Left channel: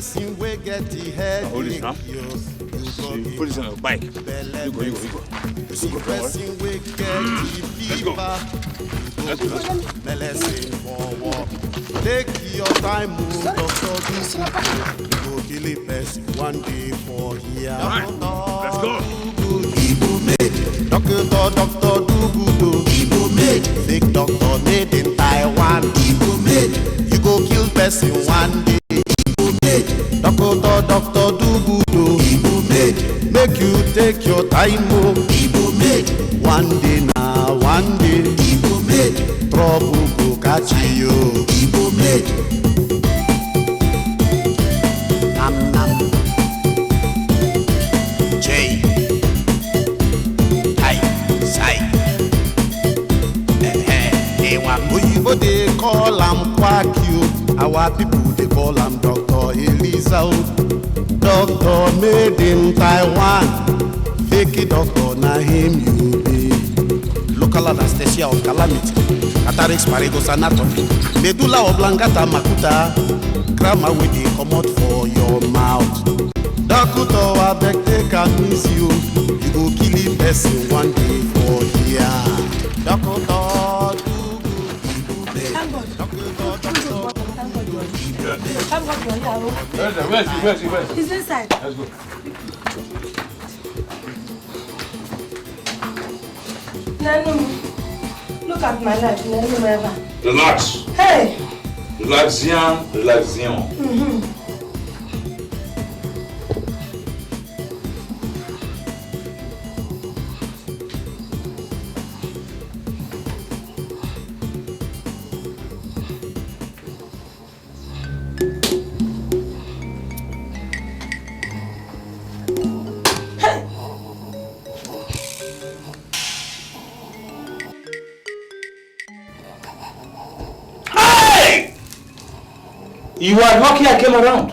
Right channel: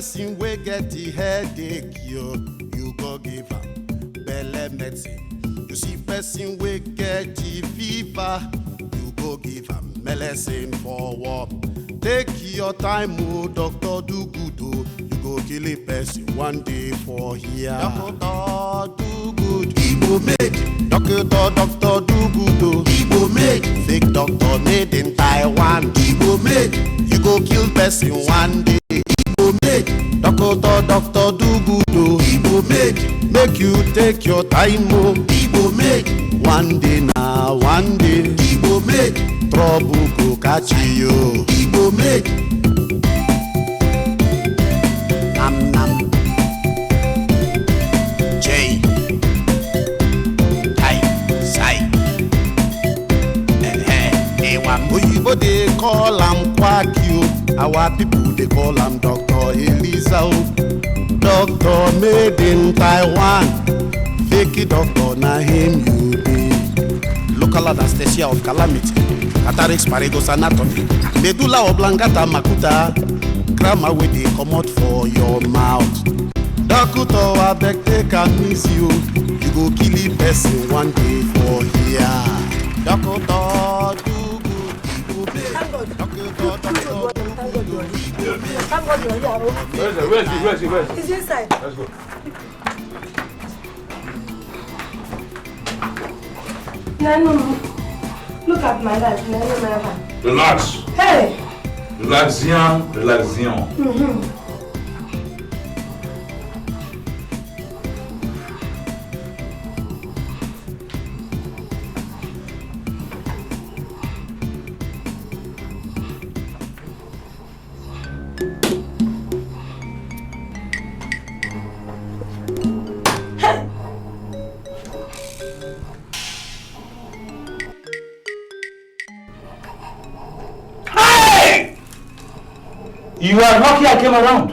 person we get the headache, you go give belle vex. You see person we get the fever, you go give medicine for work. Take your time, doctor, do good. You go kill a person one day for here. Doctor, do good. Igbo made. Doctor, do good. Igbo made. Fake doctor made in Taiwan. Igbo made. You go kill person one day. Igbo made. Doctor, do good. Igbo made. Make you take your time, Igbo made. One day now, one day. Igbo made. Trouble go catch you. Igbo made. Nam nam. J. I. Sai. Oyibo they call am quack you. Our people they call am Dr. Elisa. Doctor made in Taiwan. Fake doctor na him you be. Local anesthesia of calamity. Cataracts, paragos, anatomy. Medulla oblongata makuta. Grammar with the comot for your mouth. Doctor abeg take a miss you. You go kill a person one day for here. Doctor do good. Doctor do good. He's inside. Let's go. Nanu, look at my life. Nanu, my man. Relax. Hey! Relaxion. You are lucky I came around.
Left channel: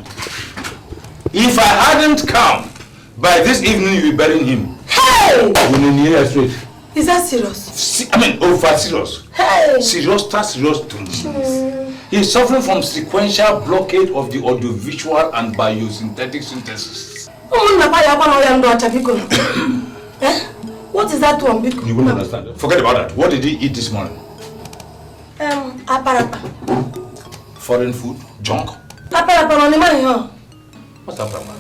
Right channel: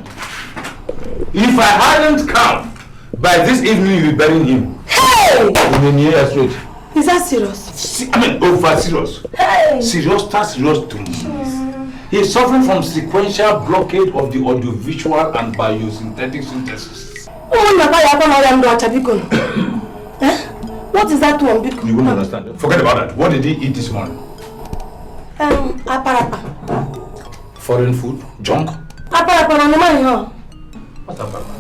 If I hadn't come, by this evening you'll be burying him. Hey! In the nearest street. Is that serious? Over serious. Hey! Serious to me. He is suffering from sequential blockade of the audiovisual and biosynthetic synthesis. What is that one? You won't understand. Forget about that. What did he eat this morning? Aparapa. Foreign food? Junk? Aparapa, no man. What's aparapa?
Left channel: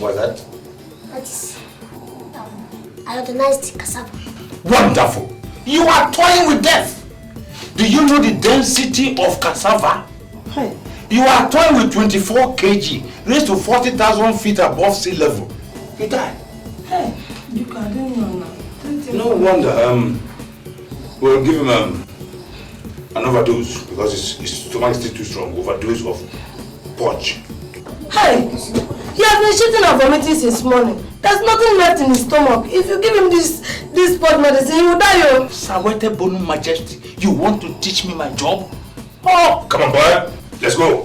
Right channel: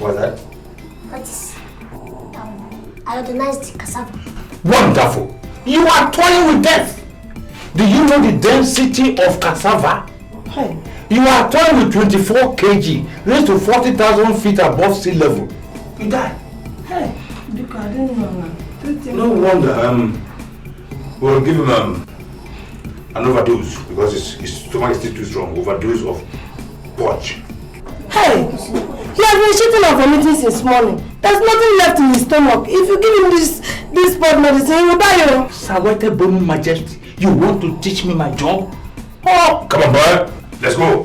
What's that? That's iodinized cassava. Wonderful! You are toying with death! Do you know the density of cassava? Hey. You are toying with 24 kg, raised to 40,000 feet above sea level. You die. Hey, because I didn't know. No wonder. We'll give him an overdose because his stomach is still too strong. Overdose of porch. Hey, he has been shitting and vomiting since morning. There's nothing left in his stomach. If you give him this pot medicine, he will die. Sawete Bonu Majesty, you want to teach me my job? Oh, come on, boy. Let's go.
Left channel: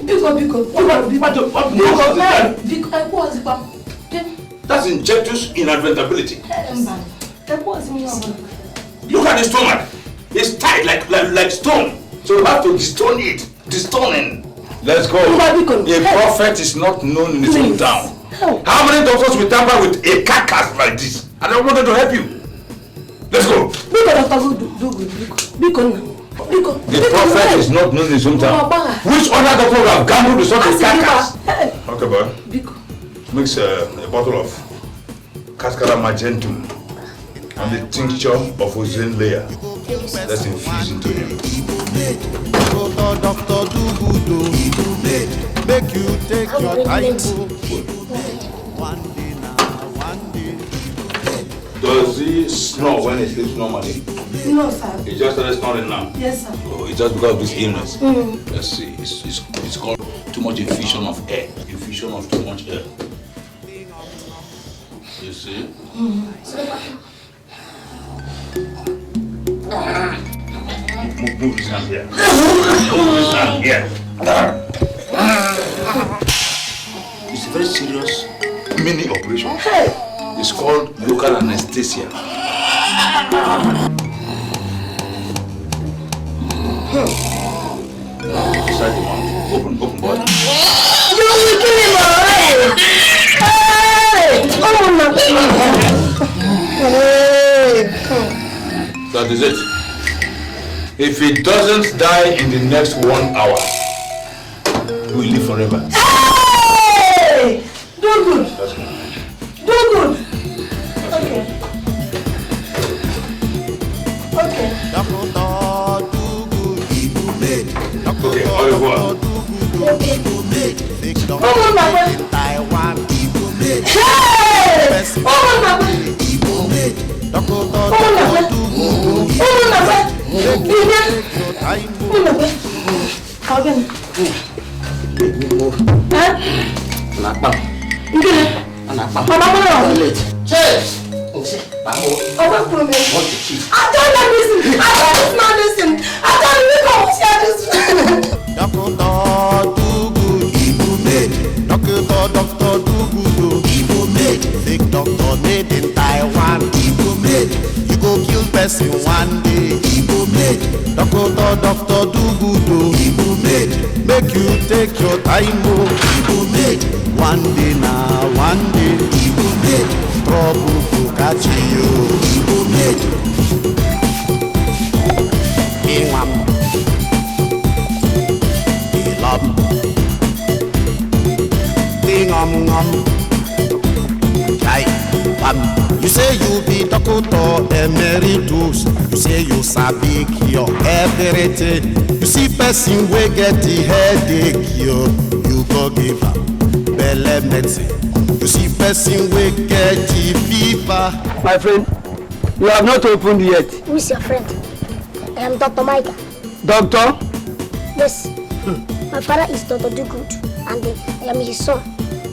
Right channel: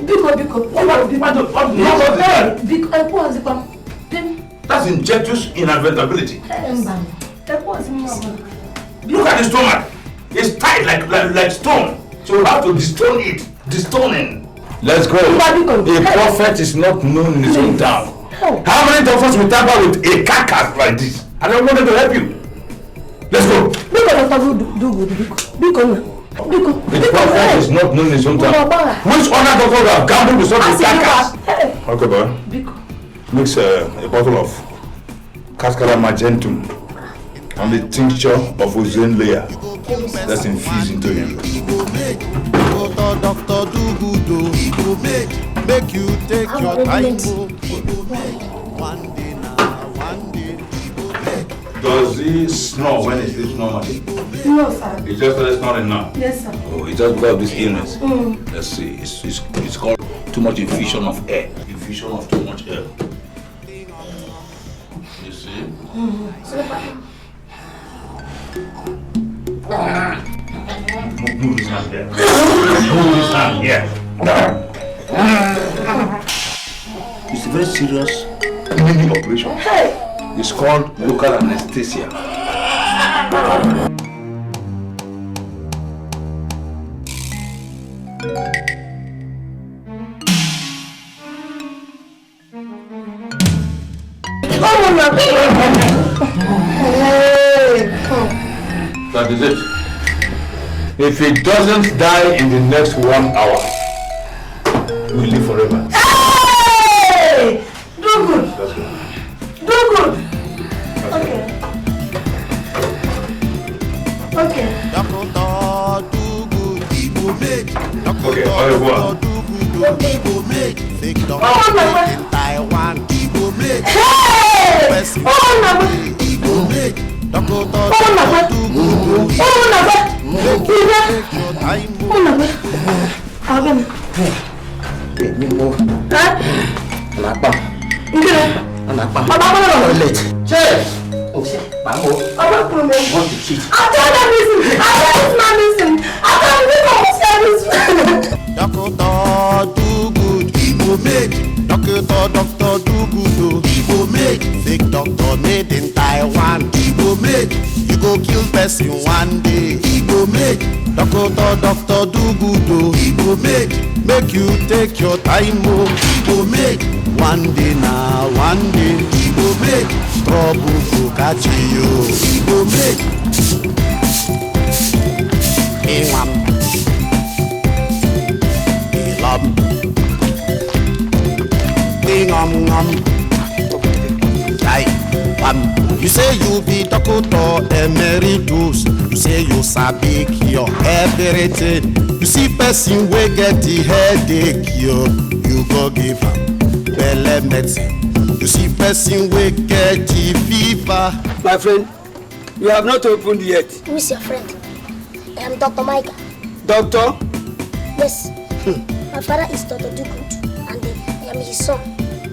That's injectus inadvertibility. Look at the stomach. It's tight like stone. So we have to destone it. Destoning. Let's go. A prophet is not known in his own town. How many doctors will tamper with a carcass like this? I don't want to help you. Let's go. The prophet is not known in his own town. Which other doctor will have gambled with such a carcass? Okay, boy. Mix a bottle of Cascara Magentum and the tincture of ozone layer. Let's infuse into him. Doctor, do good. Make you take your time. One day now, one day. Does he snore when he is normally? No, sir. He just started snoring now? Yes, sir. Oh, he just got this illness. Let's see. It's called too much infusion of air. Infusion of too much air. You see? Move his hand here. Move his hand here. It's very serious mini operation. It's called local anesthesia. Inside the mouth. Open, boy. You will kill him already. That is it. If he doesn't die in the next 1 hour, we'll live forever. Hey! Do good. Do good. Okay. Okay. Doctor, do good. He will make. Doctor, do good. He will make. Fake doctor made in Taiwan. He will make. Hey! Best he will make. Doctor, do good. Take your time. Doctor, do good. He will make. Doctor, do good. He will make. Fake doctor made in Taiwan. He will make. You go kill person one day. He will make. Doctor, do good. He will make. Make you take your time. Oh, he will make. One day now, one day. He will make. Trouble to catch you. He will make. You say you be doctor emeritus. You say you sabi cure everything. You see person wey get the headache, you go give am belle medicine. You see person wey get the fever. My friend, you have not opened yet. Who is your friend? I am Dr. Micah. Doctor? Yes. My father is Dr. Dugood and I am his son.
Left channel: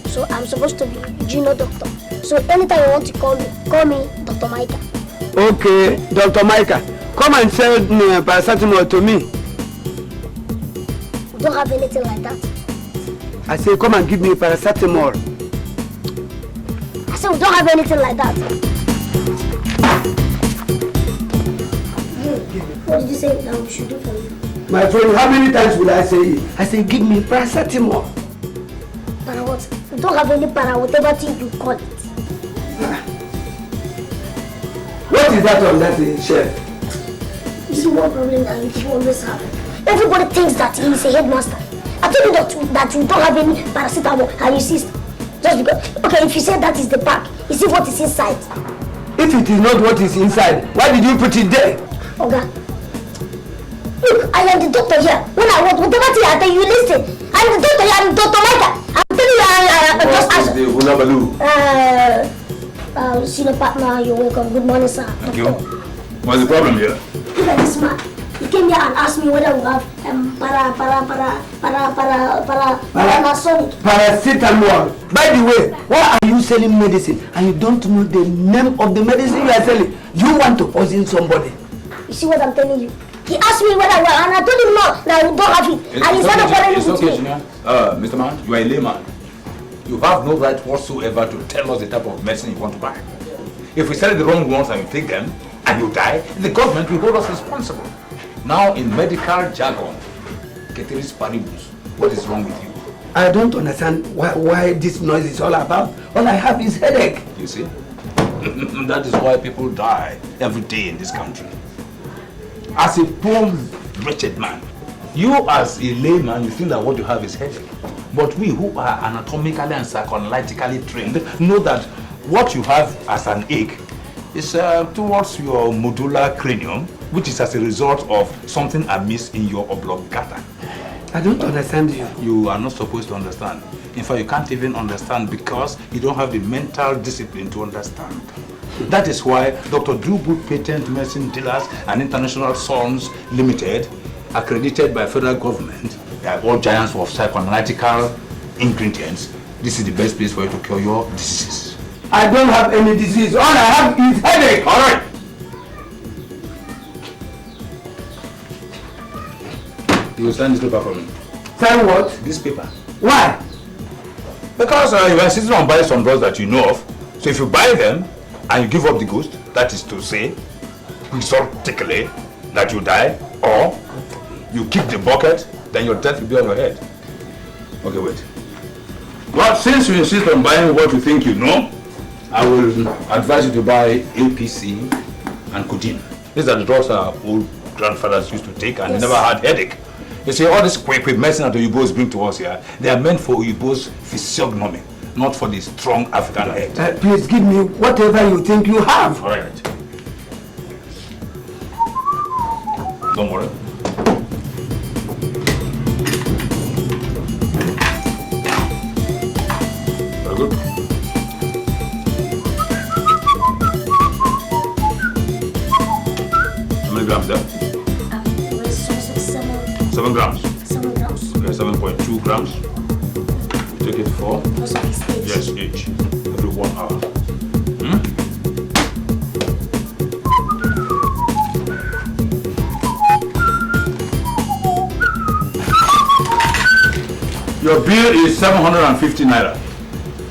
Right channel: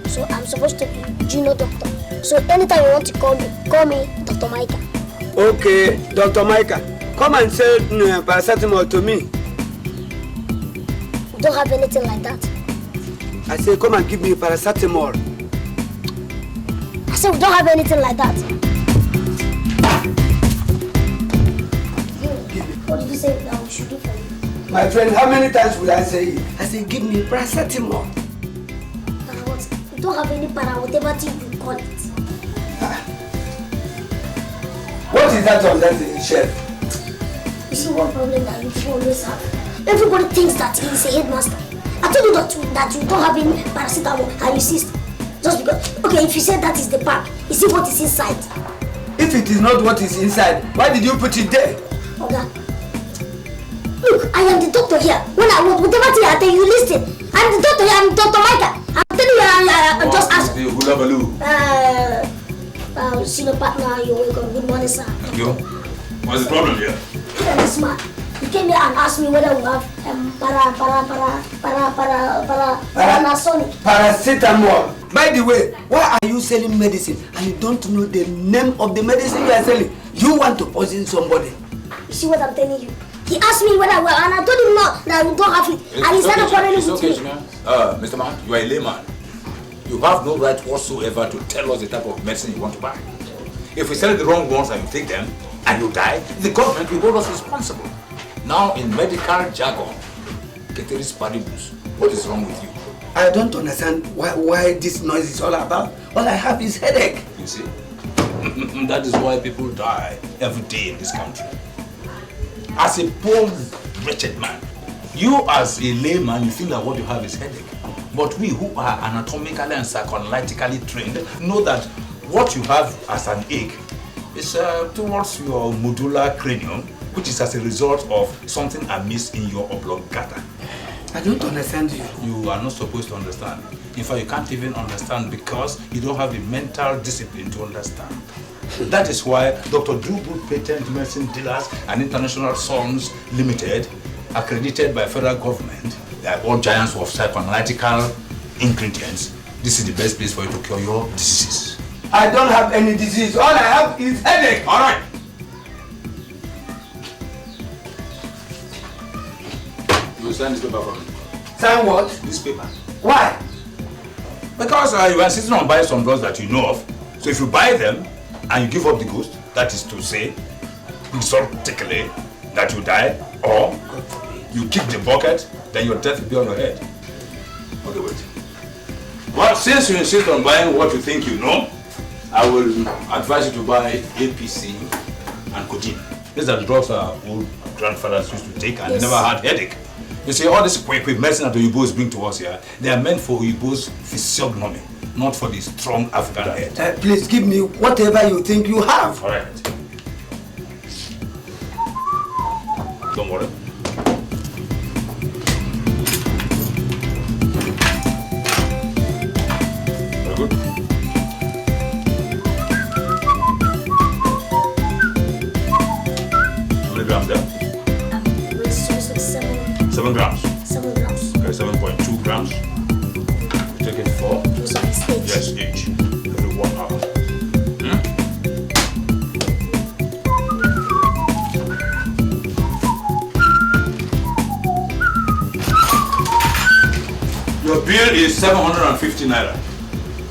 So I'm supposed to be junior doctor. So anytime you want to call me Dr. Micah. Okay, Dr. Micah, come and sell paracetamol to me. We don't have anything like that. I say come and give me paracetamol. I said we don't have anything like that. What did you say that we should do for you? My friend, how many times will I say it? I say give me paracetamol. Para what? We don't have any para, whatever thing you call it. What is that on that shelf? You see one problem that you always have. Everybody thinks that he is a headmaster. I tell you that you don't have any paracetamol and you insist. Just because, okay, if you say that is the pack, you see what is inside. If it is not what is inside, why did you put it there? Okay. Look, I am the doctor here. When I want whatever thing I tell you, listen. I'm the doctor here, I'm Dr. Micah. I'm telling you, I just answer. Senior partner, you're welcome. Good morning, sir. Thank you. What's the problem here? Look at this man. He came here and asked me whether we have paracetamol. By the way, why are you selling medicine and you don't know the name of the medicine you are selling? You want to poison somebody. You see what I'm telling you? He asked me whether I will, and I told him no, that we don't have it. And he said It's okay, Mr. Man, you are a layman. You have no right whatsoever to tell us the type of medicine you want to buy. If we sell the wrong ones and you take them and you die, the government will hold us responsible. Now, in medical jargon, ceteris paribus, what is wrong with you? I don't understand why this noise is all about. All I have is headache. You see? That is why people die every day in this country. As a poor, wretched man, you as a layman, you think that what you have is headache. But we who are anatomically and psychoanalytically trained know that what you have as an ache is towards your medulla cranium, which is as a result of something amiss in your oblongata. I don't understand you. You are not supposed to understand. In fact, you can't even understand because you don't have the mental discipline to understand. That is why Dr. Dugood Patent Medicine Dealers and International Sons Limited, accredited by federal government, they are all giants of psychoanalytical ingredients. This is the best place for you to cure your diseases. I don't have any disease. All I have is headache. All right. You will sign this paper for me. Sign what? This paper. Why? Because you are insisting on buying some drugs that you know of. So if you buy them and you give up the ghost, that is to say, exotically, that you die, or you keep the bucket then your death will be on your head. Okay, wait. Well, since you insist on buying what you think you know, I will advise you to buy APC and codeine. These are the drugs our old grandfathers used to take and they never had headache. You see, all this quick medicine that the Uyibos bring to us here, they are meant for Uyibos physiognomy, not for the strong African head. Please give me whatever you think you have. All right. Don't worry. Very good. How many grams there? 7 grams. 7 grams. Okay, 7.2 grams. Take it for? Yes, each. Every 1 hour. Your bill is 750 naira.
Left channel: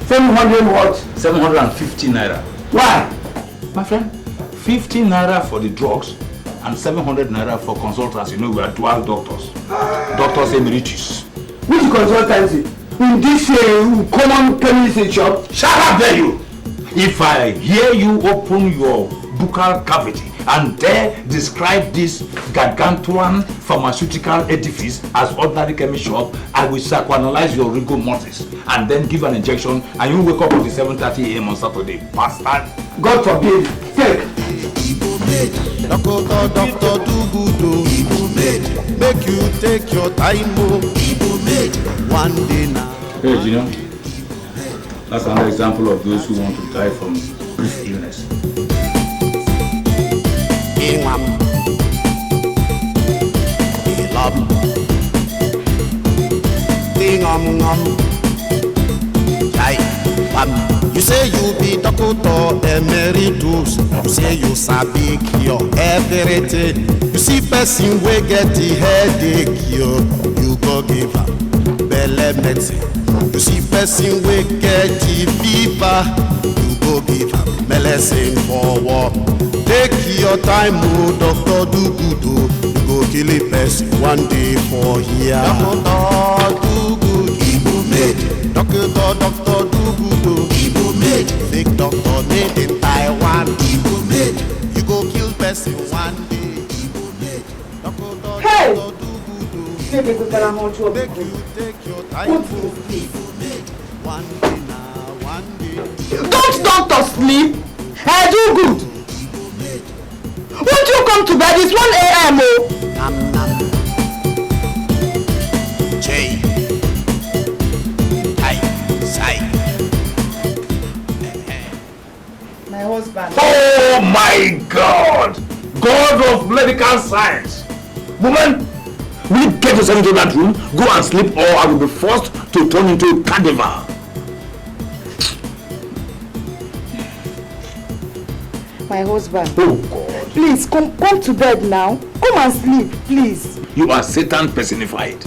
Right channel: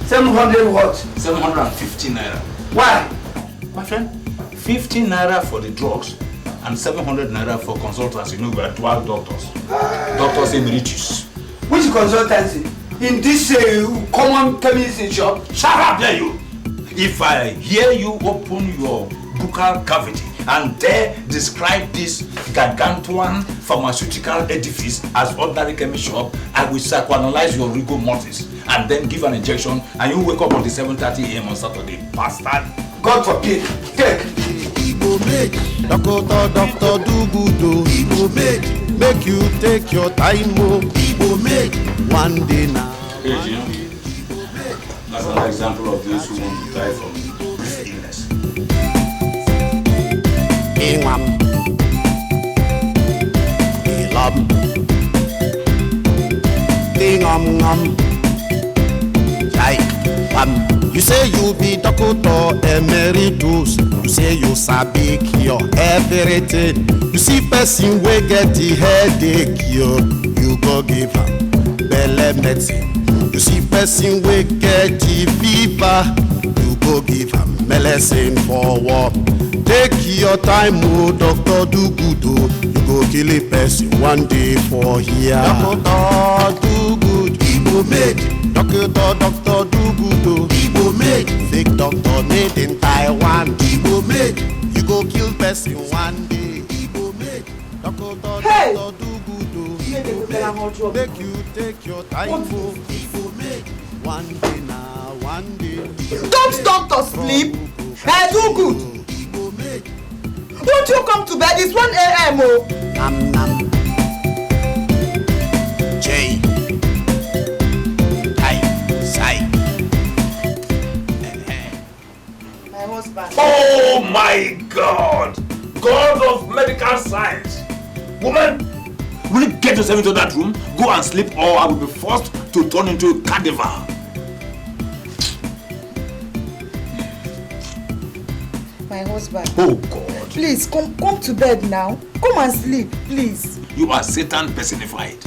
700 what? 750 naira. Why? My friend, 50 naira for the drugs and 700 naira for consultants. You know, we are dual doctors. Doctors emeritus. Which consultancy? In this common chemistry shop? Shut up there, you! If I hear you open your buccal cavity and dare describe this gargantuan pharmaceutical edifice as ordinary chemist shop, I will psychoanalyze your rigor mortis and then give an injection and you wake up at 7:30 a.m. on Saturday. Bastard! God forbid. Take. Igbo made, doctor do good oh. Igbo made, make you take your time oh. Igbo made, one day now. Hey, Gina. That's another example of those who want to die from brief illness. Ingam, Ilam, Ingam, Jai, Bam. You say you be doctor emeritus. You say you sabi cure everything. You see person wey get the headache, you go give am belle medicine. You see person wey get the fever, you go give am medicine for work. Take your time, oh, doctor do good, oh. You go kill a person one day for here. Doctor do good, Igbo made. Doctor do good, oh. Igbo made. Fake doctor made in Taiwan. Igbo made. You go kill person one day. Igbo made. Doctor do good, oh. Igbo made. Make you take your time, oh. Igbo made. One day now, one day. Don't doctor sleep. Hey, do good. Won't you come to bed? It's 1 a.m. oh. Nam nam. J. I. Sai. My husband. Oh my God! God of medical science! Woman, will you get yourself into that room, go and sleep, or I will be forced to turn into a cadaver. My husband. Oh God. Please, come to bed now. Come and sleep, please. You are Satan personified.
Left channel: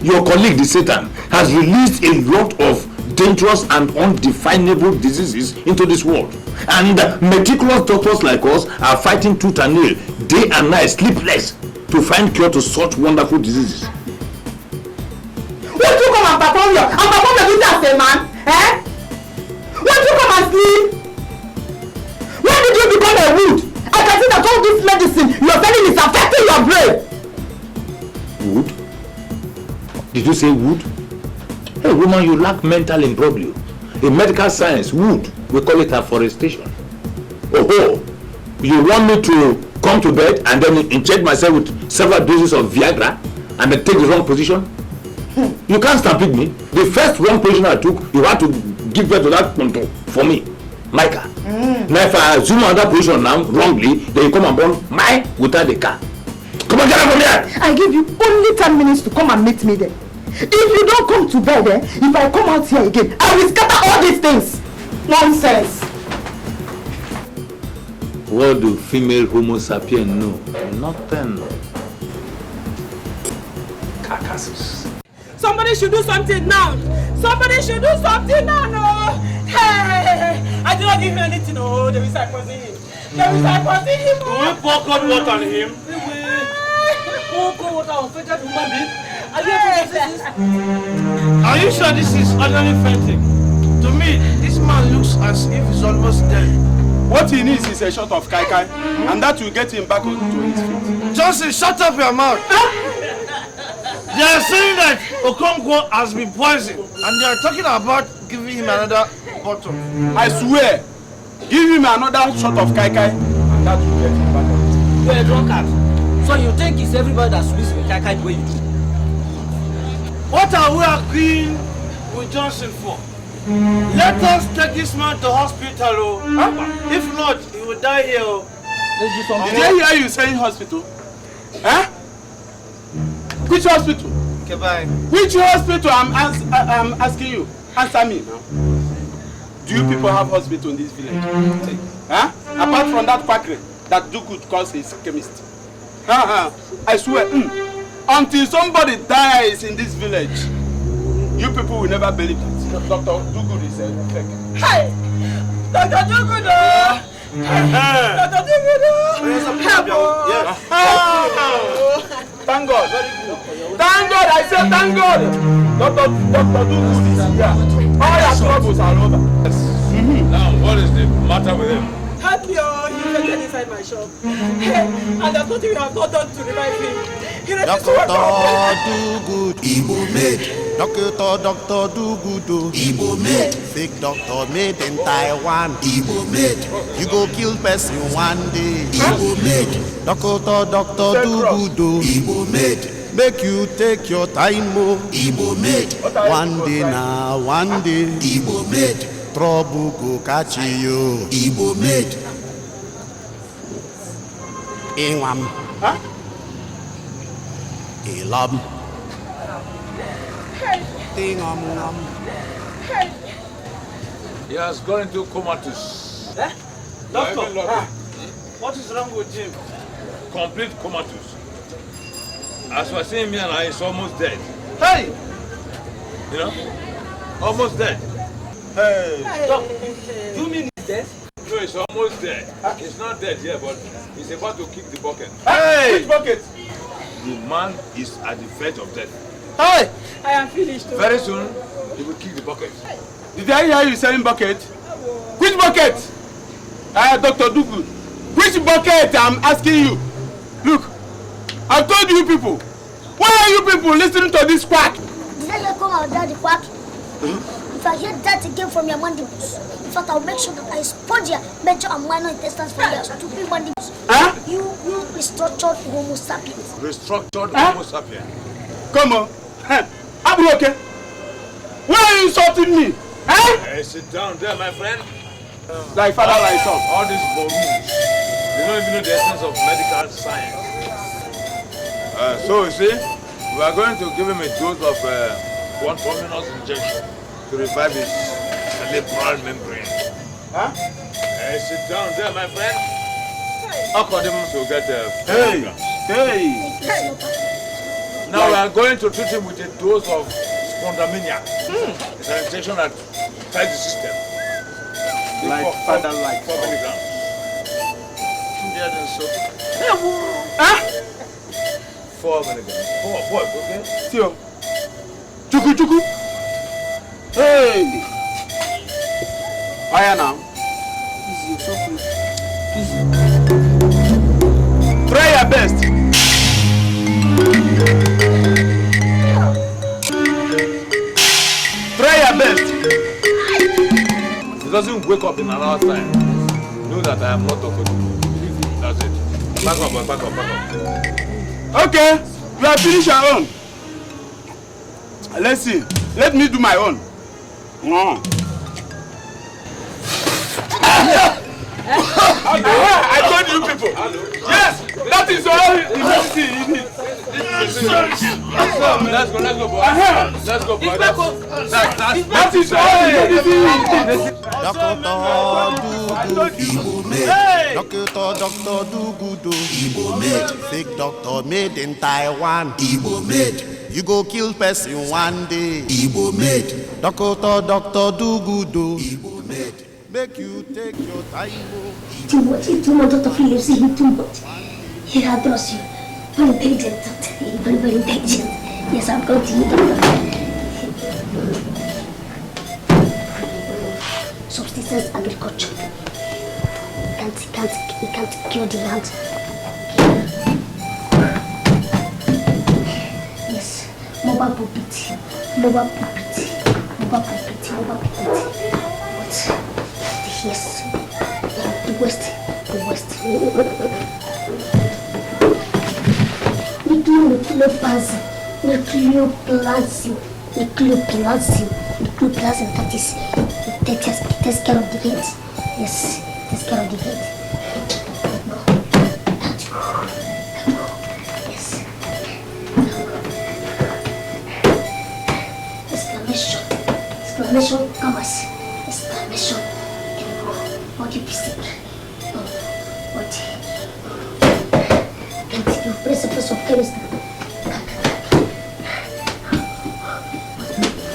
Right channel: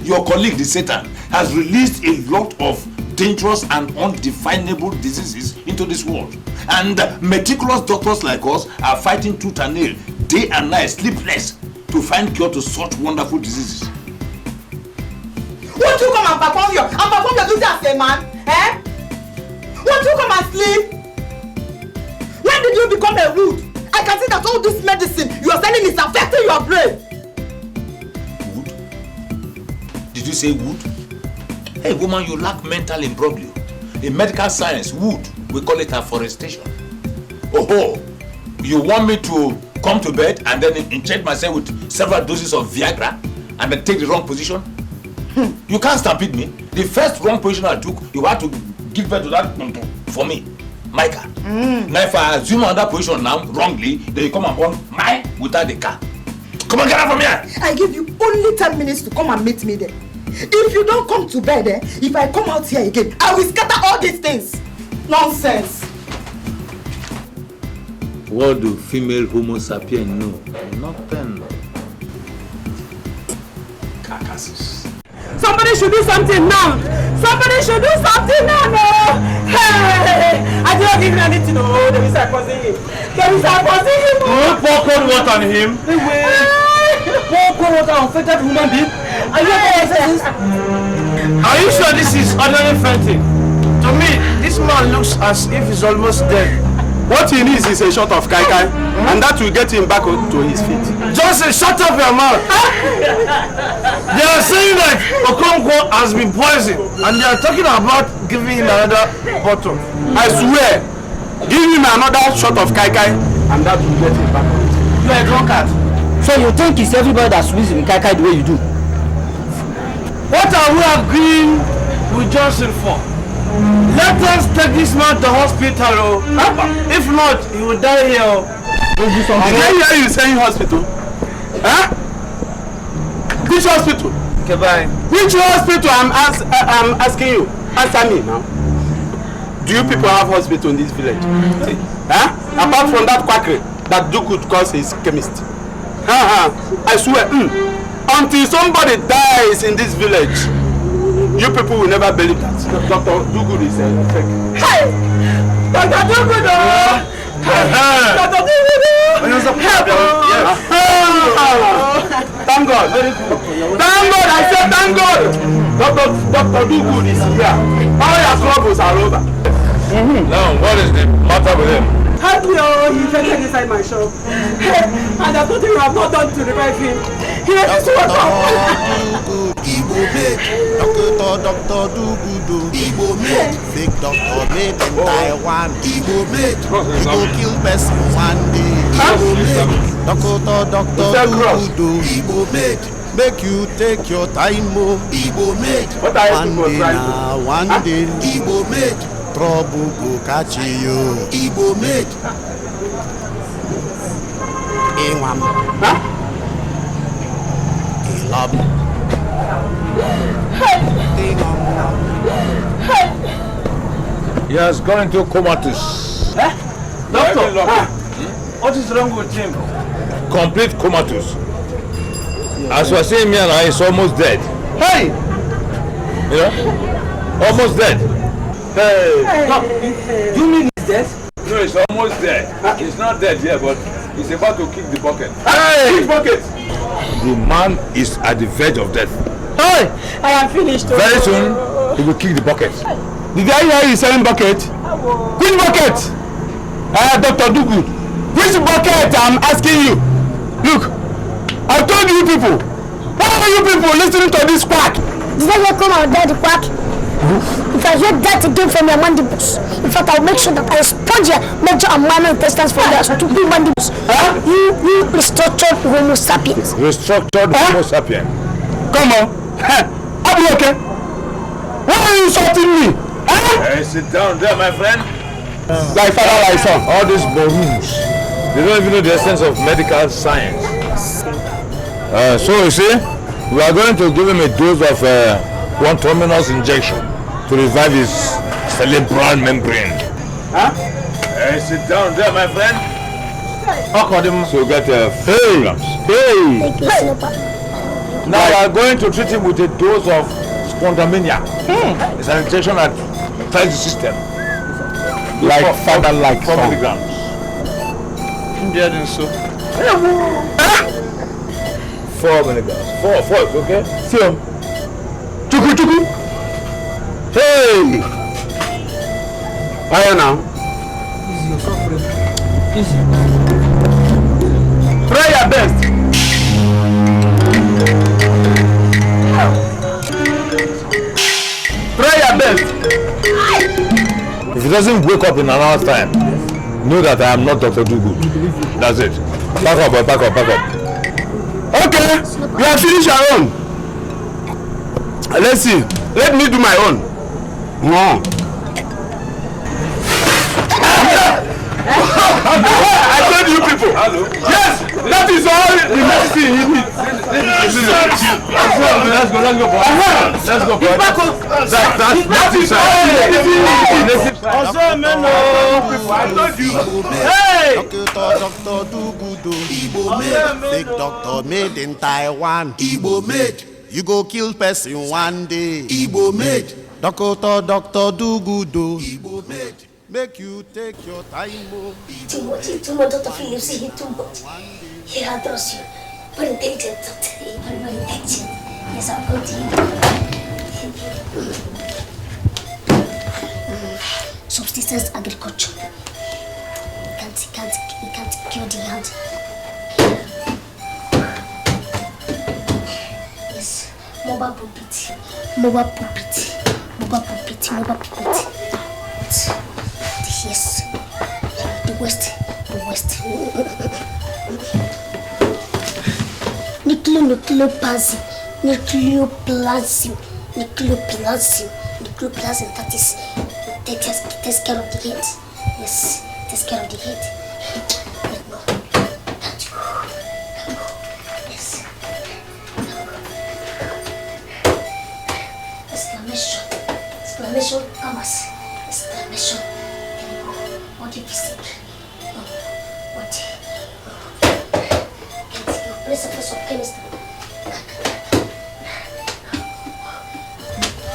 Your colleague, the Satan, has released a lot of dangerous and undefinable diseases into this world. And meticulous doctors like us are fighting tooth and nail, day and night, sleepless, to find cure to such wonderful diseases. Won't you come and perform the duty as a man? Eh? Won't you come and sleep? When did you become a wood? I can see that all this medicine you're telling is affecting your brain. Wood? Did you say wood? Hey woman, you lack mental imbroglio. In medical science, wood, we call it afforestation. Oh, you want me to come to bed and then inject myself with several doses of Viagra and then take the wrong position? You can't stampede me. The first wrong position I took, you had to give birth to that contour for me, Micah. Now if I assume another position now, wrongly, then you come and burn mine without the car. Come on, get out from here! I give you only 10 minutes to come and meet me there. If you don't come to bed, if I come out here again, I will scatter all these things. Nonsense. What do female Homo sapiens know? Nothing. Carcasses. Somebody should do something now. Somebody should do something now. No. Hey, I did not give him anything. Oh, there is a causing him. There is a causing him. Pour cold water on him. Pour cold water on fettered human being. Are you okay? Are you sure this is ordinary fighting? To me, this man looks as if he's almost dead. What he needs is a shot of kai kai, and that will get him back to his feet. Johnson, shut up your mouth. They are saying that Okonkwo has been poisoned, and they are talking about giving him another bottle. I swear, give him another shot of kai kai, and that will get him back. You are a drunkard. So you think it's everybody that swims with kai kai the way you do? What are we agreeing with Johnson for? Let us take this man to hospital. If not, he will die here. Did I hear you saying hospital? Huh? Which hospital? Okay, bye. Which hospital? I'm asking you. Answer me now. Do you people have hospital in this village? Huh? Apart from that quackery that Duke calls his chemist. I swear, until somebody dies in this village, you people will never believe that. Dr. Dugu is fake. Hi! Dr. Dugu! Dr. Dugu! Yes. Thank God. Very good. Thank God. I said thank God. Dr. Dugu is here. All your troubles are over. Now, what is the matter with him? Hello, he just inside my shop. And I told him I have not done to revive him. Doctor do good, Igbo made. Doctor do good, Igbo made. Fake doctor made in Taiwan, Igbo made. You go kill person one day, Igbo made. Doctor do good, Igbo made. Make you take your time, mo, Igbo made. One day now, one day, Igbo made. Trouble go catch you, Igbo made. Ingwam. Huh? Love. He has gone into comatose. Doctor, what is wrong with him? Complete comatose. As we are saying here now, he's almost dead. Hey! You know? Almost dead. Hey! No, you mean he's dead? No, he's almost dead. He's not dead yet, but he's about to kick the bucket. Hey! Which bucket? The man is at the verge of death. Hey! I am finished. Very soon, he will kick the bucket. Did I hear you saying bucket? Which bucket? Dr. Dugu. Which bucket? I'm asking you. Look, I told you people. Why are you people listening to this quack? Did I hear come out there the quack? If I hear that again from your mandibles, in fact, I'll make sure that I sponge your major and minor intestines for their stupid mandibles. You restructured Homo sapiens. Restructured Homo sapiens. Come on. I'm okay. Why are you insulting me? Hey, sit down there, my friend. Thy father, thy son. All these balloons, they don't even know the essence of medical science. So you see, we are going to give him a dose of one terminus injection to revive his cerebral membrane. Hey, sit down there, my friend. So get hey. Now we are going to treat him with a dose of spontamania. It's an injection that ties the system. Like 4 milligrams. 4 milligrams. 4, okay? See him. Chuku. Hey! Why now? Try your best. Try your best. If he doesn't wake up in an hour's time, know that I am not Dr. Dugu. That's it. Back up, boy. Back up. Okay, you have finished your own. Let's see. Let me do my own. I told you people. Yes, that is all. Let's see. Let's go. That is all. Doctor do good, Igbo made. Fake doctor made in Taiwan, Igbo made. You go kill person one day, Igbo made. Doctor do good, Igbo made. Make you take your time, Too much, Dr. Philip, see him too much. He adores you. Very intelligent, doctor. Very intelligent. Yes, I've got you. Subsistence agriculture. You can't kill the land. Yes, mobile pulpit. But yes, the West. Nucleoplasm, that is, it takes care of the heat. Yes, it takes care of the heat. Yes. Exclamation commas. Exclamation. What you see? What? Principles of chemistry.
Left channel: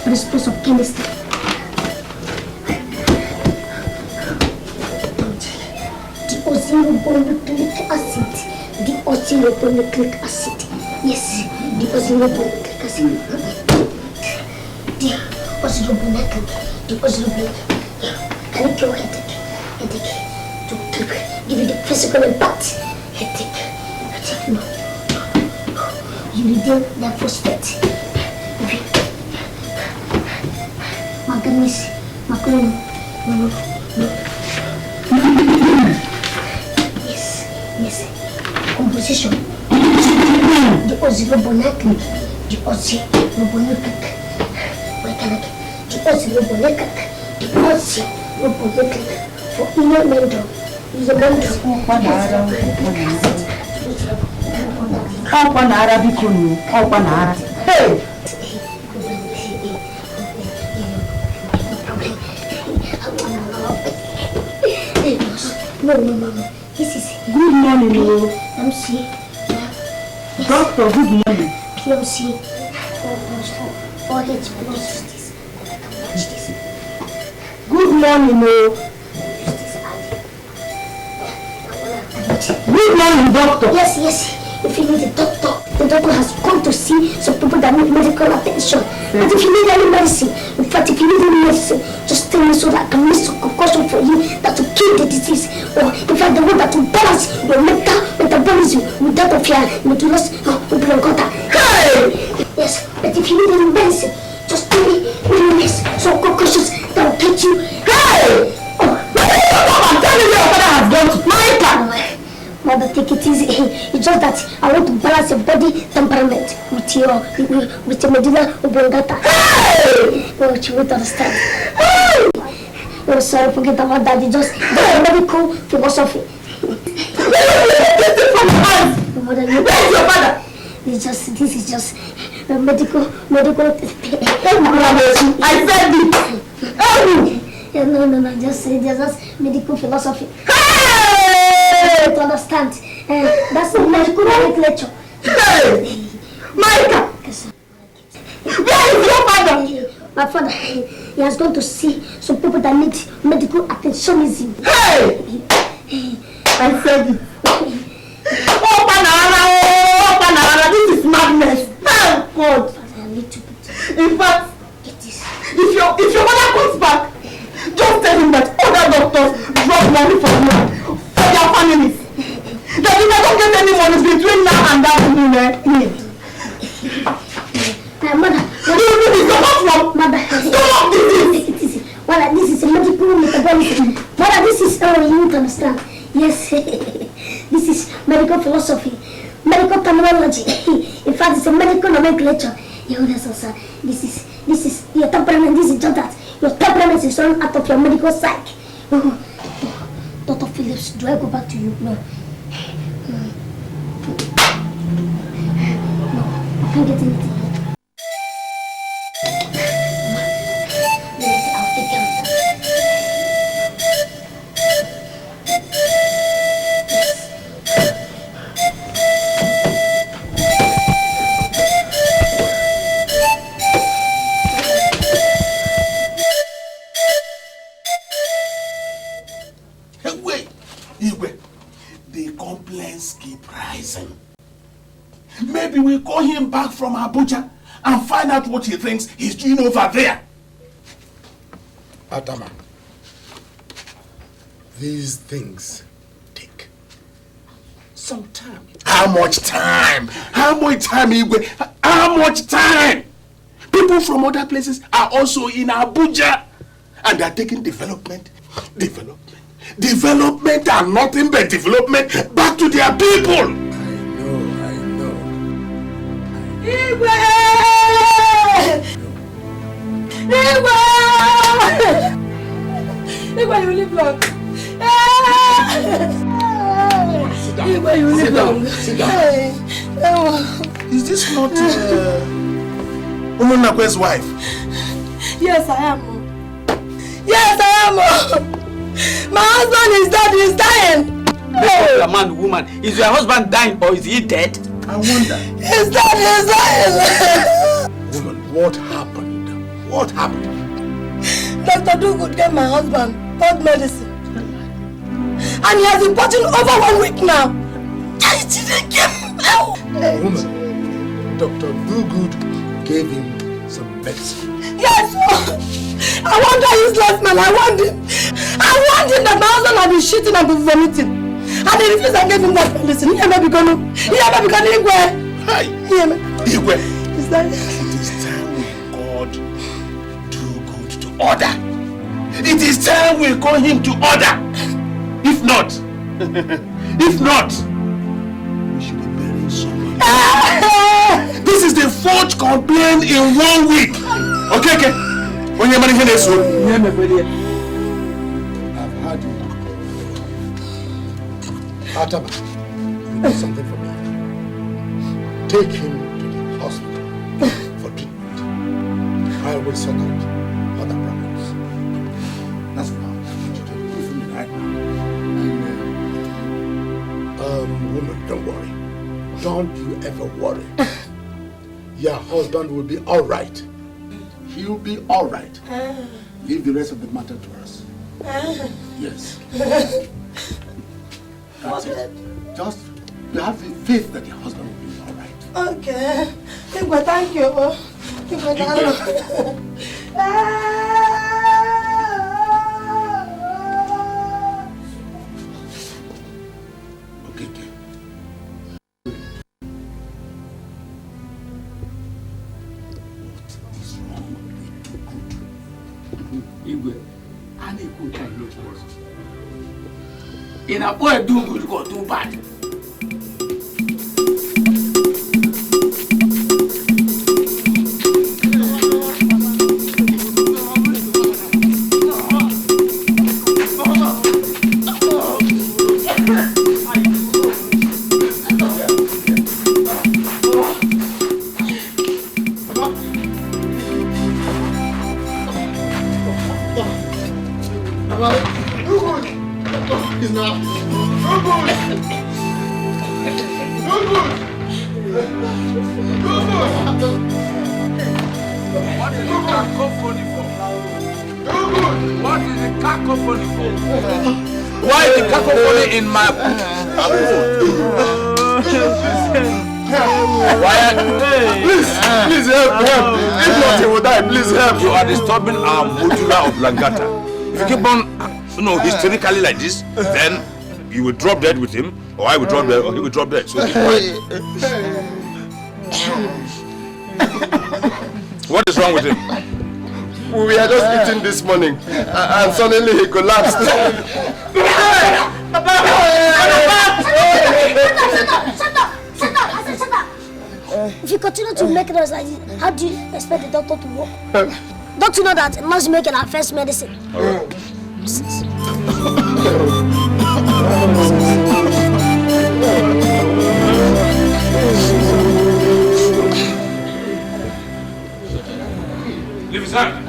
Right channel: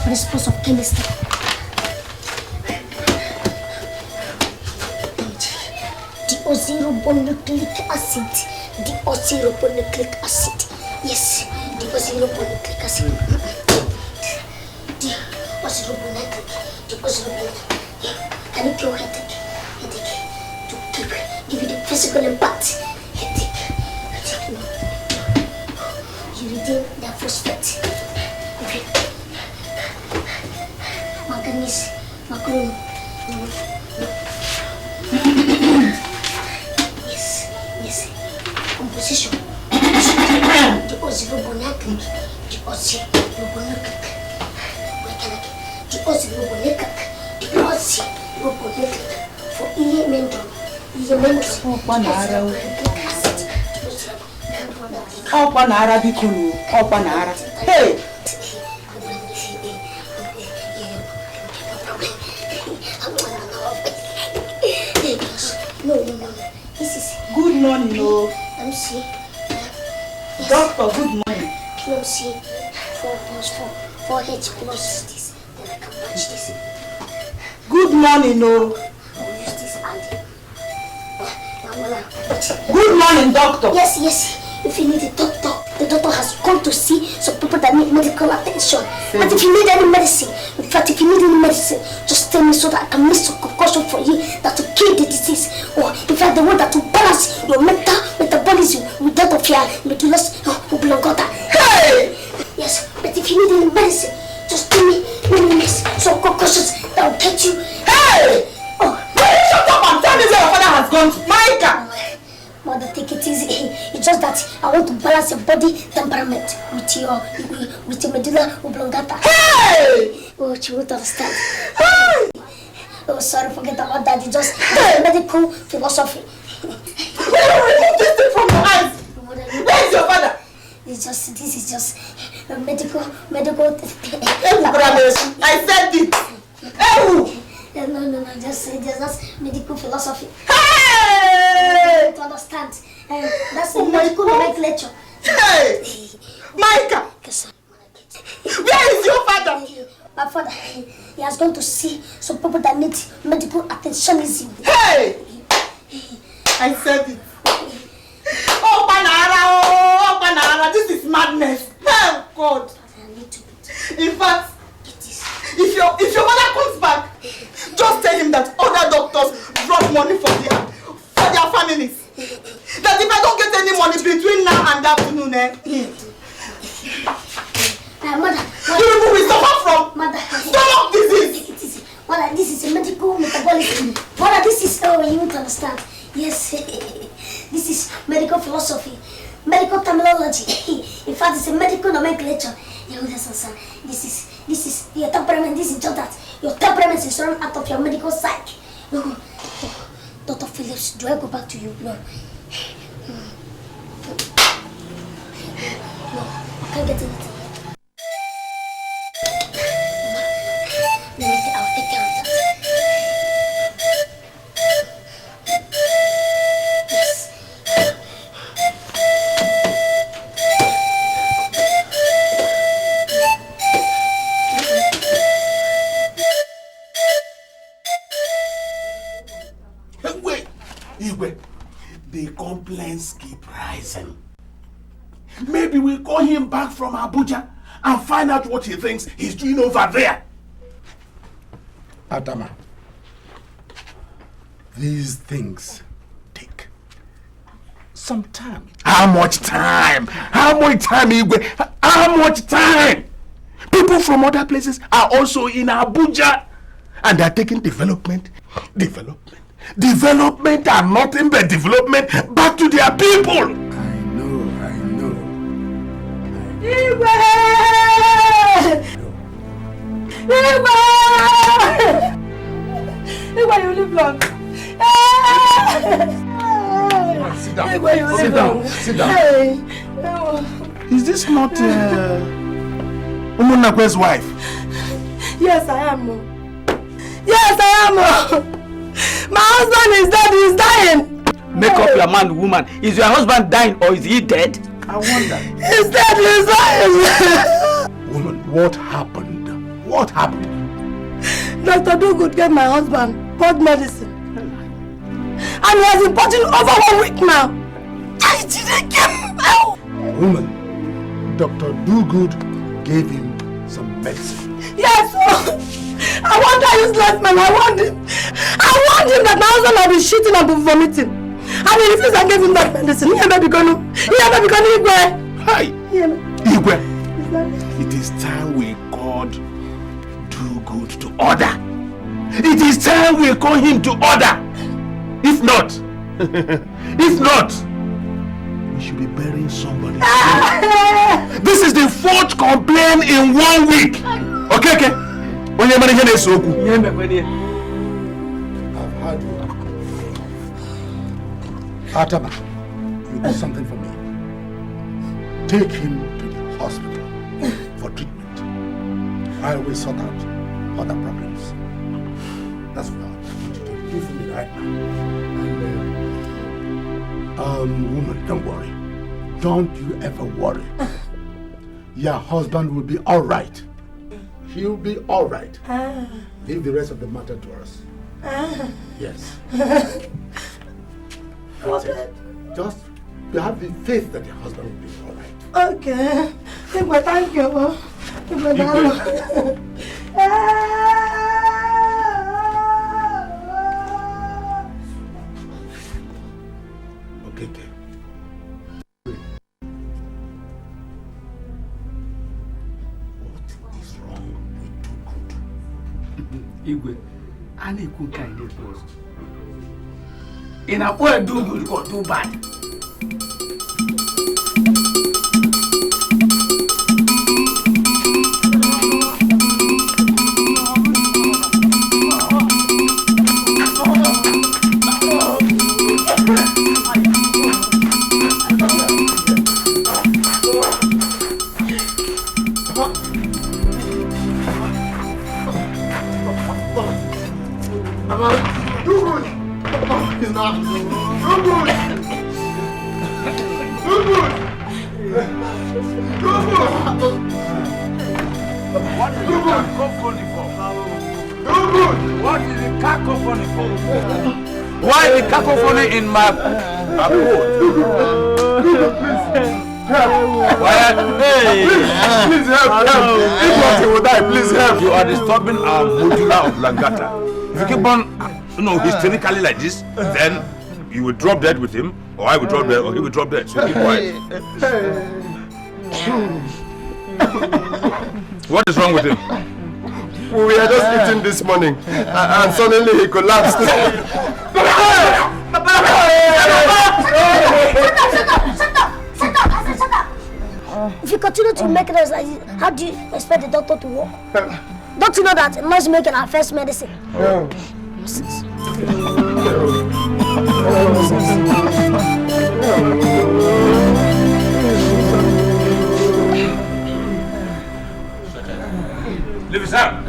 Principles of chemistry. Deoxyribonucleic acid. Deoxyribonucleic acid. Yes, deoxyribonucleic acid. Deoxyribonucleic. Can you cure headache? To give you the physical impact. Headache. No. You need the phosphate. Manganese. Macaroni. Yes. Composition. Deoxyribonucleic. For inner mental. How can Arabic you? How can Arabic? Hey! No. This is good morning, no. I'm see. Doctor, good morning. I'm see. 4 HP. Good morning, no. Good morning, doctor. Yes. If you need a doctor, the doctor has come to see some people that need medical attention. But if you need any medicine, in fact, if you need any medicine, just tell me so that I can make some concussion for you that will kill the disease. Or in fact, the one that will balance your metabolism with that of your medullus oblongata. Hey! Yes, but if you need any medicine, just tell me some concussions that will get you. Hey! Oh, come on, tell me where your father has gone to. Micah! Mother, take it easy. It's just that I want to balance your body temperament with your medulla oblongata. Hey! Oh, you won't understand. Hey! Oh, sorry, forget about that. It's just medical philosophy. Mother, where's your father? This is just medical. I said it. No, just medical philosophy. Hey! To understand. That's a medical nomenclature. Hey! Micah! Where is your father? My father, he has gone to see some people that need medical attentionism. Hey! I said it. Oh, Panara, this is madness. Oh, God. In fact, if your mother comes back, just tell him that other doctors drop money for you, for their families. That if I don't get any money between now and that Mother, stop this. Mother, this is a medical metabolism. Mother, this is how you won't understand. Yes, this is medical philosophy, medical terminology. In fact, it's a medical nomenclature. You understand? This is your temperament. This is just that. Your temperament is run out of your medical psych. Oh, Dr. Phillips, do I go back to you? No. No, I can't get anything. I'll take care of that. The complaints keep rising. Maybe we'll call him back from Abuja and find out what he thinks he's doing over there. Atama, these things take some time. How much time? How much time, Igwe? How much time? People from other places are also in Abuja and they're taking development and nothing but development back to their people. I know. Igwe! Igwe, you live long. Sit down. Igwe, you live long. Sit down. Is this not Umunakwe's wife? Yes, I am. Yes, I am. My husband is dead. He's dying. Make up your mind, woman. Is your husband dying or is he dead? I wonder. He's dead. He's dying. Woman, what happened? What happened? Dr. Dugood gave my husband cold medicine. And he has been putting over 1 week now. I didn't give him out. Woman, Dr. Dugood gave him some medicine. Yes, I want that useless man. I want him that my husband has been shitting and been vomiting. And he refused I gave him that medicine. He may be gone. Igwe. Hi. Igwe. It is time we called Dugood to order. It is time we call him to order. If not, we should be burying somebody. This is the 4th complaint in 1 week. Okay. When you're managing this, I've had you. Atama, you do something for me. Take him to the hospital for treatment. I will sort out other problems. That's what I want you to do for me right now. Woman, don't worry. Don't you ever worry. Your husband will be all right. He'll be all right. Leave the rest of the matter to us. Yes. That's it. Just you have the faith that your husband will be all right. Okay. Igwe, thank you. Igwe, Igwe, I need good time. In a boy do good or do bad. Why the cacophony in my Please help. If not, he will die. Please help. You are disturbing our modular of Langata. If you keep on, hysterically like this, then you will drop dead with him, or I will drop dead, or he will drop dead. So keep quiet. What is wrong with him? We were just eating this morning, and suddenly he collapsed. Sit down. If you continue to make noise like this, how do you expect the doctor to work? Don't you know that noise making our first medicine? Leave his hand.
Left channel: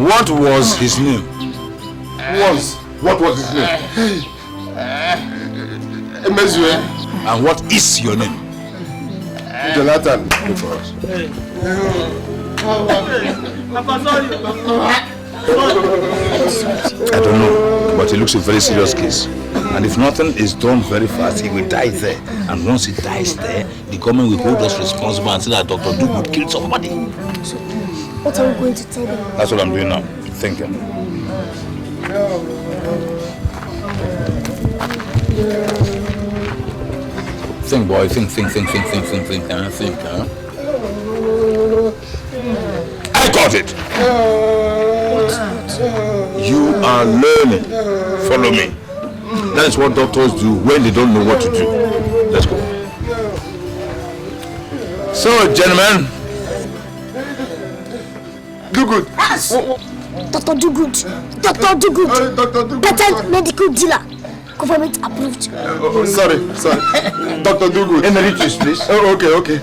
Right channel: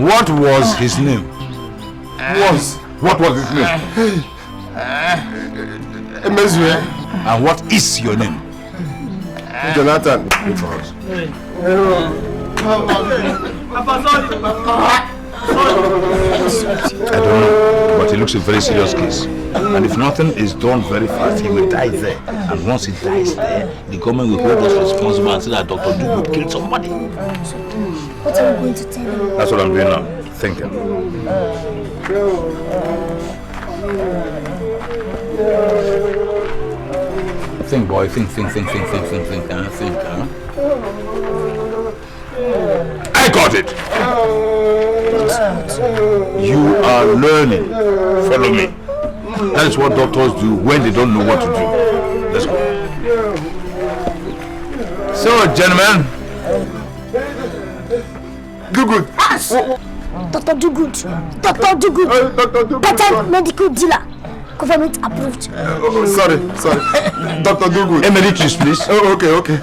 What was his name? What was his name? And what is your name? Jonathan. I don't know, but it looks a very serious case. And if nothing is done very fast, he will die there. And once he dies there, the government will hold us responsible and say that Dr. Dugood killed somebody. So, what are we going to tell them? That's what I'm doing now. Thinking. Think, boy. Think, huh? I got it. You are learning. Follow me. That's what doctors do when they don't know what to do. Let's go. So, gentlemen. Dugood. Yes. Dr. Dugood. Dr. Dugood. Dr. Dugood. Patent medical dealer. Government approved. Sorry. Dr. Dugood. Emeritus, please. Oh, okay.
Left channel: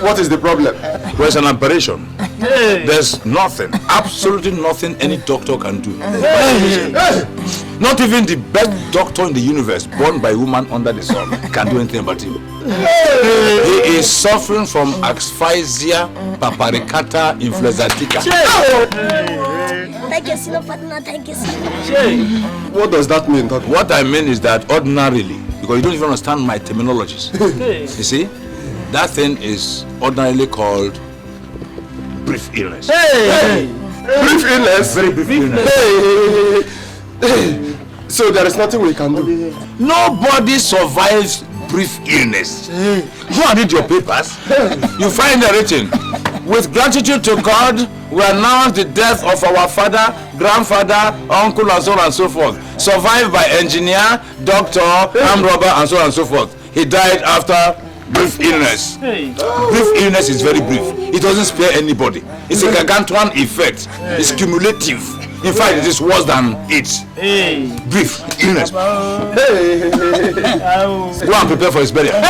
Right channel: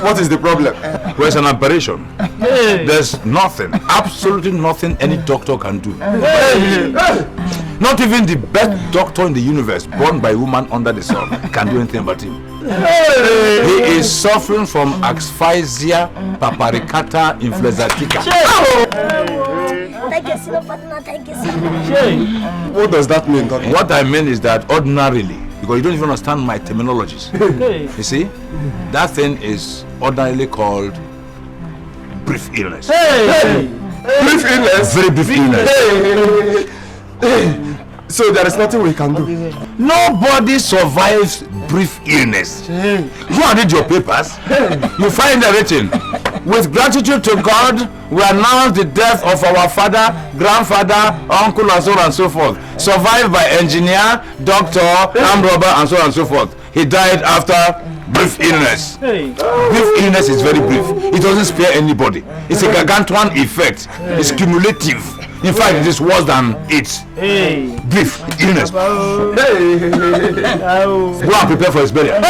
What is the problem? There's an operation. There's nothing, absolutely nothing any doctor can do. Not even the best doctor in the universe, born by a woman under the sun, can do anything about him. He is suffering from asphyxia paparicata influenzatica. What does that mean, Doctor? What I mean is that ordinarily, because you don't even understand my terminologies, you see, that thing is ordinarily called brief illness. Brief illness? Very brief illness. So there is nothing we can do? Nobody survives brief illness. Go and read your papers. You find the written. With gratitude to God, we announce the death of our father, grandfather, uncle, and so on and so forth. Survived by engineer, doctor, armed robber, and so on and so forth. He died after brief illness. Brief illness is very brief. It doesn't spare anybody. It's a gargantuan effect. It's cumulative. In fact, it is worse than it. Brief illness. Go and prepare for his burial.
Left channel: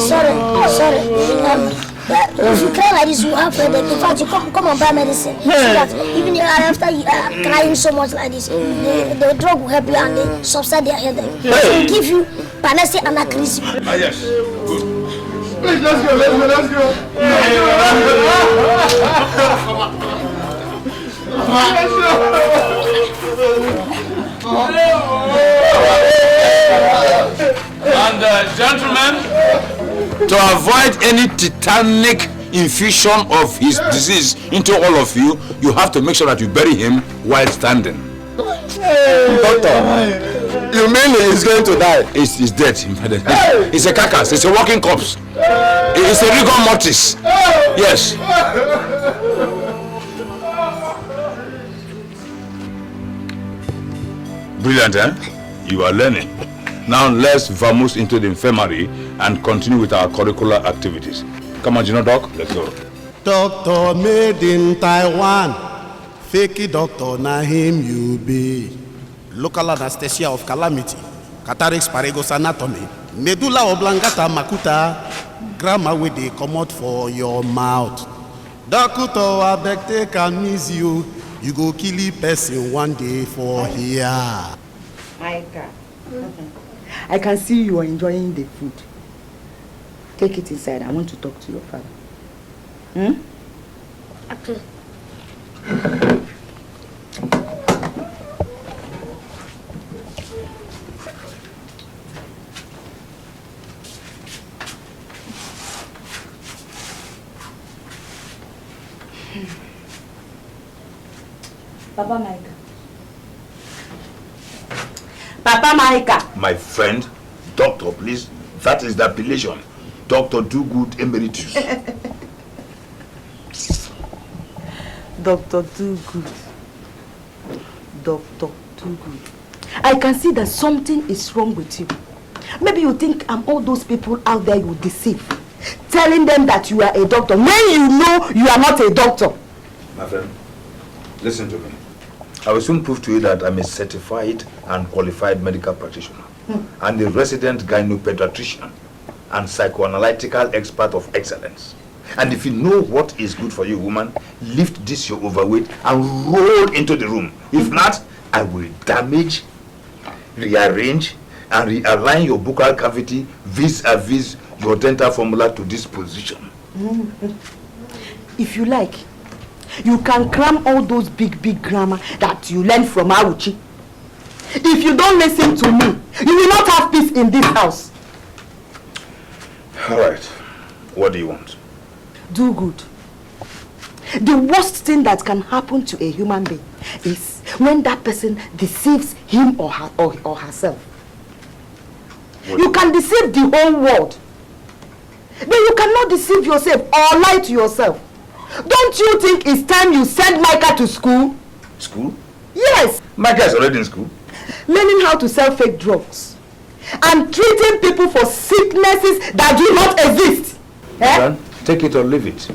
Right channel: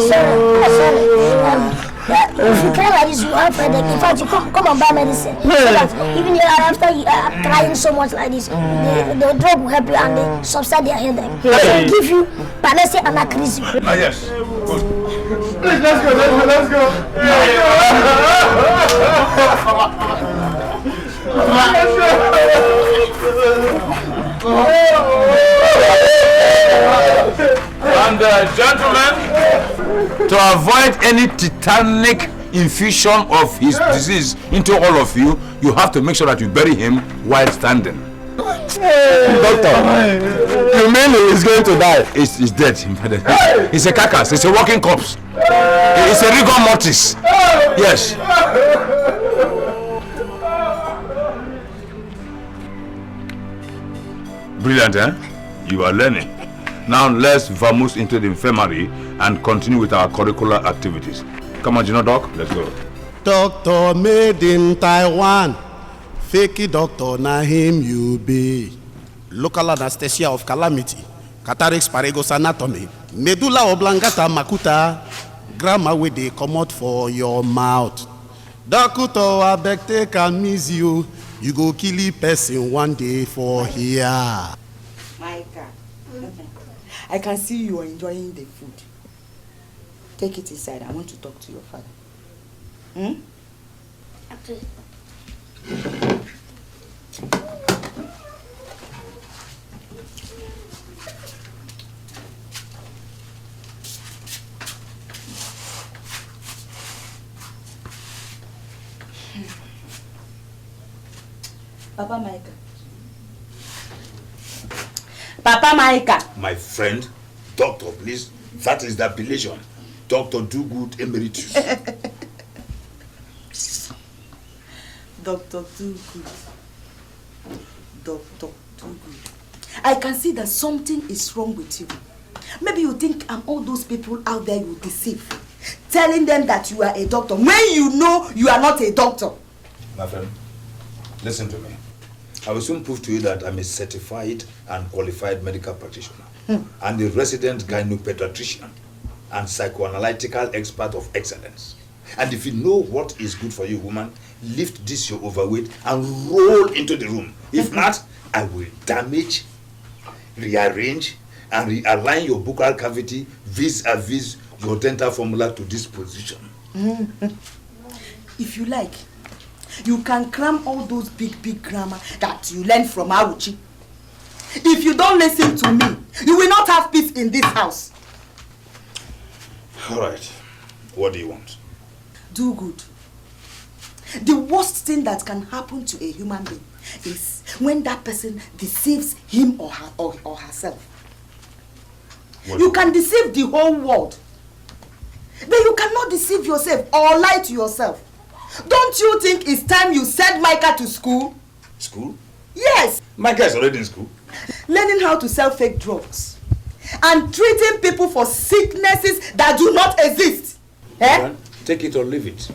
Sorry. If you cry like this, you have in fact, you come and buy medicine. So that even after you are crying so much like this, the drug will help you and they subside their headache. They will give you Panacea and Acrisio. Ah, yes. Let's go. And gentlemen, to avoid any tetanic infusion of his disease into all of you, you have to make sure that you bury him while standing. Doctor, you mean he is going to die? He's dead. He's a carcass. It's a walking corpse. It's a rigor mortis. Yes. Brilliant, eh? You are learning. Now let's vamoose into the infirmary and continue with our curricular activities. Come on, Doc, let's go. Doctor made in Taiwan. Fakey doctor, na him you be. Local anesthesia of calamity. Cataracts, Paragos anatomy. Medulla oblongata makuta. Grammar wey dey comot for your mouth. Doctor, abeg take am easy you. You go kill a person one day for here. I can see you are enjoying the food. Take it inside. I want to talk to your father. Okay. Papa Micah. Papa Micah. My friend, doctor, please. That is the appellation. Dr. Dugood Emeritus. Dr. Dugood. Dr. Dugood. I can see that something is wrong with you. Maybe you think I'm all those people out there you deceive. Telling them that you are a doctor when you know you are not a doctor. My friend, listen to me. I will soon prove to you that I'm a certified and qualified medical practitioner and a resident gynopediatrician and psychoanalytical expert of excellence. And if you know what is good for you, woman, lift this your overweight and roll into the room. If not, I will damage rearrange and realign your buccal cavity vis-a-vis your dental formula to this position. If you like, you can cram all those big grammar that you learned from Awuchi. If you don't listen to me, you will not have peace in this house. All right. What do you want? Do good. The worst thing that can happen to a human being is when that person deceives him or herself. You can deceive the whole world, but you cannot deceive yourself or lie to yourself. Don't you think it's time you send Micah to school? School? Yes. Micah is already in school. Learning how to sell fake drugs and treating people for sicknesses that do not exist. Take it or leave it.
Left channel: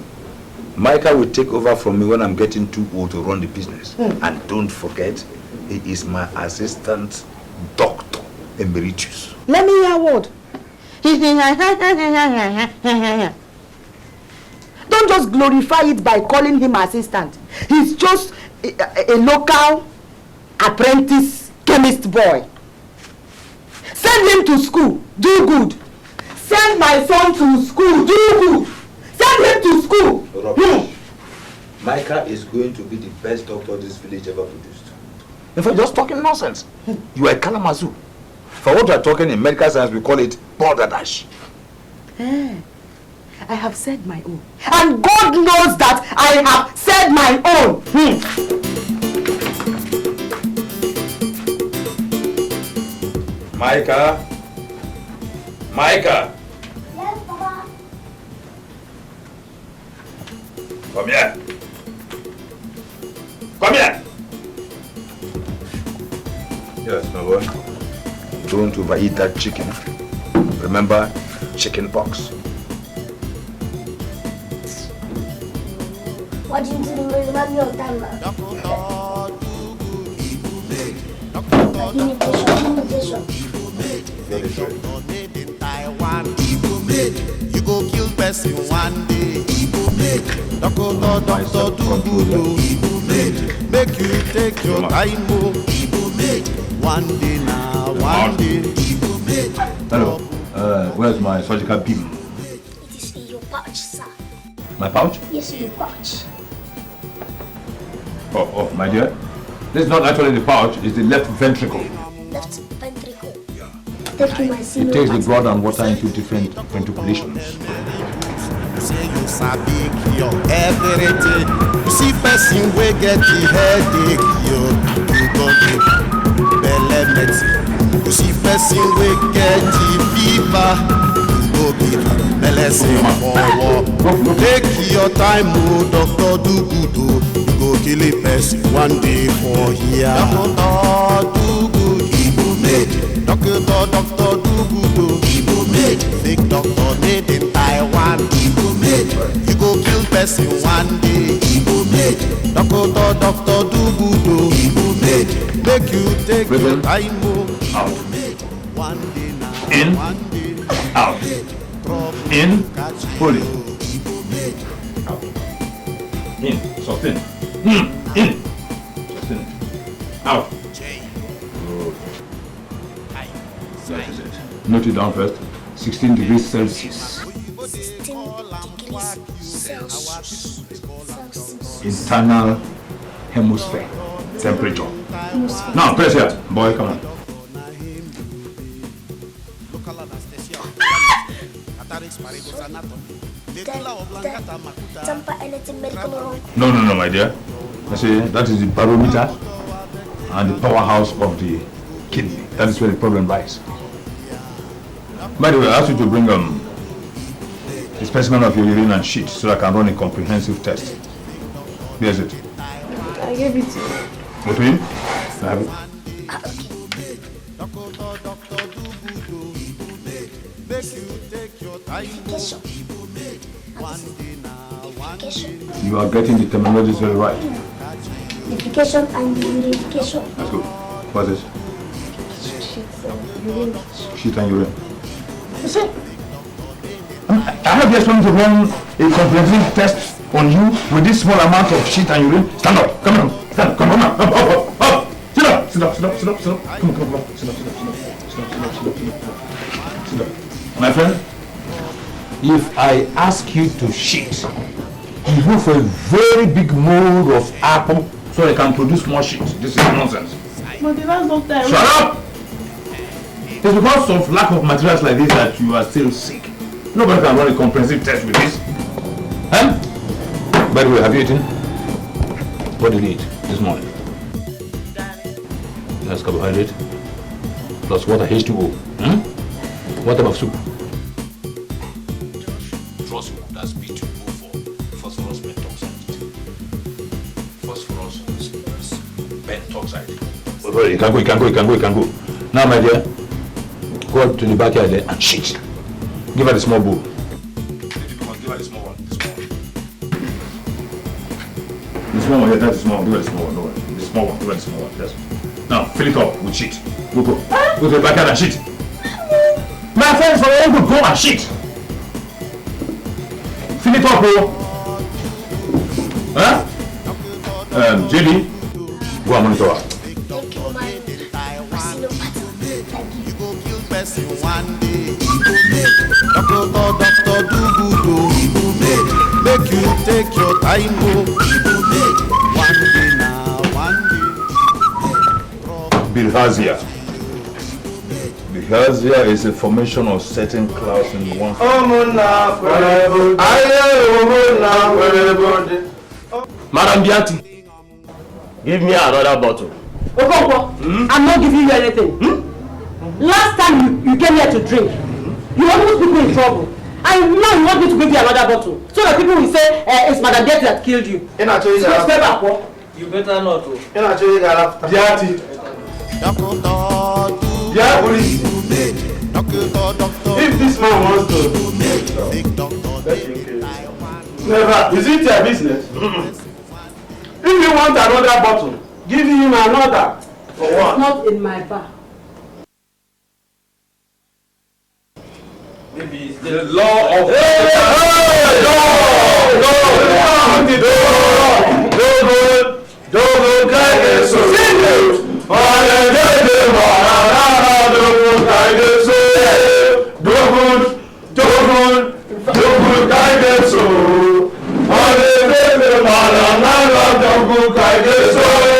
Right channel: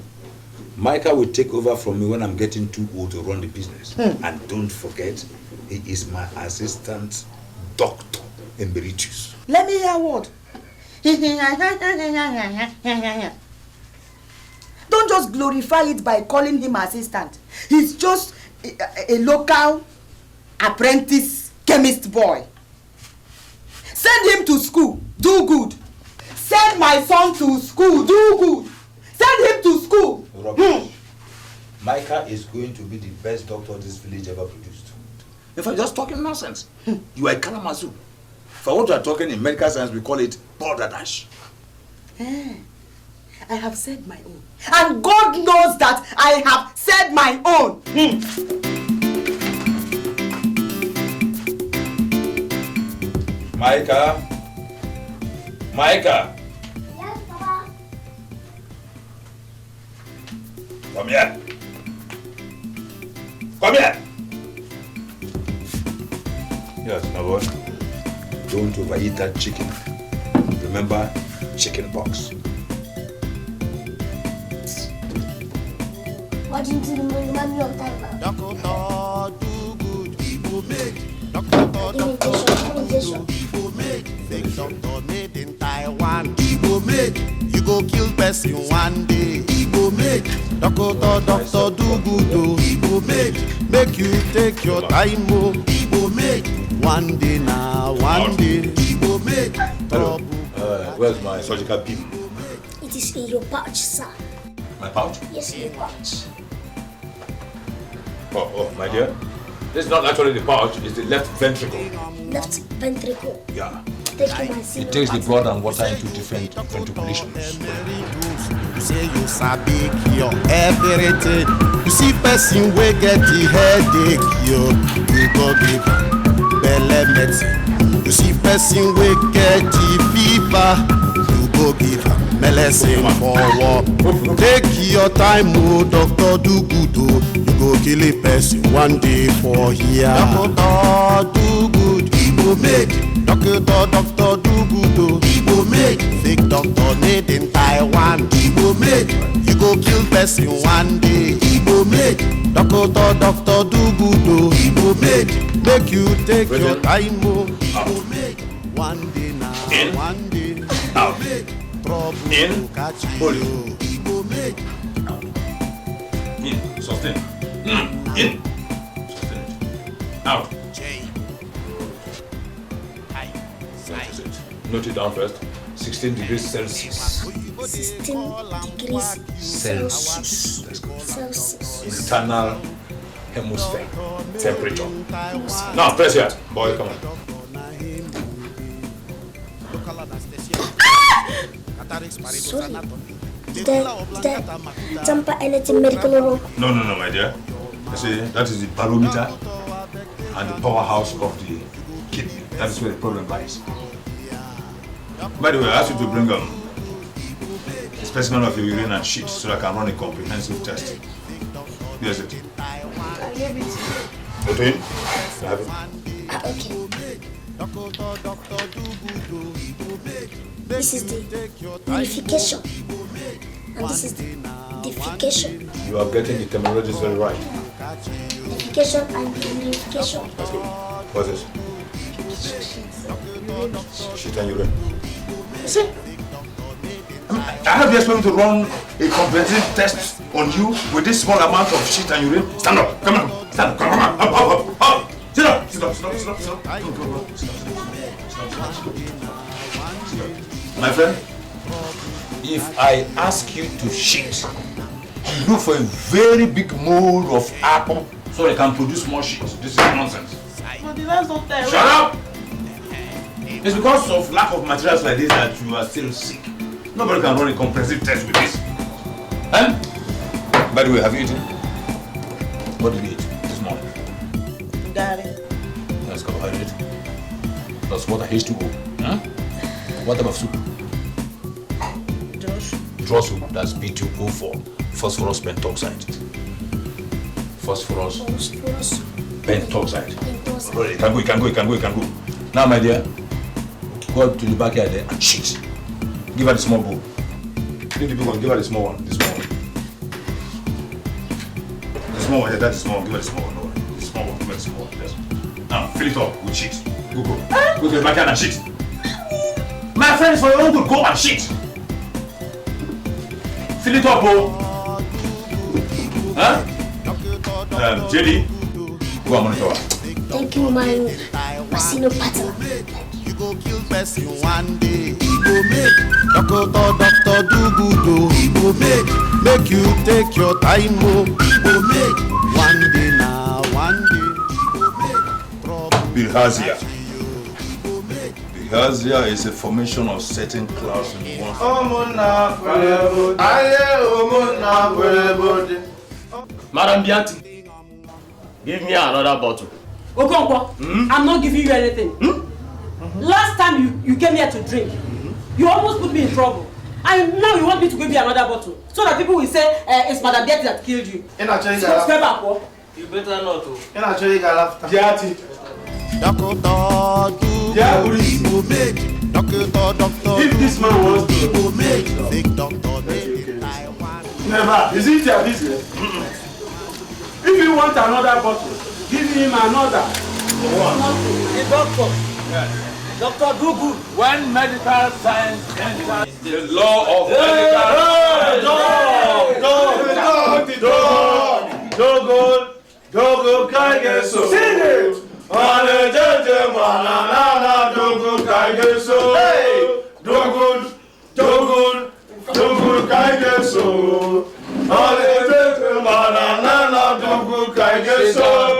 Micah will take over from me when I'm getting too old to run the business. And don't forget, he is my assistant doctor emeritus. Let me hear a word. Don't just glorify it by calling him assistant. He's just a local apprentice chemist boy. Send him to school. Do good. Send my son to school. Do good. Send him to school. Micah is going to be the best doctor this village ever produced. In fact, just talking nonsense. You are a Kalamazoo. For what you are talking in medical science, we call it border dash. I have said my own. And God knows that I have said my own. Micah? Micah? Yes, Papa. Come here. Come here. Yes, no what? Don't overeat that chicken. Remember, chicken pox. What did you remind me of time now? Doctor, do good, he will make. Doctor, fake doctor made in Taiwan. He will make. You go kill person one day. He will make. Doctor, do good, he will make. Make you take your time, oh. He will make. One day now, one day. He will make. Hello. Where's my surgical beam? It is in your pouch, sir. My pouch? Yes, in your pouch. Oh, my dear. This is not actually the pouch, it's the left ventricle. Left ventricle. Yeah. It takes the blood and water into different ventriculations. You say you sabi cure everything. You see person wey get the headache, you go give belle medicine. You see person wey get the fever, you go give medicine for war. Take your time, oh, doctor do good, oh. You go kill a person one day for here. Doctor do good, he will make. Doctor do good, oh. He will make. Fake doctor made in Taiwan, he will make. You go kill person one day, he will make. Doctor do good, oh. He will make. Make you take your time, oh. He will make. One day now, in, one day out, trouble in, catch fully, you. He will make. out, in, sustain, in, sustain, out. Note it down first. 16 degrees Celsius. Celsius. Internal hemisphere temperature. Now press here. Boy, come on. No, my dear. You see, that is the barometer and the powerhouse of the kidney. That is where the problem lies. By the way, I asked you to bring a specimen of your urine and shit so I can run a comprehensive test. Here's it. I gave it to you. Between? I have it. This is the unification. And this is the defecation. You are getting the terminology very right. Defecation and unification. That's good. What's this? Shit and urine. I have the experience to run a comprehensive test on you with this small amount of shit and urine. Stand up. Come on. Stand up. Come on. Up. Sit Sit up. Come on. Sit up. My friend, if I ask you to shit, you look for a very big mold of apple so I can produce more shit. This is nonsense. But the last doctor... Shut up! It's because of lack of materials like this that you are still sick. Nobody can run a comprehensive test with this. Huh? By the way, have you eaten? What did you eat this morning? Daddy. That's carbohydrate. Plus water, H2O. What type of soup? Draw soup. That's B2O4. Phosphorus pentoxide. Phosphorus pentoxide. You can go. Now, my dear, go up to the backyard there and shit. Give her the small bowl. Give her the small one. The small one, that's the small one. Give her the small one. No, the small one. Give her the small one. Yes. Now, fill it up with shit. Go. Go to the backyard and shit. My friends, for your own good, go and shit. Fill it up, bro. Huh? JD, go and monitor her. Thank you, my partner. You go kill person one day. He go make doctor do good. He go make you take your time. He go make one day now, one day. Bilharzia. Bilharzia is a formation of certain clouds in one. Madam Biati, give me another bottle. Okonkwo, I'm not giving you anything. Last time you came here to drink, you almost put me in trouble. And now you want me to give you another bottle. So that people will say it's Madam Biati that killed you. You better not. Biati. Doctor. If this man wants to make big doctor. Never. Is it your business? If you want another bottle, give him another. For what? Not with my doctor. Doctor Google. When medical science enters the law of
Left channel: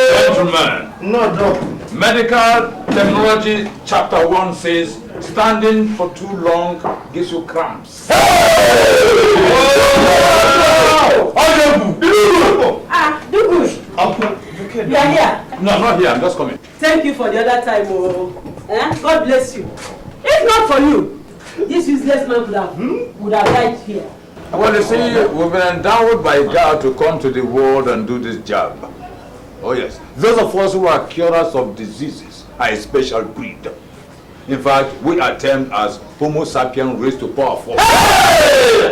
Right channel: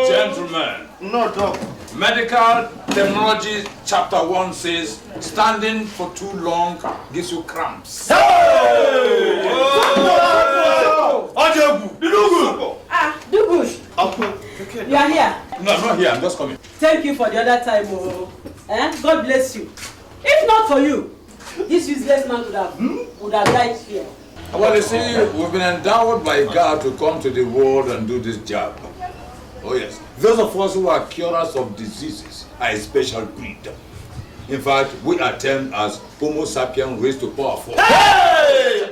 Gentlemen, no, Medical Technology Chapter 1 says standing for too long gives you cramps. You are here. No, I'm not here. I'm just coming. Thank you for the other time. God bless you. If not for you, this useless man would have died here. Well, you see, we've been endowed by God to come to the world and do this job. Oh yes, those of us who are curers of diseases are a special breed. In fact, we are termed as Homo sapiens raised to power 4. Hey!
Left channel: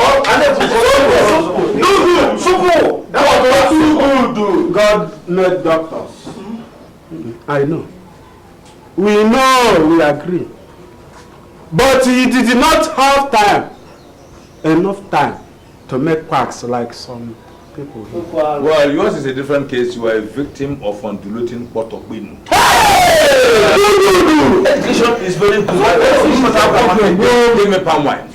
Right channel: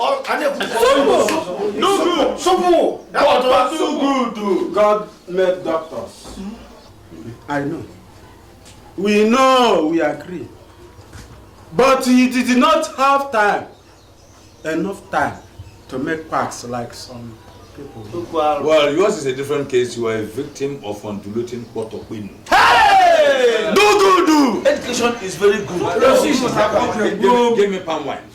God made doctors. I know. We know, we agree. But he did not have enough time to make quacks like some people. Well, yours is a different case. You are a victim of undulating bottle wind. Hey! Do! Education is very good. Give me palm wine.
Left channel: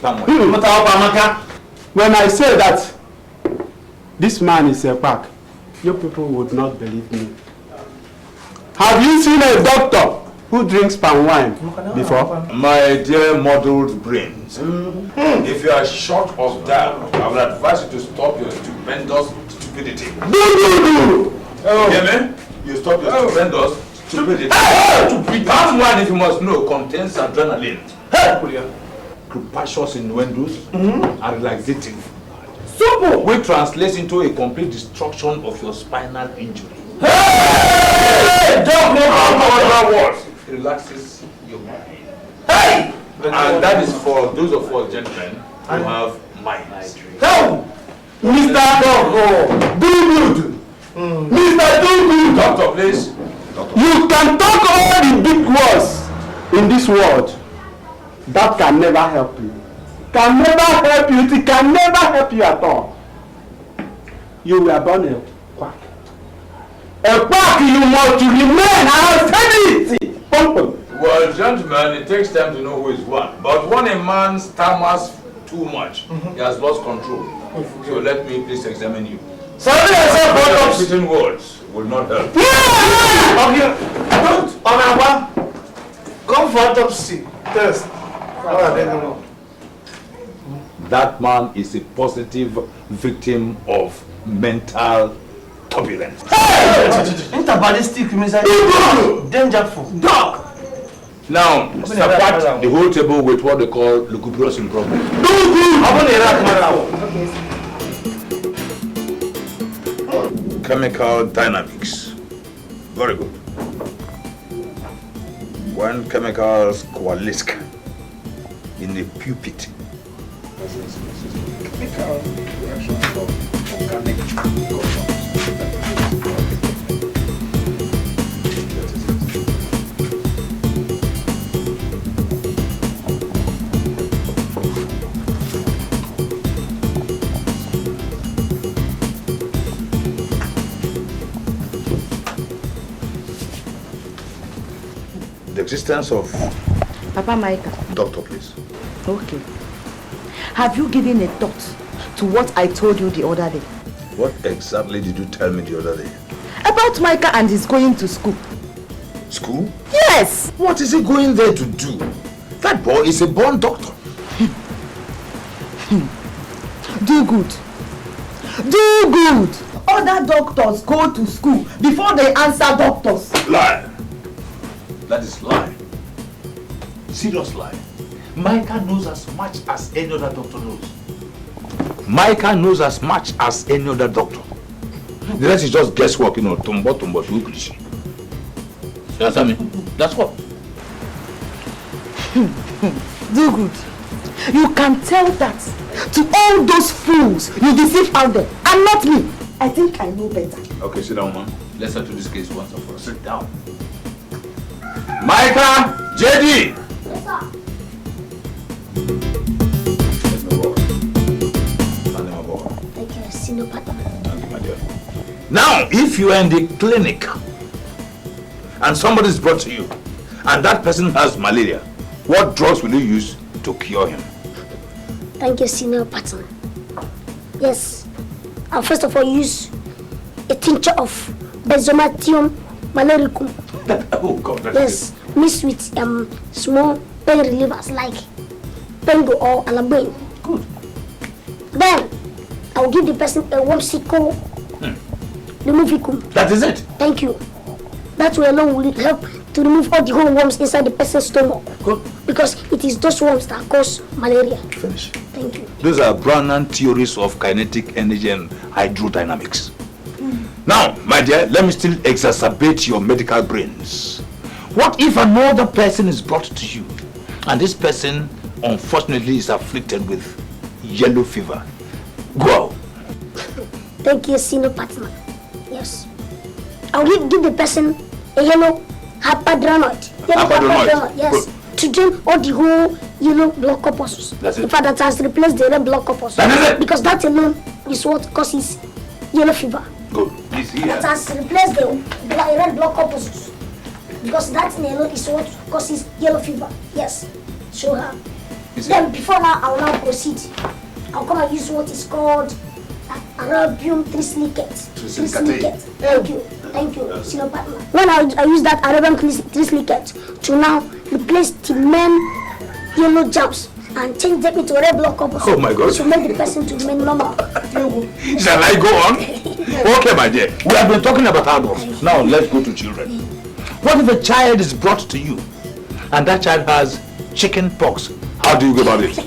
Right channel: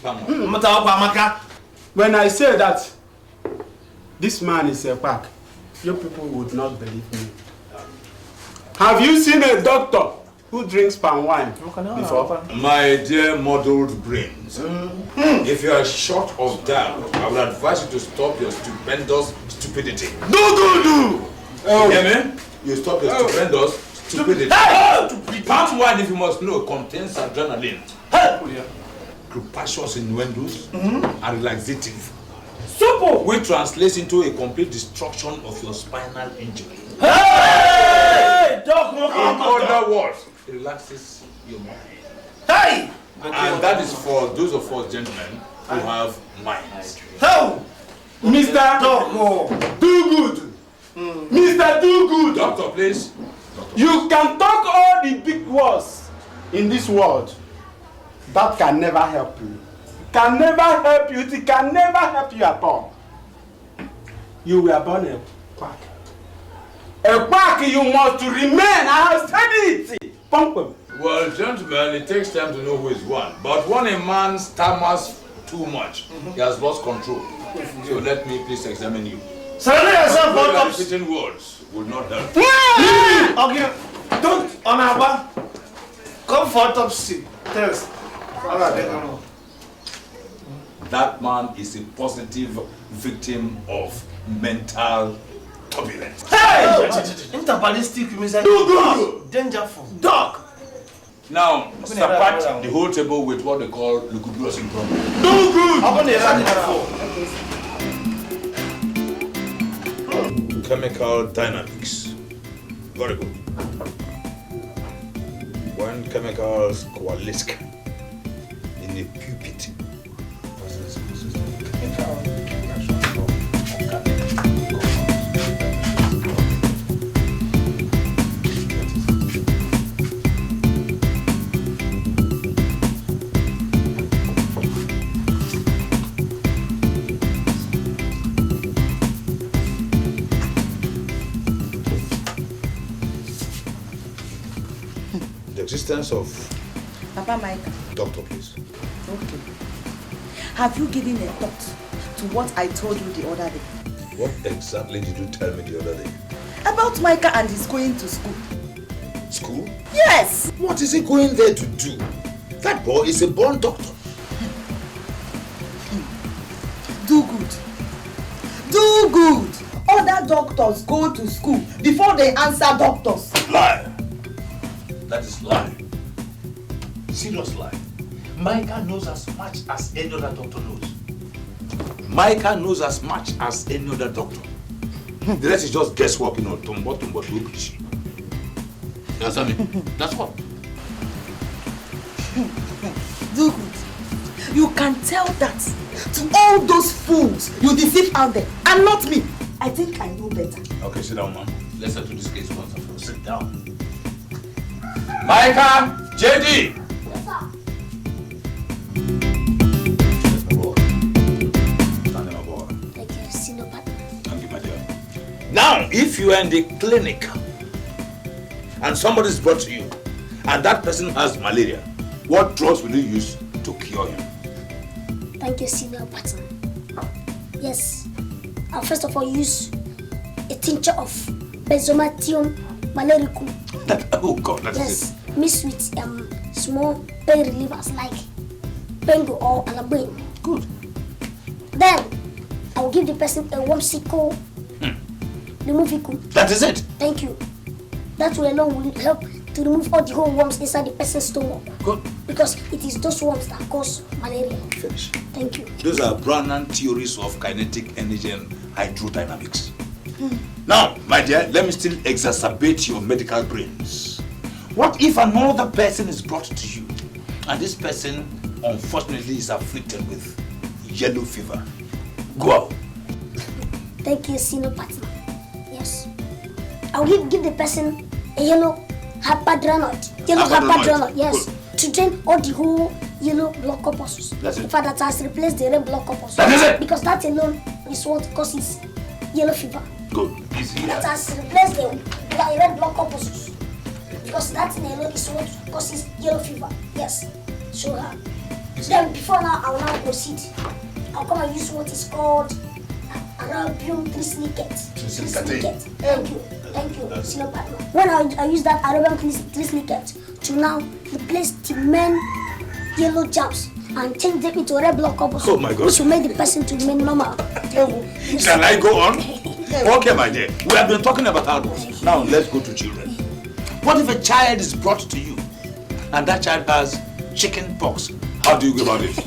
When I say that this man is a quack, you people would not believe me. Have you seen a doctor who drinks palm wine before? My dear muddled brains, if you are short of that, I would advise you to stop your stupendous stupidity. Do! You hear me? You stop your stupendous stupidity. Palm wine, if you must know, contains adrenaline. Compassions innuendos are relaxative. Simple! Which translates into a complete destruction of your spinal injury. Hey! Don't know other words. It relaxes your mind. Hey! And that is for those of us gentlemen who have minds. Help! Mr. Doctor, do good. Mr. Do good. Doctor, please. You can talk all the big words in this world. That can never help you. Can never help you. It can never help you at all. You were born a quack. A park you must remain austerity. Well, gentlemen, it takes time to know who is one. But when a man stammers too much, he has lost control. So let me please examine you. Sorry, I said bottoms. Certain words will not help. Yeah! Okay. Don't. Amaba. Come for autopsy. Test. That man is a positive victim of mental turbulence. Hey! Interballistic missile. Dangerful. Dog. Now, support the whole table with what they call lugubrious improvement. Chemical dynamics. Very good. When chemicals coalesce in a pupil. Existence of Papa Micah. Doctor, please. Okay. Have you given a thought to what I told you the other day? What exactly did you tell me the other day? About Micah and his going to school. School? Yes! What is he going there to do? That boy is a born doctor. Do good. Do good. Other doctors go to school before they answer doctors. Lie. That is lie. Serious lie. Micah knows as much as any other doctor knows. Micah knows as much as any other doctor. The rest is just guesswork, you know. Tumbo, English. You understand me? That's what. Do good. You can tell that to all those fools you deceive out there, and not me. I think I know better. Okay, sit down, man. Let's settle this case once and for all. Sit down. Micah, JD. Yes, sir. Thank you, senior partner. Thank you, my dear. Now, if you are in the clinic and somebody is brought to you and that person has malaria, what drugs will you use to cure him? Thank you, senior partner. Yes. I'll first of all use a tincture of Benzomatium malericum. Oh God, that's yes, mixed with small pain relievers like Pengo or Alabain. Good. Then I'll give the person a wormsicle removicum. That is it. Thank you. That way alone will help to remove all the whole worms inside the person's stomach. Good. Because it is those worms that cause malaria. Finish. Thank you. Those are Brownian theories of kinetic energy and hydrodynamics. Now, my dear, let me still exacerbate your medical brains. What if another person is brought to you and this person unfortunately is afflicted with yellow fever? Go. Thank you, senior partner. Yes. I will give the person a yellow hypodermoid. Yellow hypodermoid. Yes. Good. To drain all the whole yellow blood corpuscles. That's it. In fact, that has replaced the red blood corpuscles. That is it. Because that alone is what causes yellow fever. Good. Please here. That has replaced the red blood corpuscles. Because that alone is what causes yellow fever. Yes. Show her. Then before now, I will now proceed. I'll come and use what is called Arabian trislicate. Thank you, senior partner. When I use that Arabian trislicate to now replace the main yellow jams and change them into red blood corpuscles. Oh my God. Which will make the person to remain normal. Shall I go on? Okay, my dear. We have been talking about adults. Now let's go to children. What if a child is brought to you and that child has chicken pox? How do you go about it?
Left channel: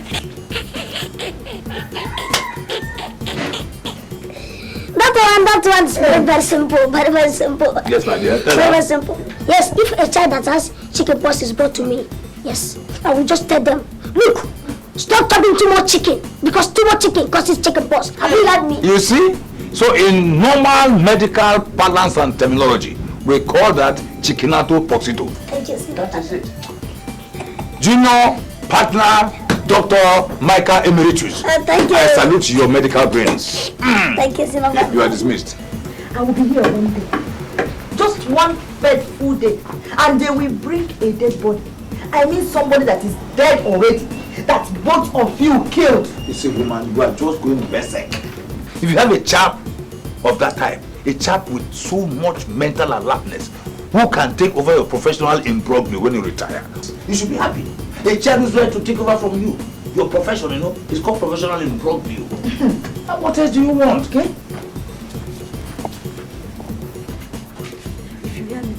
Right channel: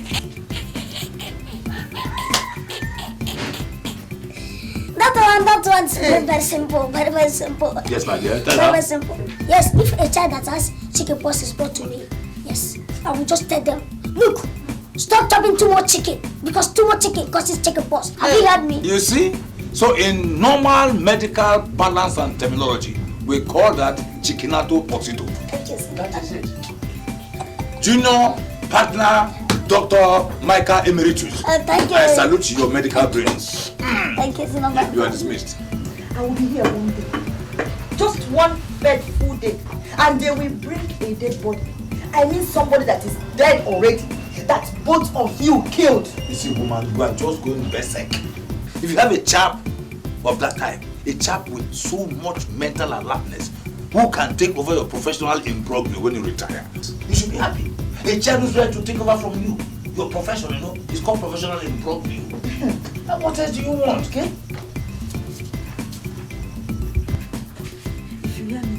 That one's very simple, very simple. Yes, my dear. Very simple. Yes, if a child that has chicken pox is brought to me, yes, I will just tell them, look, stop chopping too much chicken, because too much chicken causes chicken pox. Have you heard me? You see? So in normal medical balance and terminology, we call that chickinato poxito. Thank you, sir. That is it. Junior partner Dr. Micah Emeritus. Thank you. I salute your medical brains. Thank you, sir. You are dismissed. I will be here one day. one fateful day and they will bring a dead body. I mean somebody that is dead already, that both of you killed. You see, woman, you are just going berserk. If you have a chap of that type, a chap with so much mental alertness, who can take over your professional imbroglio when you retire, you should be happy. A child who's ready to take over from you, your profession, you know, is called professional imbroglio. What else do you want, okay? If you hear me,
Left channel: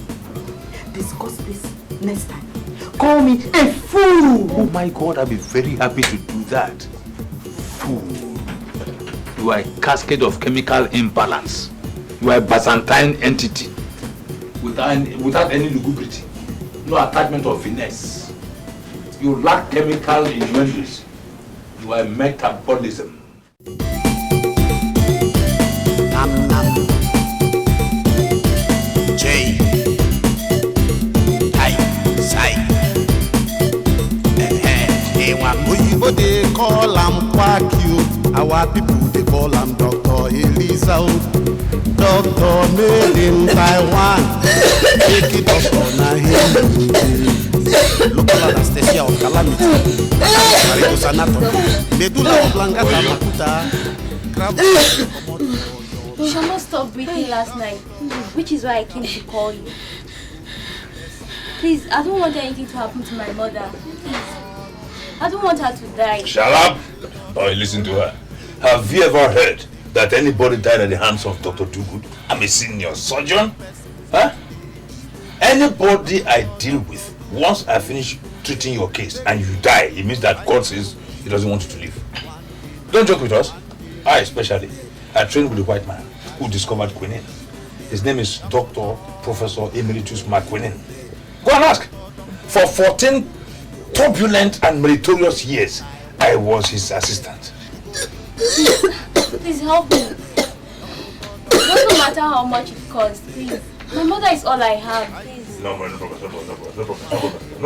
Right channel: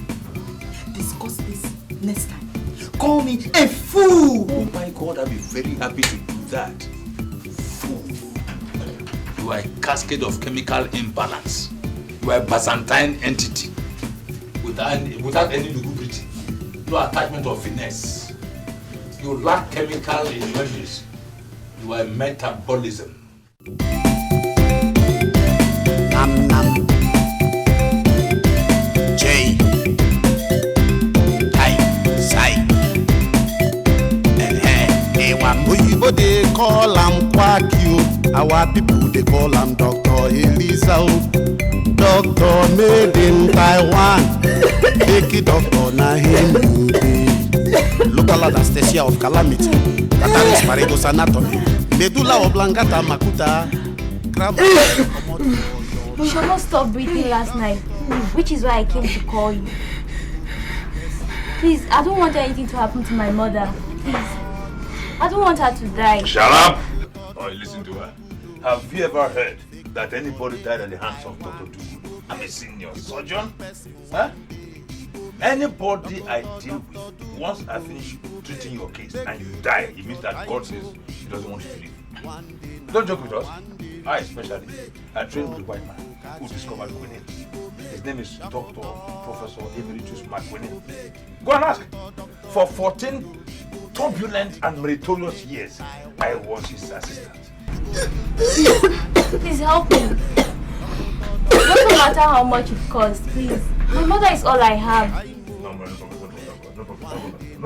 discuss this next time. Call me a fool! Oh my God, I'll be very happy to do that. Fool. You are a cascade of chemical imbalance. You are a Byzantine entity. Without any lubricity. No attachment of finesse. You lack chemical innuendos. You are a metabolism. Nam nam. J. I. Sai. Oyibo they call am Kwakio. Our people they call am Dr. Elisa. Doctor made in Taiwan. Take it up on a him. Local anesthesia of calamity. Tataris Marigo's anatomy. Medulla oblongata makuta. You should not stop breathing last night, which is why I came to call you. Please, I don't want anything to happen to my mother. Please. I don't want her to die. Shut up! Oh, listen to her. Have you ever heard that anybody died at the hands of Dr. Dugood? I'm a senior surgeon. Huh? Anybody I deal with, once I finish treating your case and you die, it means that God says he doesn't want you to live. Don't joke with us. I especially. I trained with a white man who discovered quinine. His name is Dr. Professor Emeritus McQuinine. Go and ask. For 14 turbulent and meritorious years, I was his assistant. Please help me. It doesn't matter how much it costs, please. My mother is all I have, please. No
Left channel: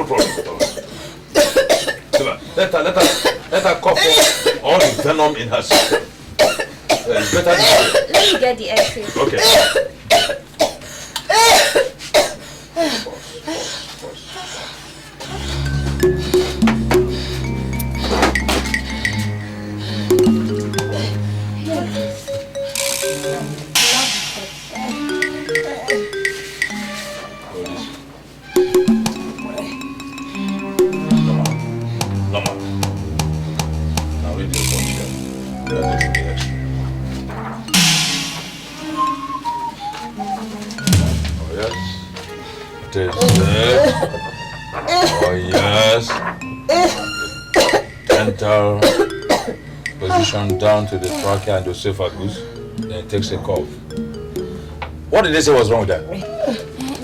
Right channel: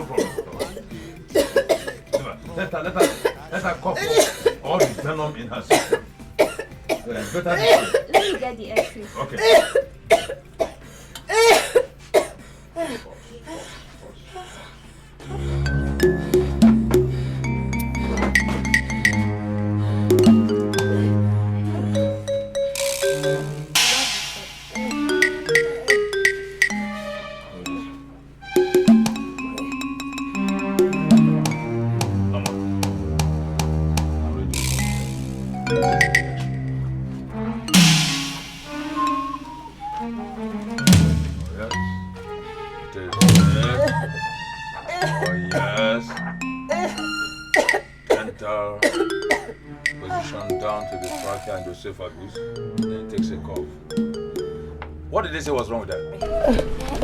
problem. Let her cough up all the venom in her system. It's better than Let me get the X-ray. Okay. Down to the trachea and the esophagus, then it takes a cough. What did they say was wrong with that?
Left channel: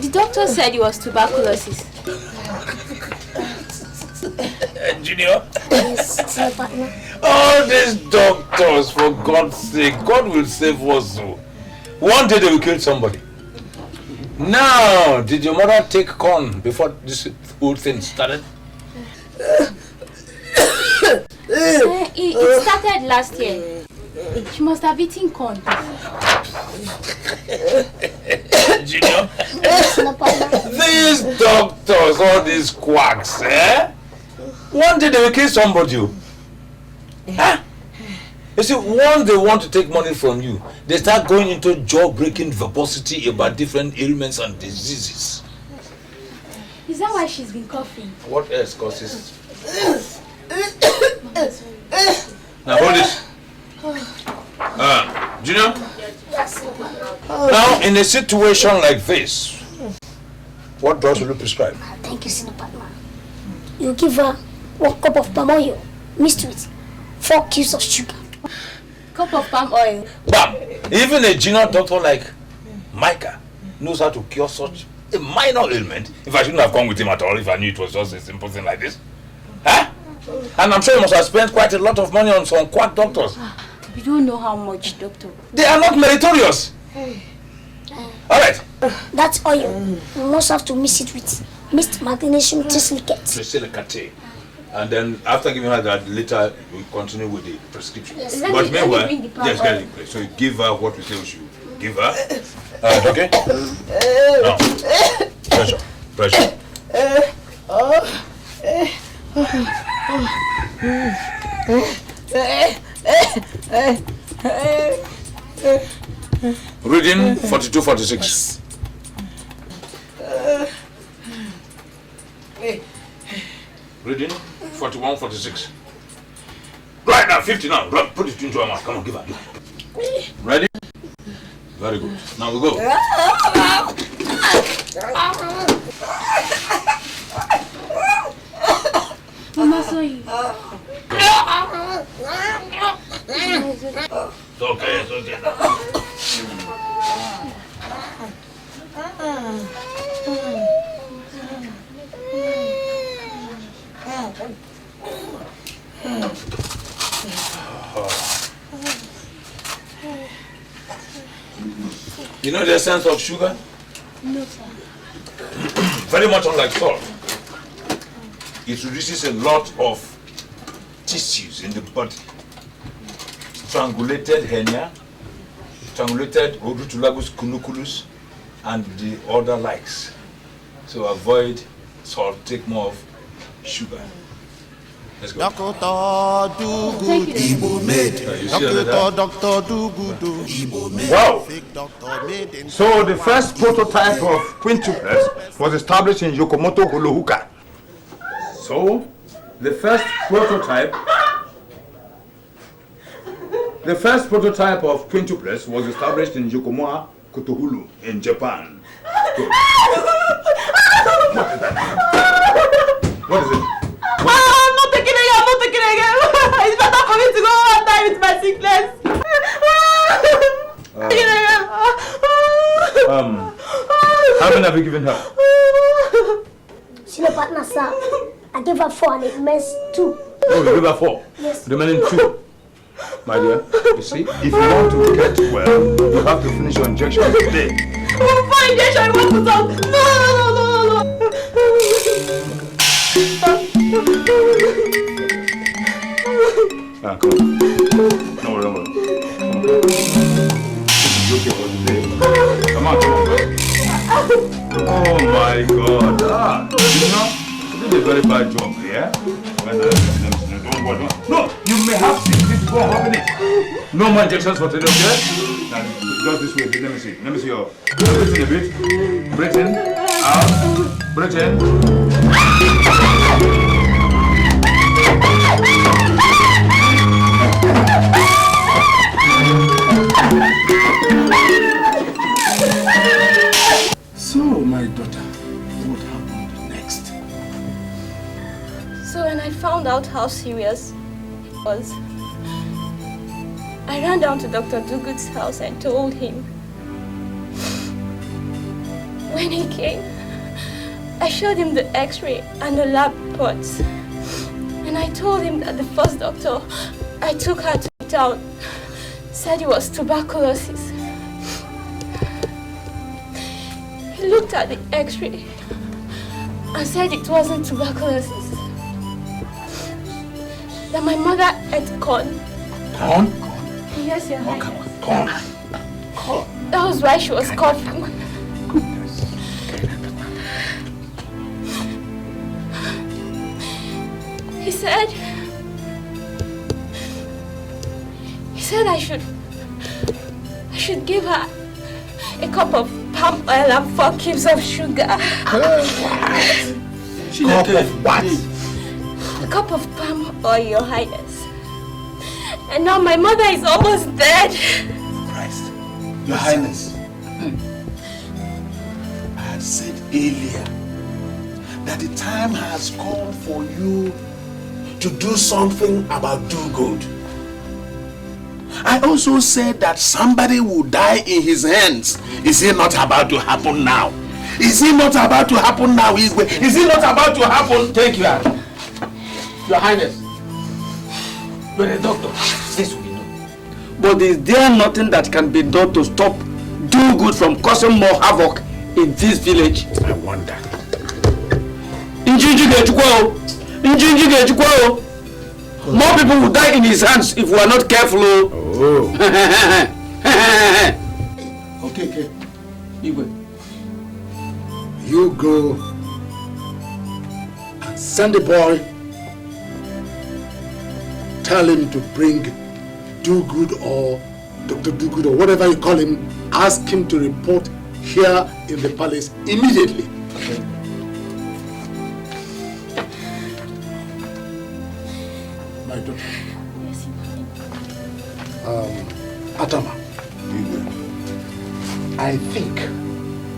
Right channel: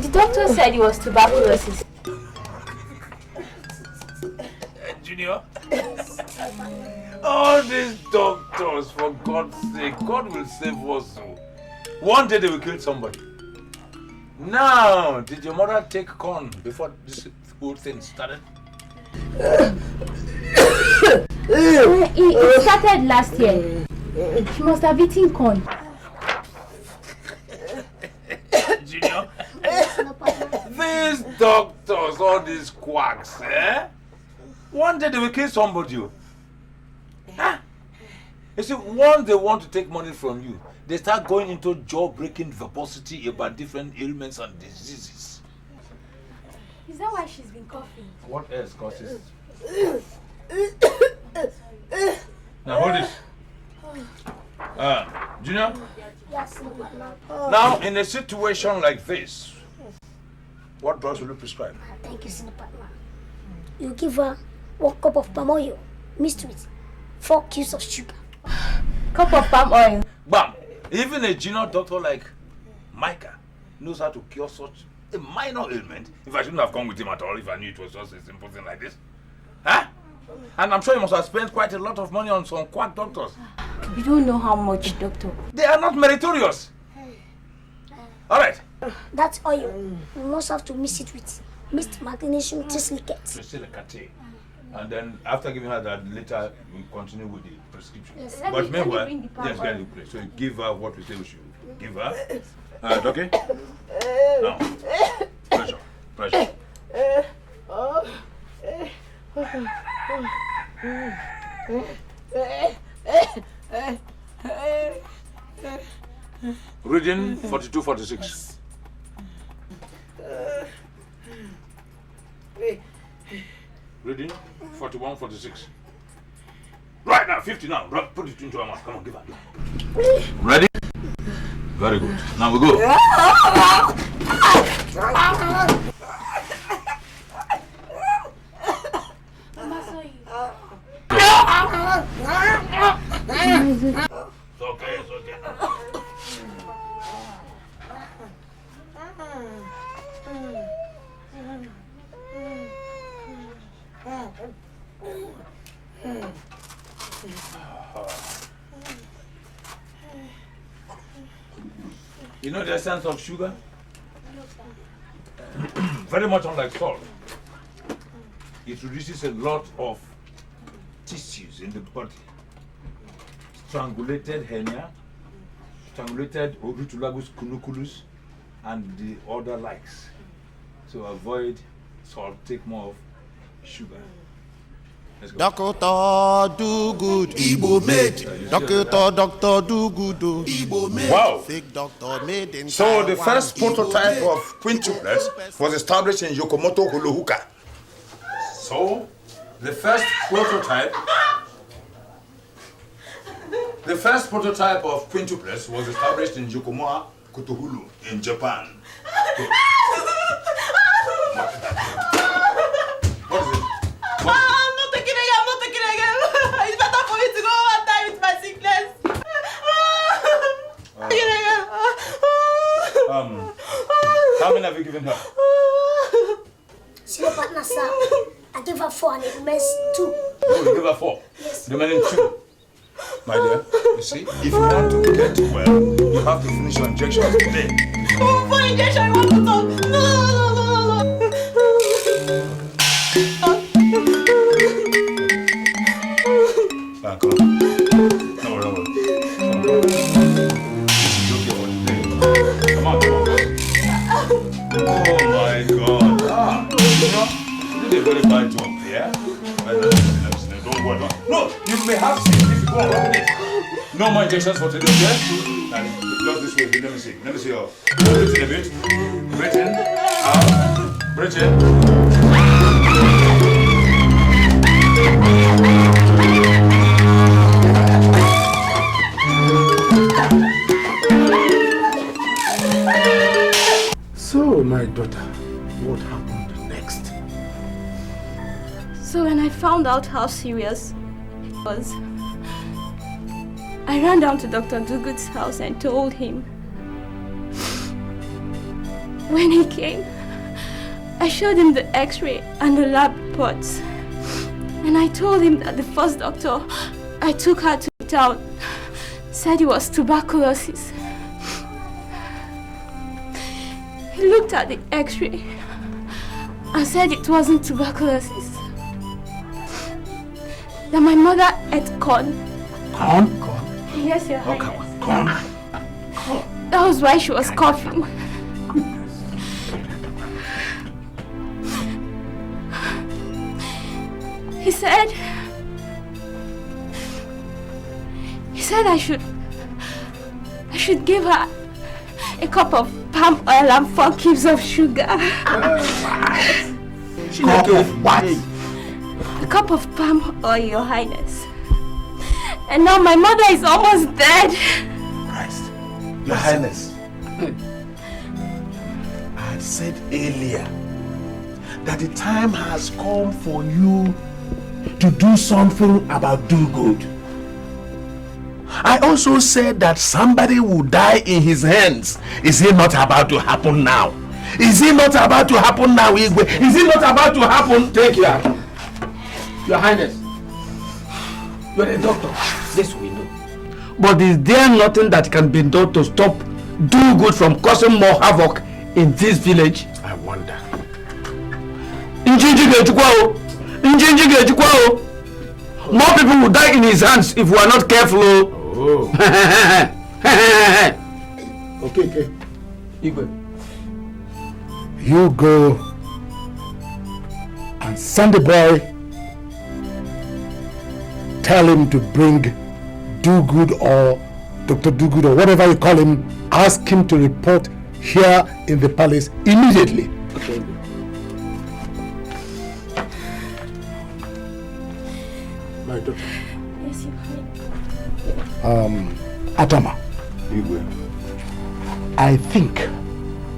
The doctor said it was tuberculosis. Junior? All these doctors, for God's sake, God will save us. One day they will kill somebody. Now, did your mother take corn before this whole thing started? It started last year. She must have eaten corn. Junior, these doctors, all these quacks, eh? One day they will kill somebody. Huh? You see, once they want to take money from you, they start going into jaw-breaking verbosity about different ailments and diseases. Is that why she's been coughing? What else causes? Now hold it. Junior? Yes. Now, in a situation like this, what drugs will you prescribe? Thank you, Senior Partner. You give her 1 cup of palm oil mixed with 4 cubes of sugar. Cup of palm oil. Bam! Even a junior doctor like Micah knows how to cure such a minor ailment. If I shouldn't have come with him at all, if I knew it was just a simple thing like this. Huh? And I'm sure you must have spent quite a lot of money on some quack doctors. You don't know how much, doctor. They are not meritorious. All right. That oil, you must have to mix it with mixed magnesium trisilicate. And then after giving her that, later we continue with the prescription. Yes. But meanwhile, yes, get it in place. So you give her what we say we should give her, Okay? Now, pressure, pressure. Reading 42-46. Reading 41-46. Right now, 50 now. Run, put it into her mouth. Come on, give her. Ready? Very good. Now we go. Mama saw you. It's okay, it's okay. You know the essence of sugar? No, sir. Very much unlike salt. It reduces a lot of tissues in the body. Strangulated hernia, strangulated orutulagus cunuculus, and the other likes. So avoid salt, take more of sugar. Let's go. Doctor do good, Igbo made. Doctor do good, Igbo made. Wow. Fake doctor made in So the first prototype of quintuples was established in Yokomoto, Holohuka. So the first prototype of quintuples was established in Yokomoa, Kotohulu in Japan. Good. What is that? What is it? I'm not taking it again. It's better for me to go and die with my sickness. How many have you given her? Senior partner, sir. I gave her 4 and it missed 2. Oh, you gave her 4? Yes. Remaining 2. My dear, you see, if you want to get well, you have to finish your injection today. My injection, I want to talk. No. Come on. No, come on. Oh my God. You know, this is a very bad job, yeah? Don't worry. No, you may have to go on it. No more injections for today, okay? Just this way. Let me see. Let me see your breathe in a bit. Breathe in. Out. Breathe in. So, my daughter, what happened next? So when I found out how serious it was, I ran down to Dr. Dugood's house and told him. When he came, I showed him the x-ray and the lab reports. And I told him that the first doctor I took her to town said it was tuberculosis. He looked at the x-ray and said it wasn't tuberculosis. That my mother ate corn. Corn? Yes, Your Highness. Okay, corn. That was why she was coughing. He said I should give her a cup of palm oil and 4 cubes of sugar. What? A cup of palm oil, Your Highness. And now my mother is almost dead. Christ. Your Highness. I had said earlier that the time has come for you to do something about do-good. I also said that somebody will die in his hands. Is it not about to happen now? Is it not about to happen now, Igwe? Is it not about to happen? Take your hand. Your Highness. You're a doctor. Yes, we know. But is there nothing that can be done to stop do-good from causing more havoc in this village? I wonder. More people will die in his hands if we are not careful. Oh. Okay. Igwe. You go and send the boy. Tell him to bring Do-Good or Dr. Do-Good or whatever you call him. Ask him to report here in the palace immediately. Okay. Atama, I think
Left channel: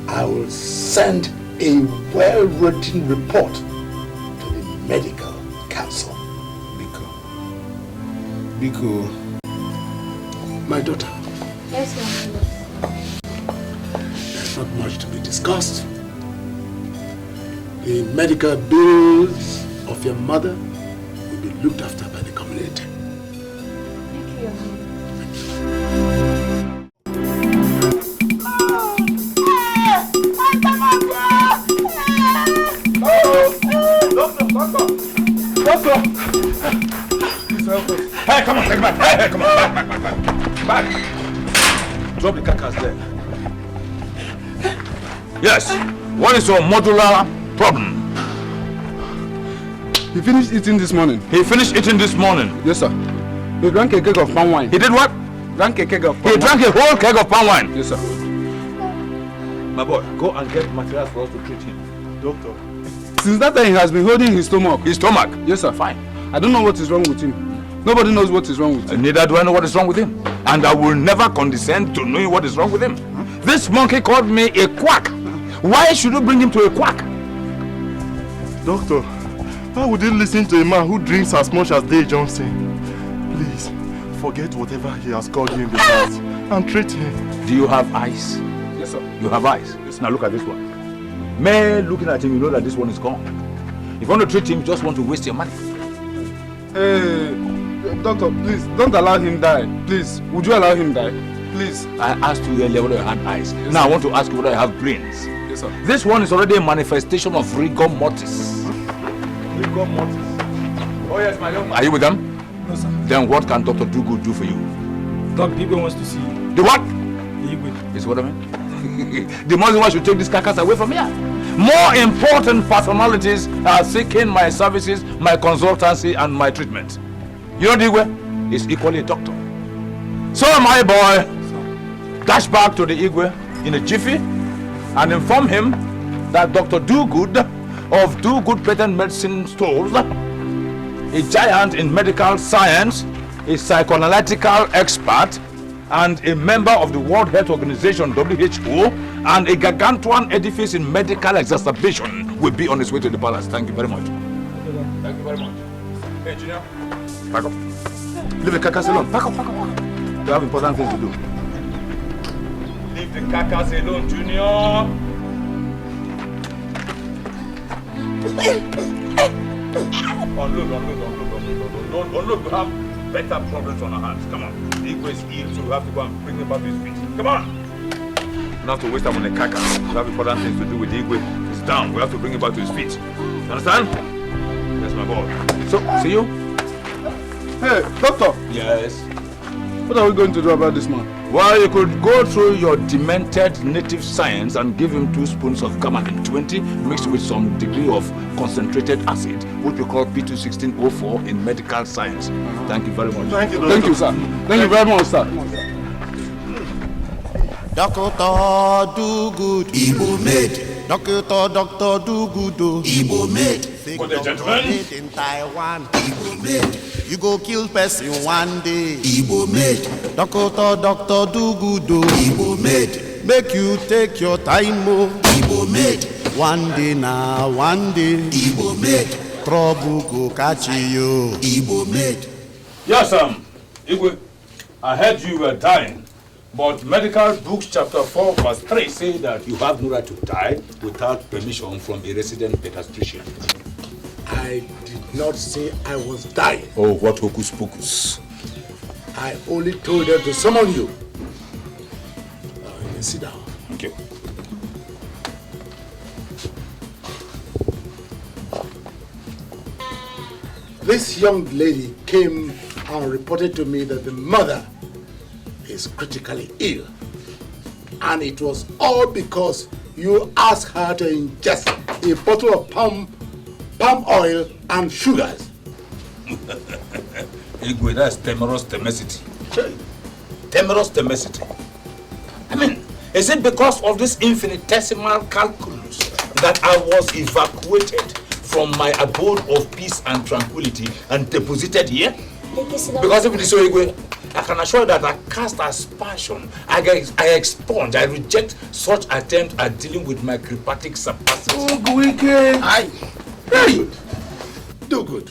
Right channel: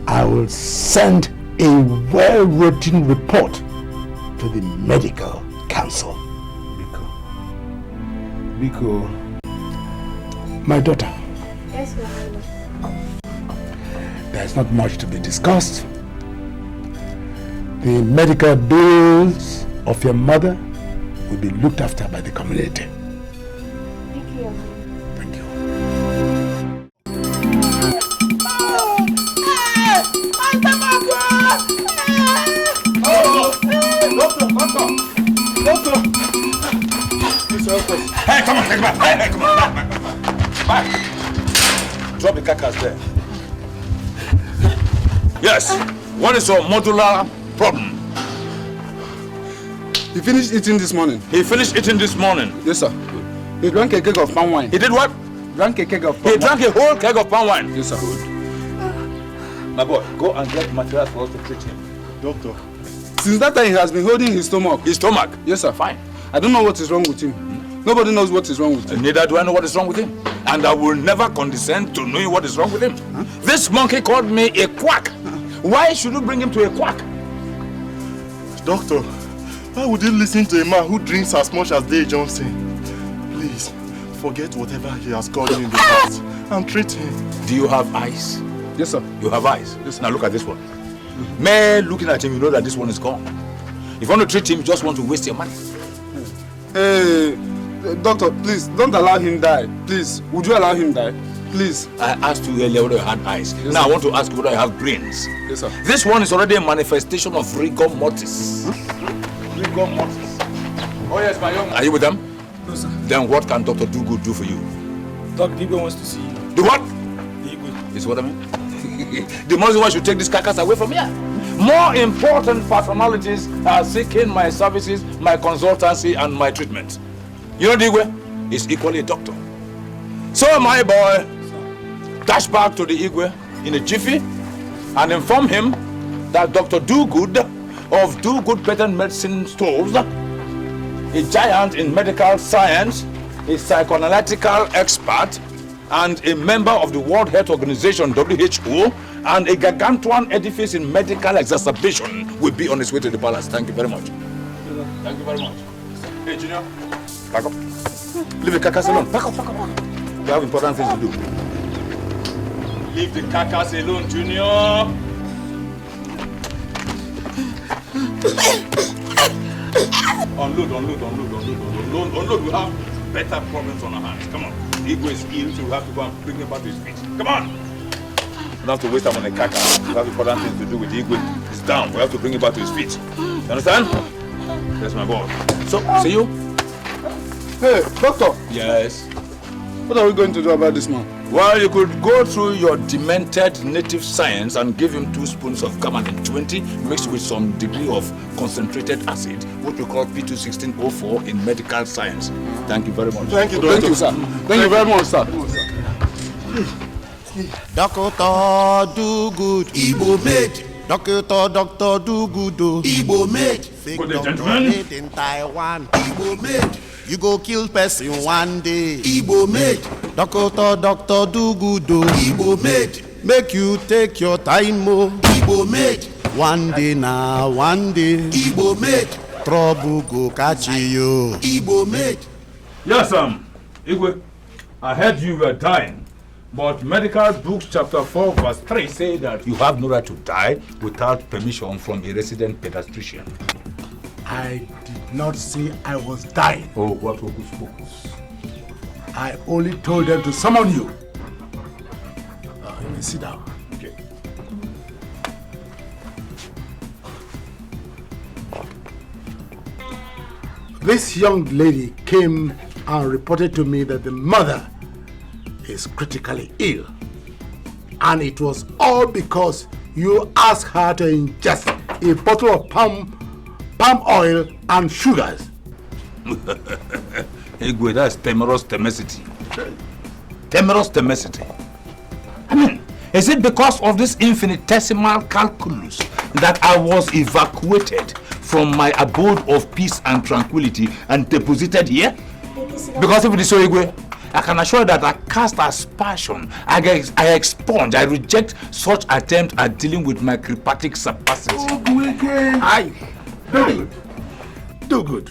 I will send a well-written report to the medical council. Biko, my daughter. Yes, ma'am. There's not much to be discussed. The medical bills of your mother will be looked after by the community. Hey, come on, take back. Hey, come on, back. Drop the carcass there. Yes. What is your modular problem? He finished eating this morning. He finished eating this morning? Yes, sir. He drank a keg of palm wine. He did what? Drank a keg of palm wine. He drank a whole keg of palm wine? Yes, sir. My boy, go and get materials for us to treat him. Doctor. Since that time, he has been holding his stomach. His stomach? Yes, sir. Fine. I don't know what is wrong with him. Nobody knows what is wrong with him. Neither do I know what is wrong with him. And I will never condescend to know what is wrong with him. This monkey called me a quack. Why should you bring him to a quack? Doctor, how would you listen to a man who drinks as much as Dave Johnson? Please, forget whatever he has called you in the past and treat him. Do you have eyes? Yes, sir. You have eyes? Yes. Now look at this one. Man, looking at him, you know that this one is gone. If you want to treat him, you just want to waste your money. Doctor, please, don't allow him die. Please, would you allow him die? Please. I asked you earlier whether you had eyes. Yes, now sir. I want to ask you whether you have brains. Yes, sir. This one is already a manifestation of rigor mortis. Rigor mortis. Oh yes, my young man. Are you with them? No, sir. Then what can Dr. Do-Good do for you? Dr. Igwe wants to see you. The what? Igwe. This is what I mean? The most why should take this carcass away from here. More important personalities are seeking my services, my consultancy, and my treatment. You know Igwe is equally a doctor. So my boy, dash back to the Igwe in a jiffy and inform him that Dr. Do-Good of Do-Good Patent Medicine Stores, a giant in medical science, a psychoanalytical expert, and a member of the World Health Organization, WHO, and a gargantuan edifice in medical exacerbation will be on his way to the palace. Thank you very much. Thank you very much. Hey, Junior, back up. Leave the carcass alone. Back up, back up, back up. You have important things to do. Leave the carcass alone, Junior. Unload. Unload. We have better problems on our hands. Come on. The Igwe is ill, so we have to go and bring him back to his feet. Come on. Not to waste time on the carcass. We have important things to do with the Igwe. He's down. We have to bring him back to his feet. You understand? That's my boy. So, see you? Hey, doctor. Yes. What are we going to do about this man? Well, you could go through your demented native science and give him 2 spoons of Gammon 20 mixed with some degree of concentrated acid, which we call P21604 in medical science. Thank you very much. Thank you, Doctor. Thank you, sir. Thank you very much, sir. Dr. Do-Good, Igbo made. Dr. Do-Good, Igbo made. Fake doctor made in Taiwan, Igbo made. You go kill person one day, Igbo made. Dr. Do-Good, Igbo made. Make you take your time, oh, Igbo made. One day now, one day, Igbo made. Trouble go catch you, Igbo made. Yes, Igwe, I heard you were dying. But medical books chapter 4 verse 3 say that you have no right to die without permission from a resident pediatrician. I did not say I was dying. Oh, what hocus pocus. I only told them to summon you. Sit down. Okay. This young lady came and reported to me that the mother is critically ill. And it was all because you asked her to ingest a bottle of palm oil and sugars. Igwe, that's temerous temacity. Temerous temacity. I mean, is it because of this infinitesimal calculus that I was evacuated from my abode of peace and tranquility and deposited here? Because of this, Igwe, I can assure you that I cast aspersion, I expunge, I reject such attempt at dealing with my cryptic capacity. Do good.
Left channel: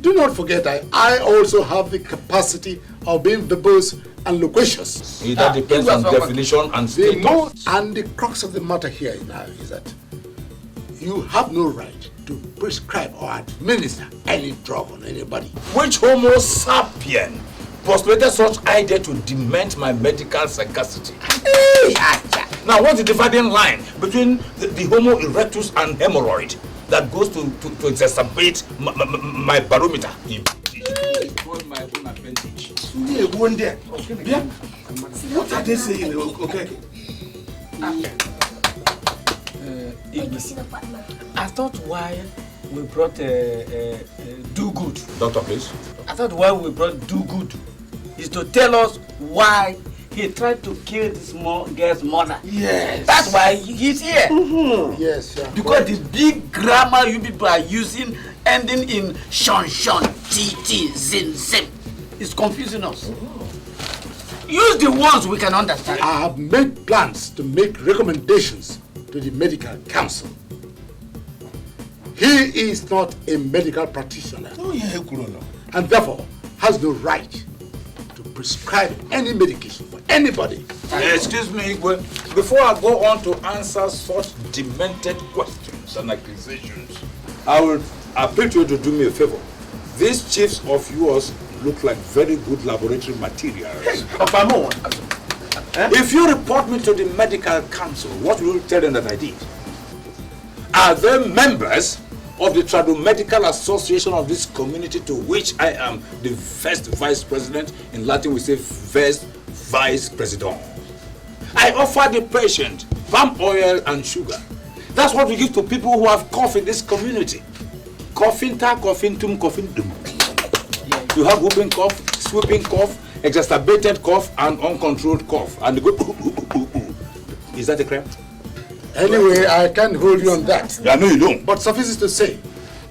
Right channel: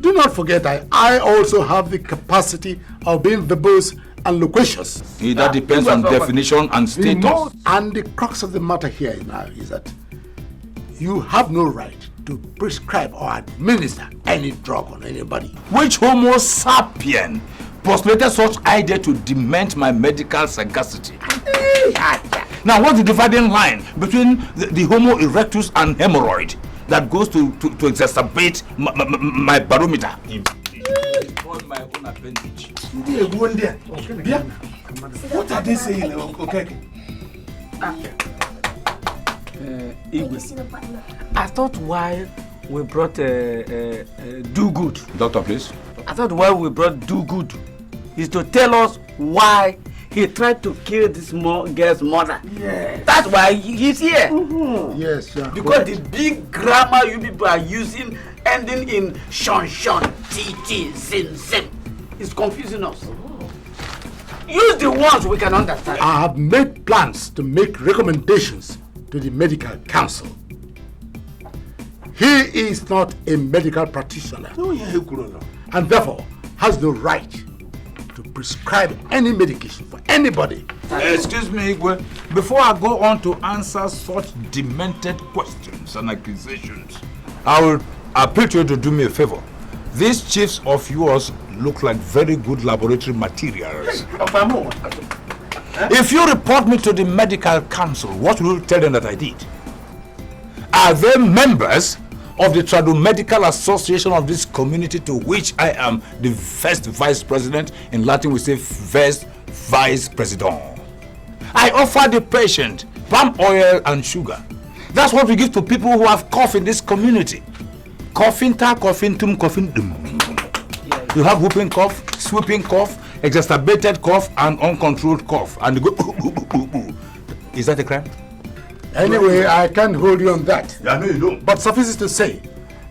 Do not forget that I also have the capacity of being verbose and loquacious. That depends on definition and status. And the crux of the matter here now is that you have no right to prescribe or administer any drug on anybody. Which Homo sapien postulated such idea to dement my medical sagacity? Now, what's the dividing line between the Homo erectus and hemorrhoid that goes to exacerbate my barometer? My own advantage. What are they saying? Okay. I thought why we brought Do Good. Doctor, please. I thought why we brought Do Good is to tell us why he tried to kill this girl's mother. Yes. That's why he's here. Yes, sir. Because the big grammar you people are using, ending in shon, tt, zim, is confusing us. Use the ones we can understand. I have made plans to make recommendations to the medical council. He is not a medical practitioner and therefore has no right to prescribe any medication for anybody. Excuse me, Igwe. Before I go on to answer such demented questions and accusations, I will appeal to you to do me a favor. These chiefs of yours look like very good laboratory materials. If you report me to the medical council, what will you tell them that I did? Are they members of the Tradomedical Association of this community, to which I am the first vice president? In Latin we say first vice president. I offer the patient palm oil and sugar. That's what we give to people who have cough in this community. Coughing-ta, coughing-tum, coughing-dum. You have whooping cough, sweeping cough, exacerbated cough, and uncontrolled cough. And they go, Is that a crime? Anyway, I can't hold you on that. Yeah, I know you don't. But suffice it to say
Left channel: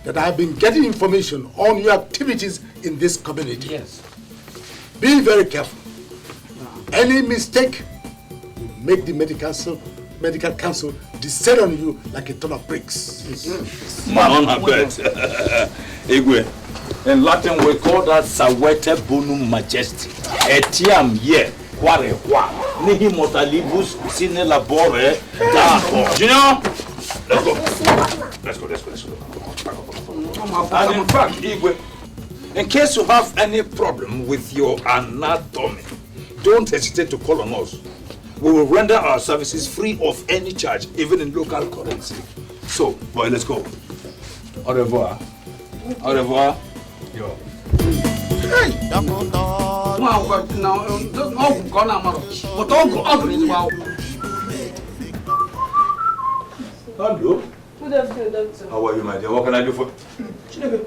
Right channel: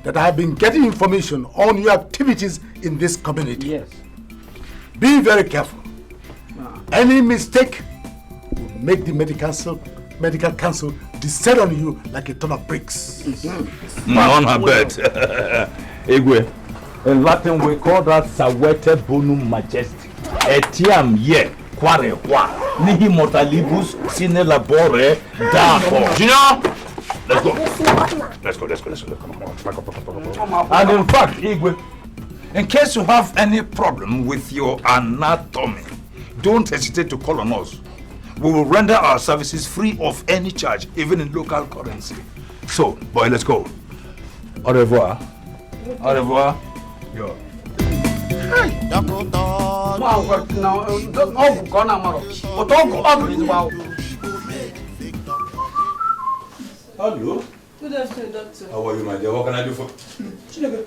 that I have been getting information on your activities in this community. Yes. Be very careful. Any mistake, make the medical council descend on you like a ton of bricks. On her bed. Igwe, in Latin we call that Sawete Bonum Majesty. Etiam ye, quare qua, nihi mortalibus sine labore da. Junior, let's go. And in fact, Igwe, in case you have any problem with your anatomy, don't hesitate to call on us. We will render our services free of any charge, even in local currency. So, boy, let's go. Au revoir. Au revoir. Yo. Hey, Hello. Good afternoon, doctor. How are you, my dear? What can I do for you?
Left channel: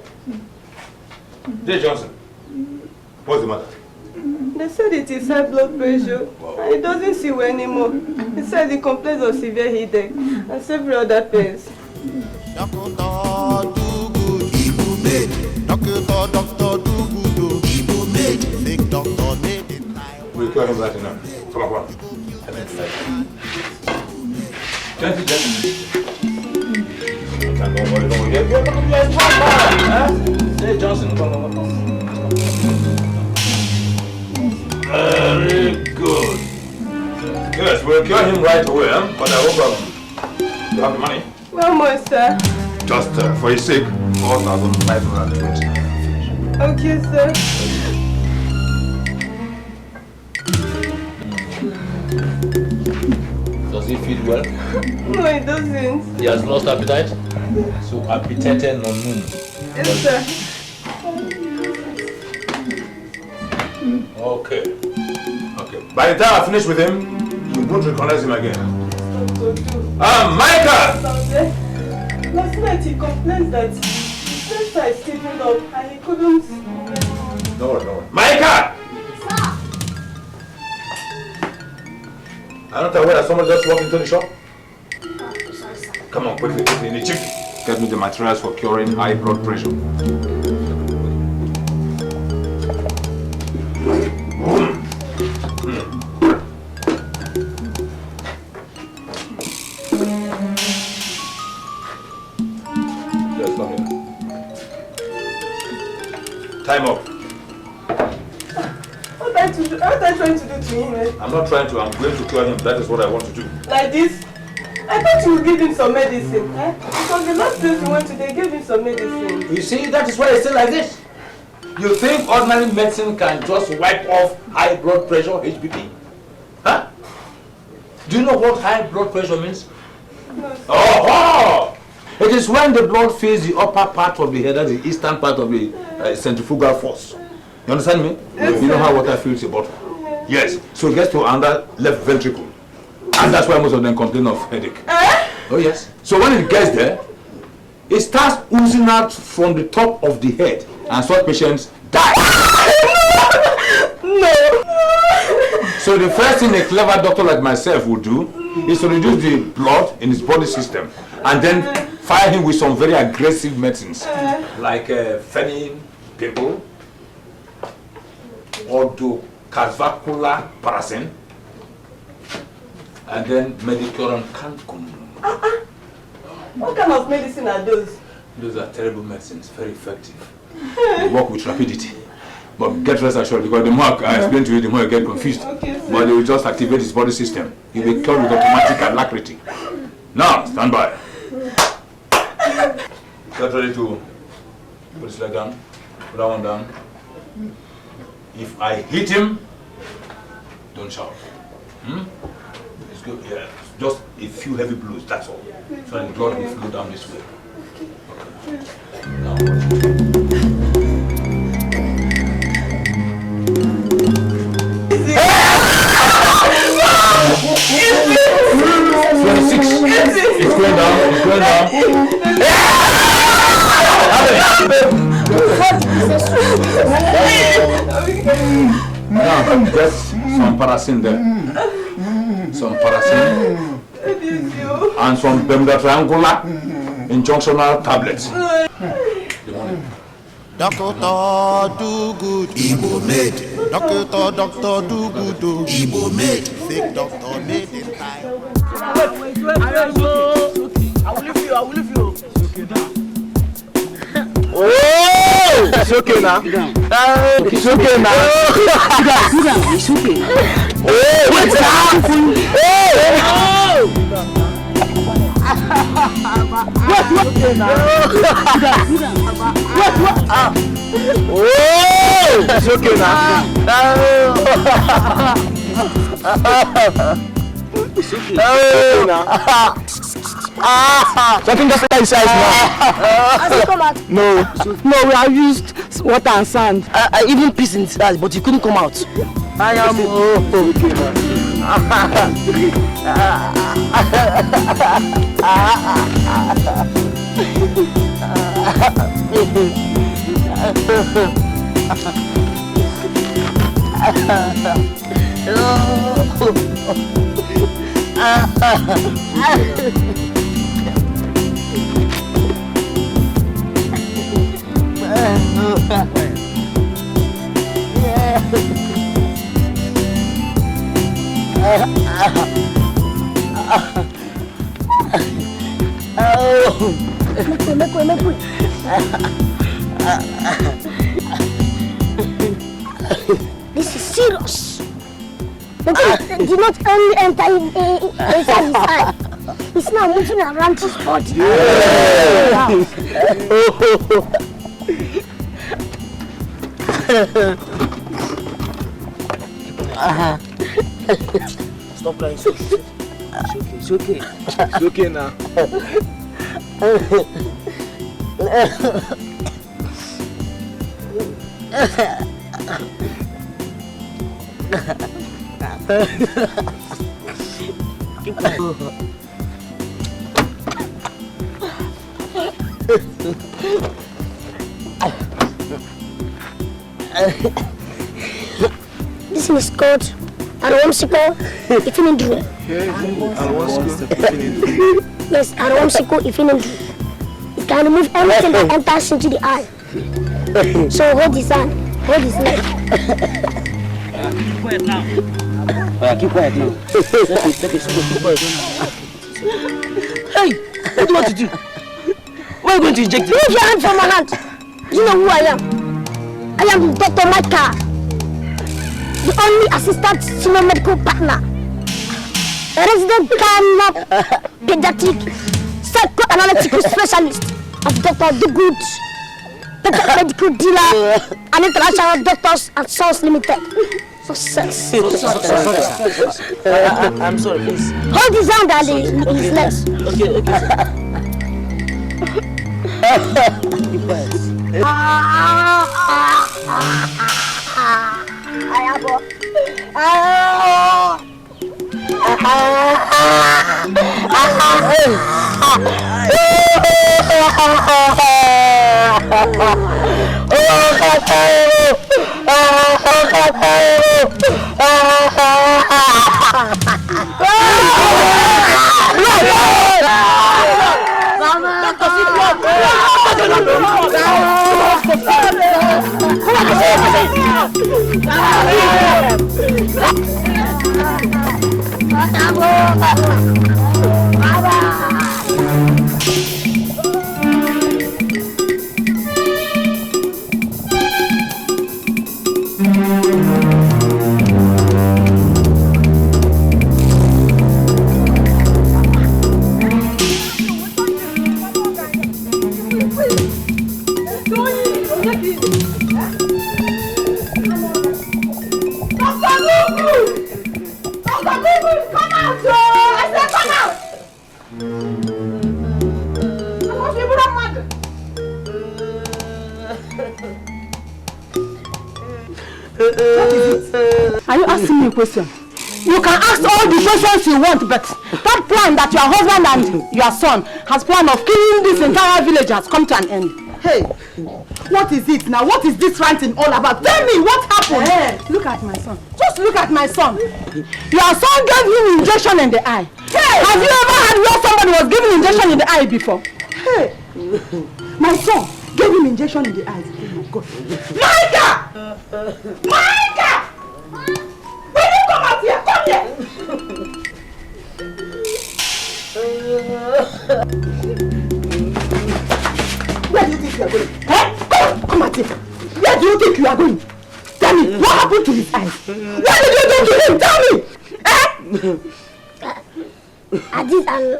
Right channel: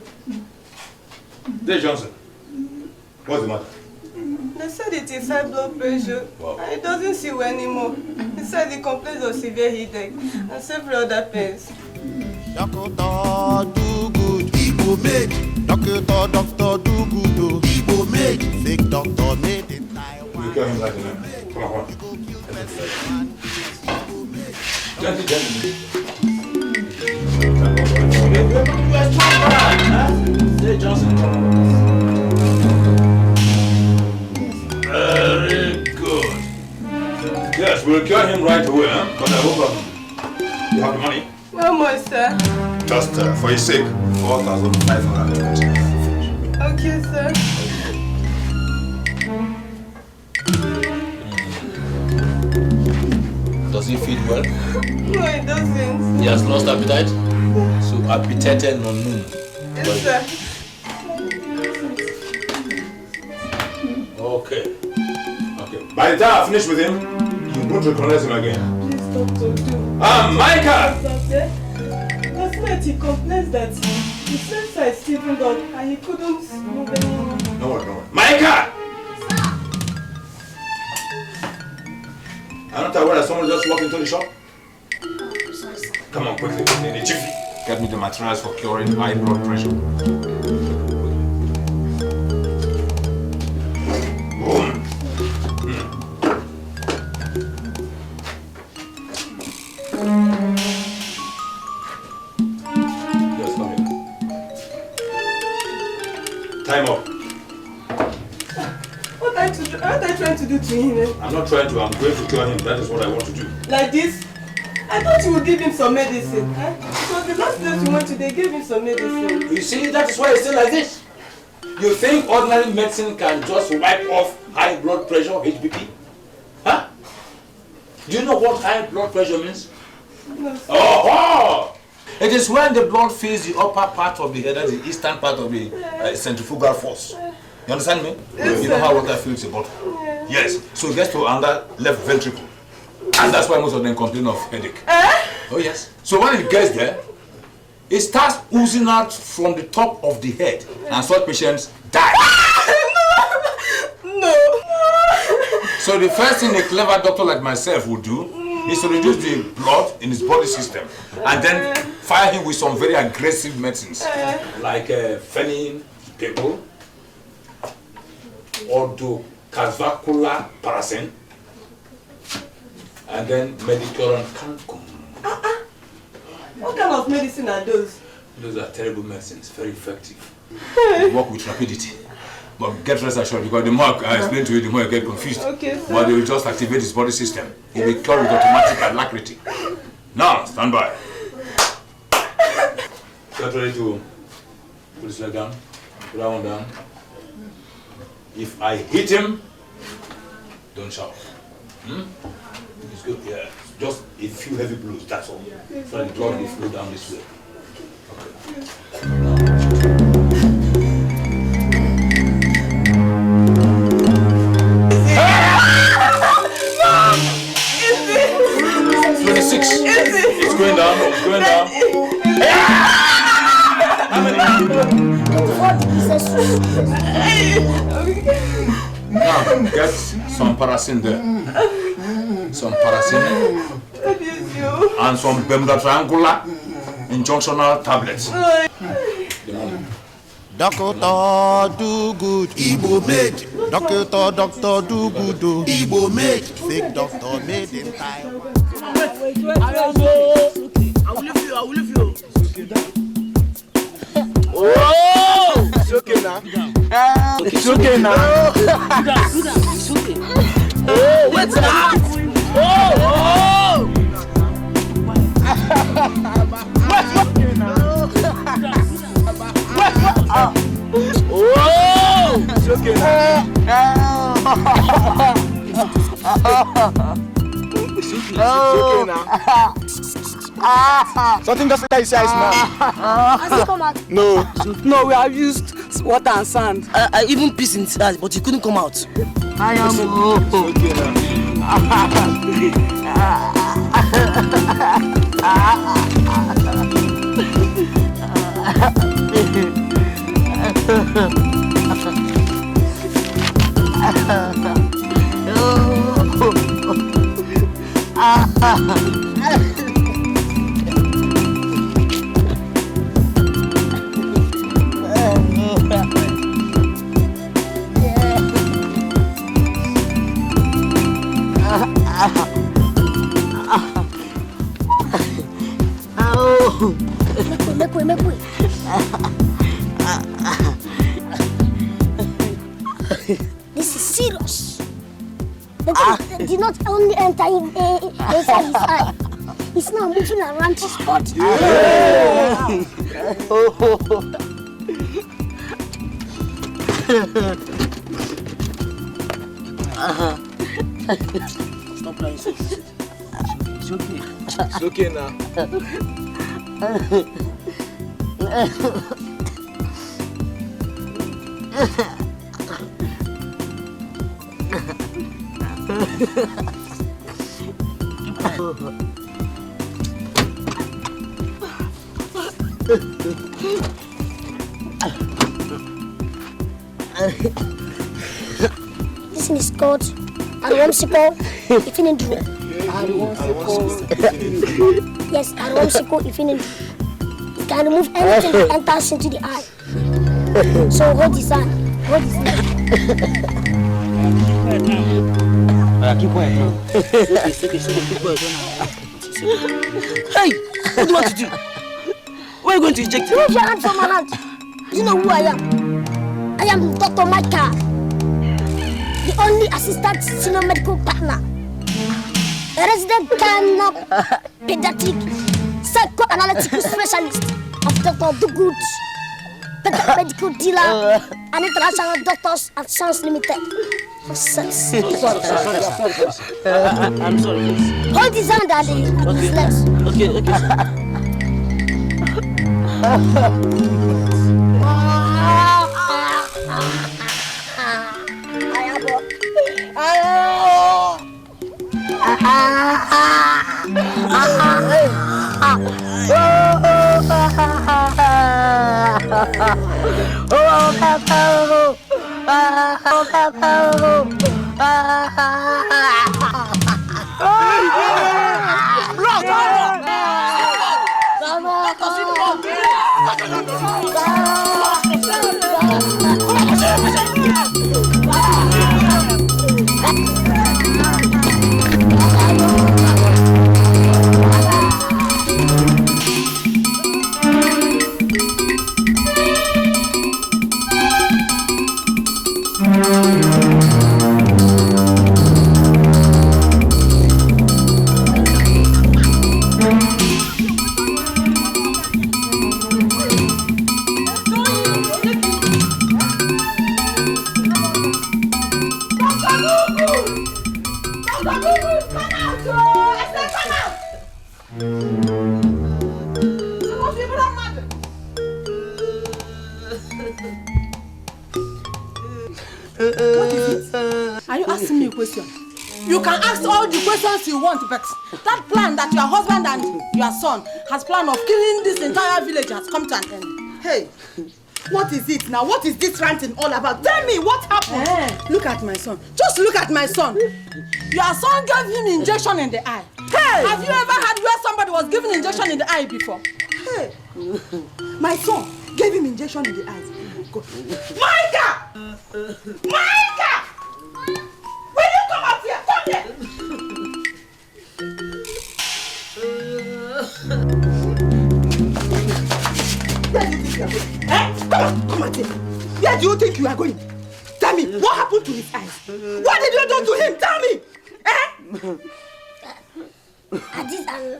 Dear Johnson, what's the matter? They said it is high blood pressure. Wow. And it doesn't see well anymore. He said he complains of severe headache and several other pains. Doctor, do good. Igbo made. Doctor, do good. Igbo made. Fake doctor made it. We'll call him that enough. Come on. Hey, Johnson. Very good. Yes, we'll cure him right away, huh? But I hope you have the money. How much, sir? Just for his sake, 4,500. Okay, sir. Does he feel well? No, it doesn't. He has lost appetite? So appetite no moon. Yes, sir. Okay. By the time I finish with him, you won't recognize him again. Micah! Last night he complains that his sensor is sleeping up and he couldn't move anymore. No worry. Micah! I'm not aware that someone just walked into the shop. Come on, quickly. Chief, get me the materials for curing high blood pressure. Time up. What are you trying to do to him? I'm not trying to, I'm going to cure him. That is what I want to do. Like this? I thought you would give him some medicine. Because the last place we went to, they gave him some medicine. You see, that is why it's still like this. You think ordinary medicine can just wipe off high blood pressure, HBP? Huh? Do you know what high blood pressure means? No. Oh! It is when the blood fills the upper part of the head, that's the eastern part of the centrifugal force. You understand me? Yes, you know how water fills the bottle? Yes. So it gets to another left ventricle. And that's why most of them complain of headache. Oh yes. So when it gets there, it starts oozing out from the top of the head, and such patients die. No. So the first thing a clever doctor like myself would do is to reduce the blood in his body system, and then fire him with some very aggressive medicines, like phenyl, people, ordocavacula paracin, and then medicuron cancum. What kind of medicine are those? Those are terrible medicines, very effective. They work with rapidity. But get rest assured, because the more I explain to you, the more you get confused. Okay, but they will just activate his body system. He'll be cured with automatic alacrity. Now, stand by. Get ready to put his leg down. Put that one down. If I hit him, don't shout. It's good. Yeah, just a few heavy blows, that's all. So that the blood will flow down this way. Okay. 26. It's going down. It's going down. Now, get some paracin there. Some paracin. And some Bermuda triangular injunctional tablets. Doctor do good, Igbo made. Doctor do good, Igbo made. Fake doctor made in Taiwan. I will leave you. Oh! It's okay now. It's okay now. It's okay. Oh, wait now. It's okay now. It's okay. Something just like size now. No, we have used water and sand. I even pissed inside, but it couldn't come out. I am okay now. This is serious. The thing did not only enter inside his eye. It's now moving around his body. Stop crying. It's okay. It's okay now. Keep quiet. This thing is called Aromsico Ifinindru. Yes, Aromsico Ifinindru. It can remove anything that enters into the eye. So hold his hand, hold his leg. Keep quiet now. Okay, keep quiet. Hey, what do you want to do? Where are you going to inject it? Move your hand from my hand. You know who I am? I am Dr. Micah, the only assistant senior medical partner, a resident pediatric psychoanalytical specialist of Dr. Dugood, medical dealer, and international doctors and Sons Limited. For sense. I'm sorry, please. Hold his hand and his legs. Okay. Are you asking me a question? You can ask all the questions you want, but that plan that your husband and your son has planned of killing this entire village has come to an end. Hey, what is it now? What is this ranting all about? Tell me what happened. Hey, look at my son. Just look at my son. Your son gave him injection in the eye. Hey, have you ever had where somebody was giving injection in the eye before? Hey, my son gave him injection in the eyes. Oh my God. Micah! Micah! Will you come out here? Come here! Where do you think you are going? Eh? Come out here. Where do you think you are going? Tell me, what happened to his eyes? What did you do to him? Tell me! Eh? I did an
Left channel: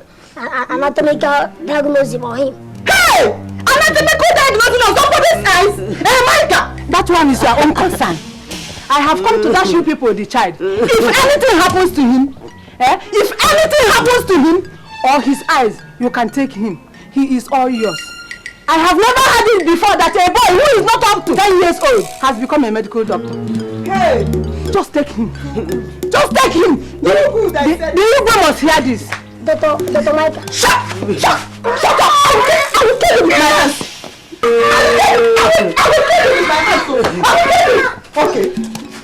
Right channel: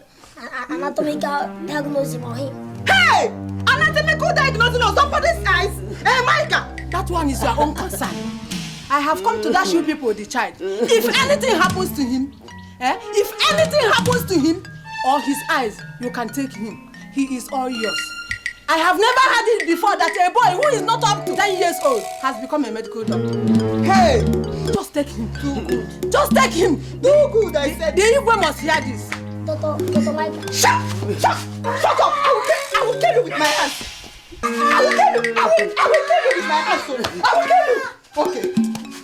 anatomical diagnosis for him. Hey! Anatomical diagnosis of somebody's eyes? Hey, Micah! That one is your own concern. I have come to dash you people the child. If anything happens to him, if anything happens to him or his eyes, you can take him. He is all yours. I have never had it before that a boy who is not up to 10 years old has become a medical doctor. Hey, just take him. Just take him. The Igbo must hear this. Dr. Micah. Shut up! I will kill you with my hands. I will kill you with my hands. I will kill you. Okay,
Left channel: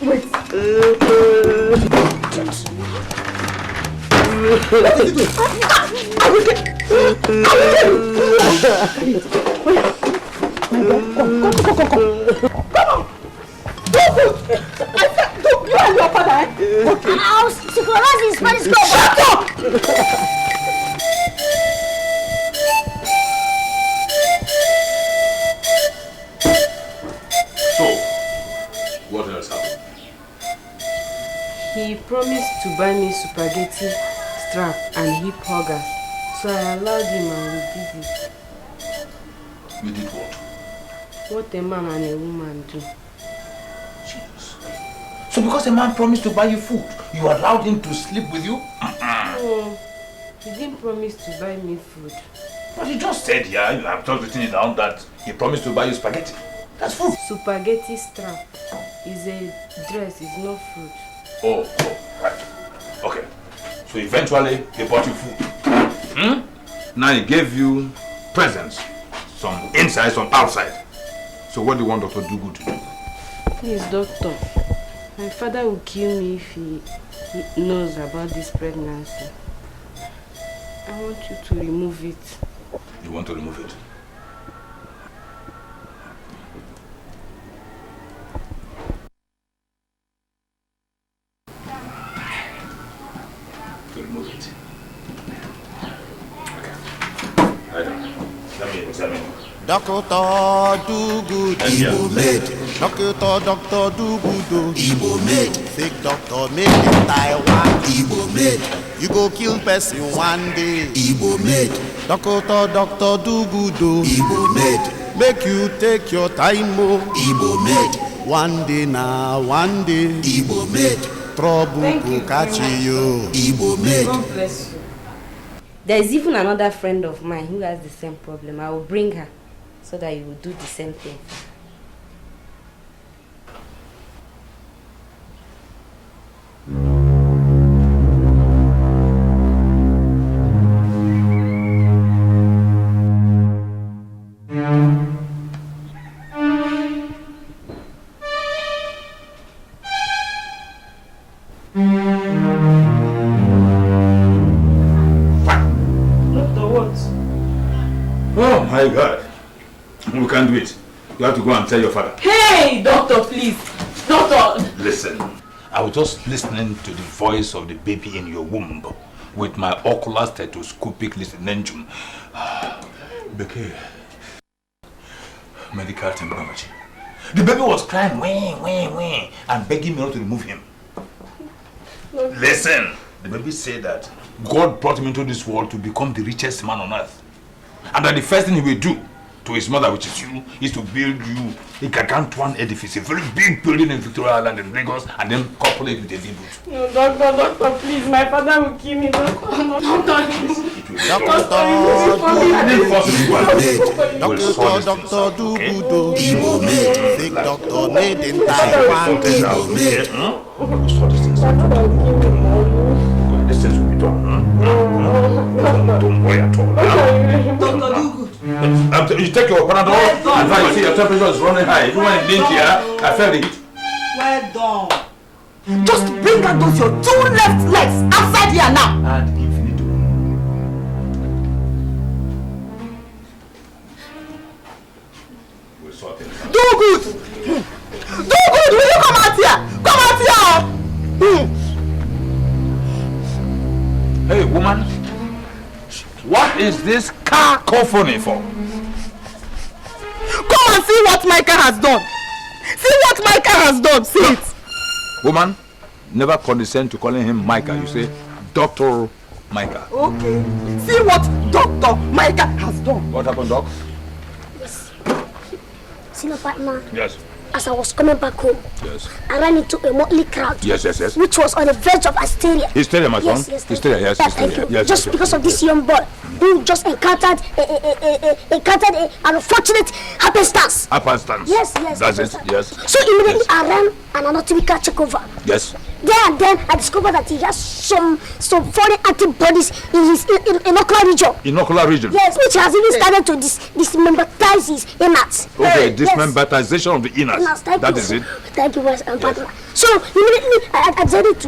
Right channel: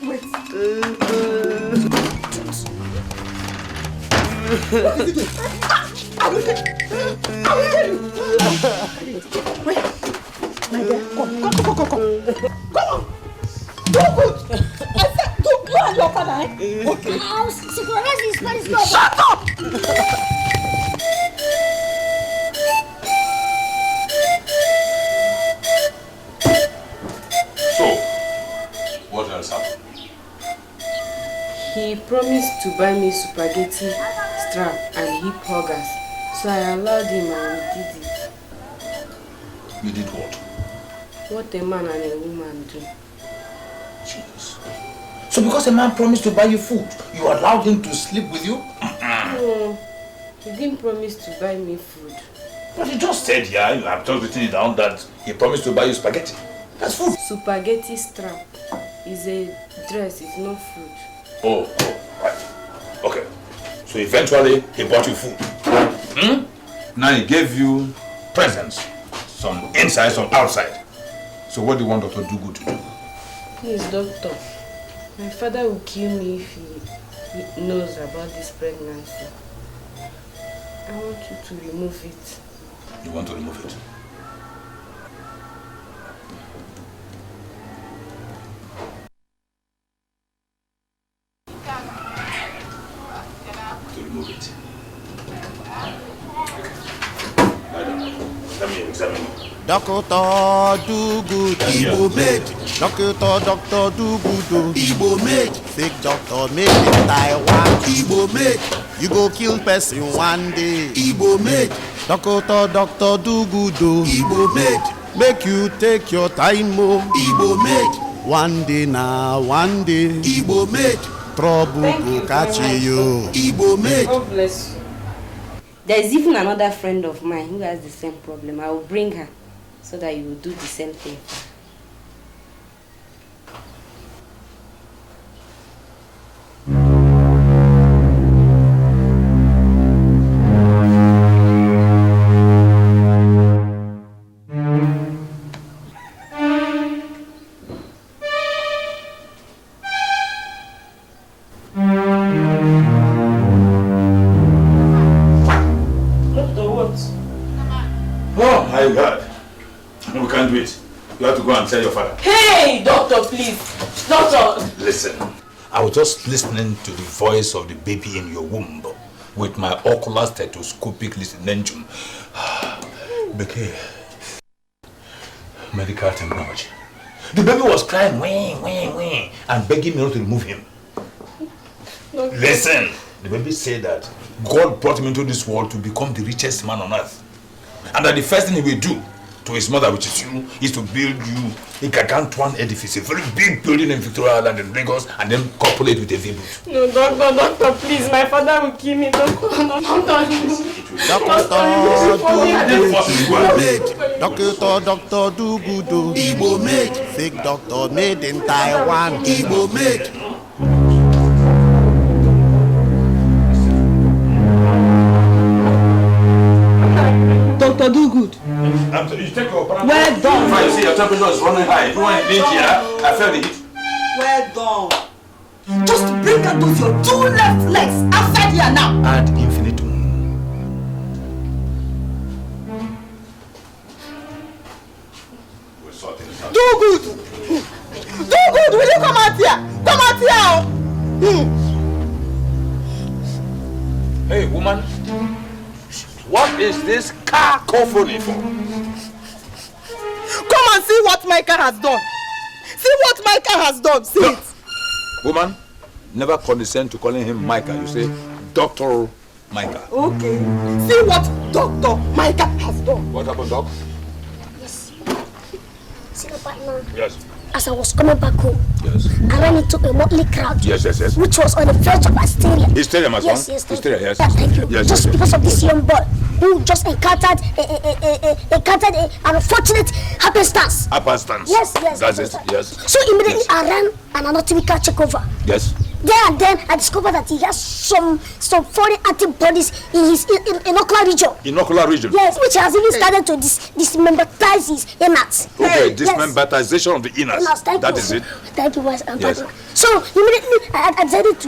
wait. I will kill you. Come on. Do good. I said, you and your father, eh? Okay. I'll supervise his Spanish club. Shut up! So, what else happened? He promised to buy me spaghetti strap and hip huggers. So I allowed him and we did it. You did what? What a man and a woman do. Jeez. So because a man promised to buy you food, you allowed him to sleep with you? No, he didn't promise to buy me food. But you just said, yeah, you have just written it down that he promised to buy you spaghetti. That's food. Spaghetti strap is a dress, it's not food. Oh, right. Okay. So eventually, he bought you food. Now he gave you presents. Some inside, some outside. So what do you want Dr. Dugu to do? Please, doctor. My father will kill me if he knows about this pregnancy. I want you to remove it. You want to remove it? To remove it. Let me examine you. Doctor do good, Igbo made. Doctor do good, Igbo made. Fake doctor made in Taiwan, Igbo made. You go kill person one day, Igbo made. Doctor do good, Igbo made. Make you take your time, oh, Igbo made. One day now, one day, Igbo made. Trouble go catch you, Igbo made. God bless you. There is even another friend of mine who has the same problem. I will bring her so that you will do the same thing. Tell your father. Hey, doctor, please. Doctor. Listen, I was just listening to the voice of the baby in your womb with my ocular stethoscopic listening. Becky, medical technology. The baby was crying, wah, and begging me not to remove him. Listen, the baby said that God brought him into this world to become the richest man on earth. And that the first thing he will do to his mother, which is you, is to build you a gargantuan edifice, a very big building in Victoria Island in Lagos, and then populate with a village. No, doctor, please, my father will kill me. Doctor do good, Igbo made. Fake doctor made in Taiwan, Igbo made. Doctor do good. You take your Panadol. Well done. In fact, you see your temperature is running high. Even when it did here, I felt it. Well done. Just bring out those your two left legs outside here now. Ad infinitum. We'll sort it out. Do good. Do good. Will you come out here? Come out here. Hey, woman. What is this cacophony for? Come and see what Micah has done. See what Micah has done. See it. Woman, never condescend to calling him Micah. You say Dr. Micah. Okay. See what Dr. Micah has done. What happened, Doc? Yes. See your partner? Yes. As I was coming back home, I ran into a motley crowd. Yes. Which was on the verge of hysteria. Hysteria, my son? Yes. Hysteria, yes. Yeah, thank you. Yes, just because of this young boy who just encountered an unfortunate happenstance. Happenstance? Yes. That's it, yes. So immediately I ran an anatomical checkover. Yes. There and then I discovered that he has some foreign antibodies in his inocular region. Inocular region? Yes, which has even started to dismembratize his innards. Okay, dismemberatization of the innards. That is it. Thank you, my partner. So immediately I decided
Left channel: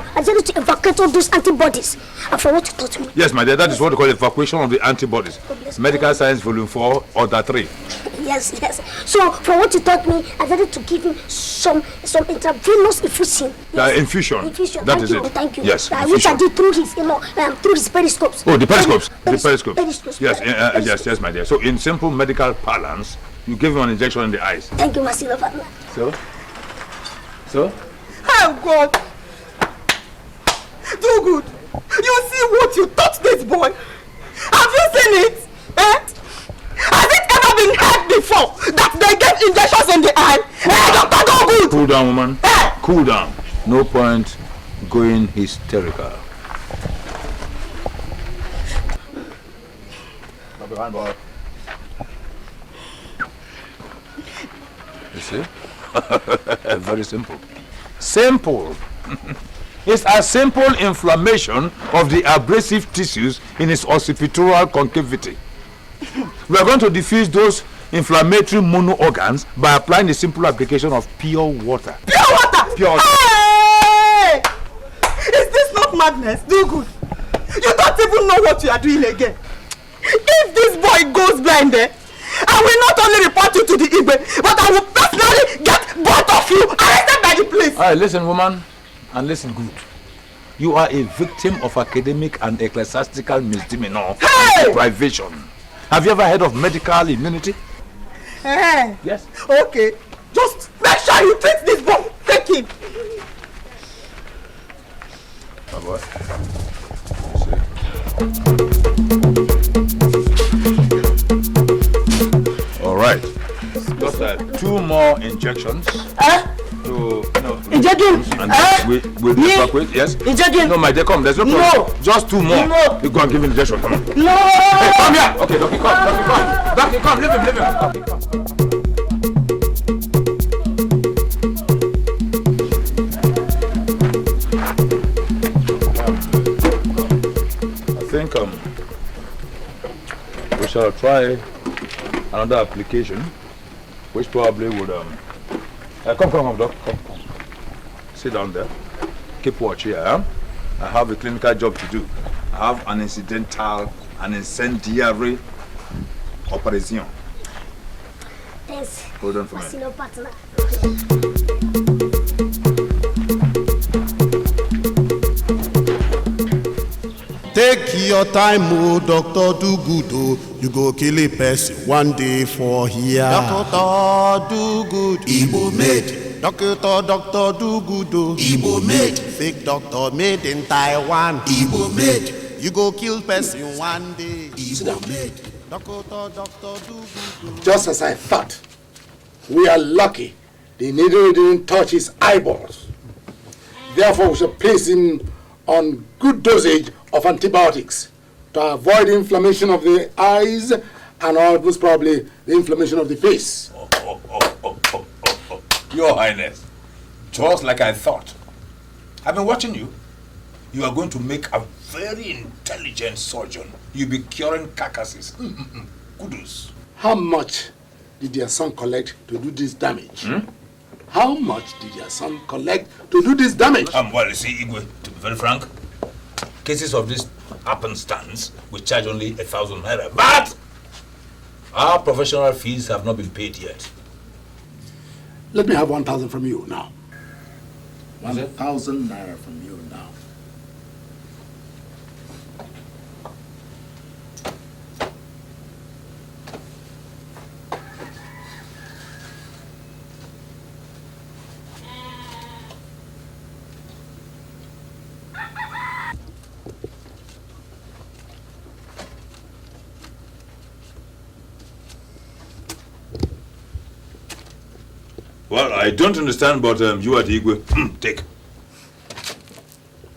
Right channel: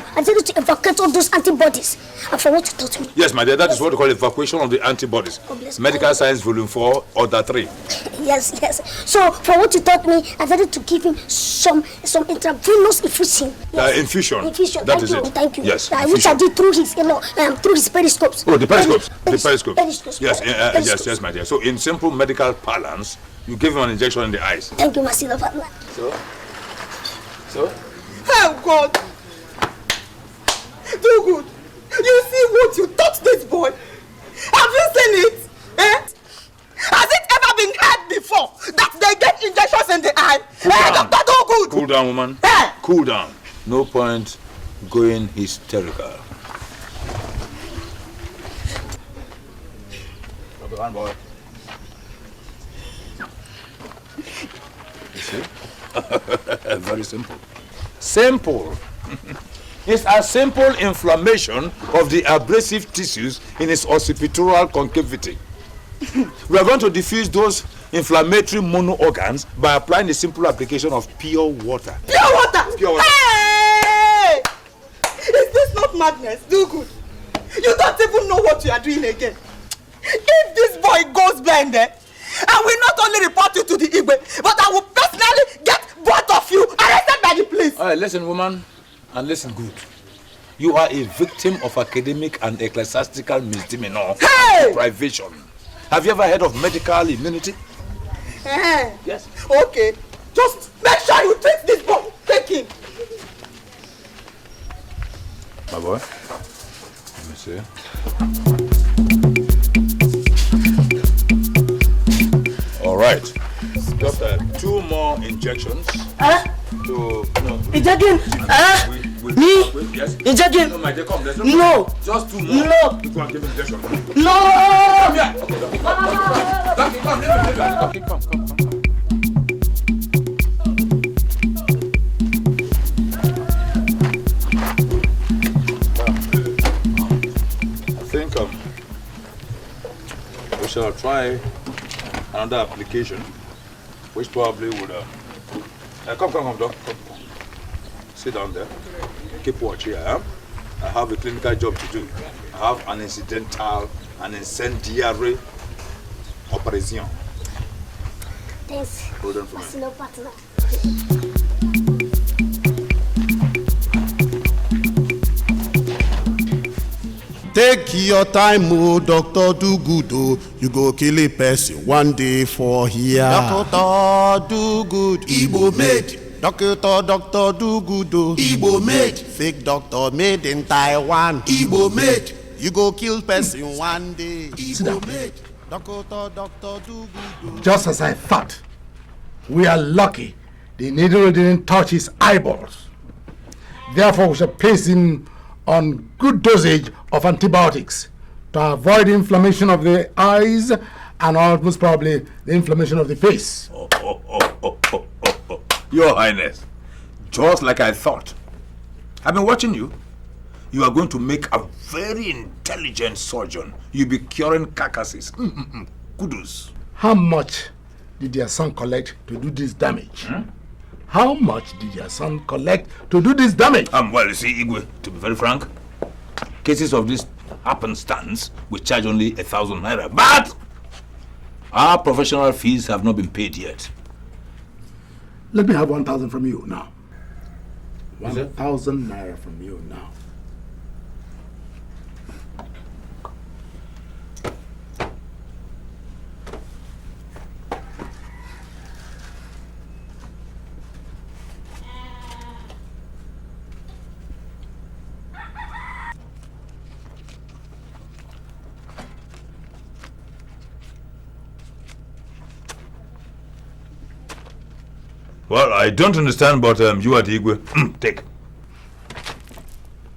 to evacuate all those antibodies. And from what you taught me. Yes, my dear, that is what we call evacuation of the antibodies. Medical Science Volume 4, Order 3. Yes. So from what you taught me, I decided to give him some intravenous infusion. Yes. Infusion. Thank you. Yes. Which I did through his, through his periscopes. Oh, the periscopes. Periscopes. Yes, Periscopes. my dear. So in simple medical parlance, you give him an injection in the eyes. Thank you, my senior partner. So? Oh God! Do good. You see what you taught this boy? Have you seen it? Has it ever been heard before that they get injections in the eye? Doctor, do good. Cool down, woman. Cool down. No point going hysterical. You see? Very simple. Simple. It's a simple inflammation of the abrasive tissues in his occipital concavity. We are going to diffuse those inflammatory mono organs by applying a simple application of pure water. Pure water? Pure water. Hey! Is this not madness? Do good. You don't even know what you are doing again. If this boy goes blind there, I will not only report you to the Igwe, but I will personally get both of you arrested by the police. All right, listen, woman, and listen good. You are a victim of academic and ecclesiastical misdemeanor and deprivation. Have you ever heard of medical immunity? Yes. Okay. Just make sure you treat this boy. Take him. My boy. Let's see. All right. Just 2 more injections. Injection? With yes? Injection? No, my dear, come. There's no problem. No. Just 2 more. No. You go and give him injection. Come on. No. Hey, come here. Okay, Donkey, come. Donkey, come. Leave him. Donkey, come. I think we shall try another application, which probably would come, Doc. Come. Sit down there. Keep watch here. I have a clinical job to do. I have an incendiary operation. Thanks. Hold on for me. Partner. Take your time, oh, doctor, do good, oh. You go kill a person one day for here. Doctor, do good. Igbo made. Doctor, do good, oh. Igbo made. Fake doctor made in Taiwan. Igbo made. You go kill person one day. Igbo made. Doctor, do good, oh. Just as I thought, we are lucky the needle didn't touch his eyeballs. Therefore, we shall place him on good dosage of antibiotics to avoid inflammation of the eyes and most probably the inflammation of the face. Your Highness, just like I thought. I've been watching you. You are going to make a very intelligent surgeon. You'll be curing carcasses. Kudos. How much did your son collect to do this damage? How much did your son collect to do this damage? Well, you see, Igwe, to be very frank, cases of this happenstance, we charge only 1,000 naira. But our professional fees have not been paid yet. Let me have 1,000 from you now. 1,000 naira from you now. Well, I don't understand, but you are the Igwe. Take.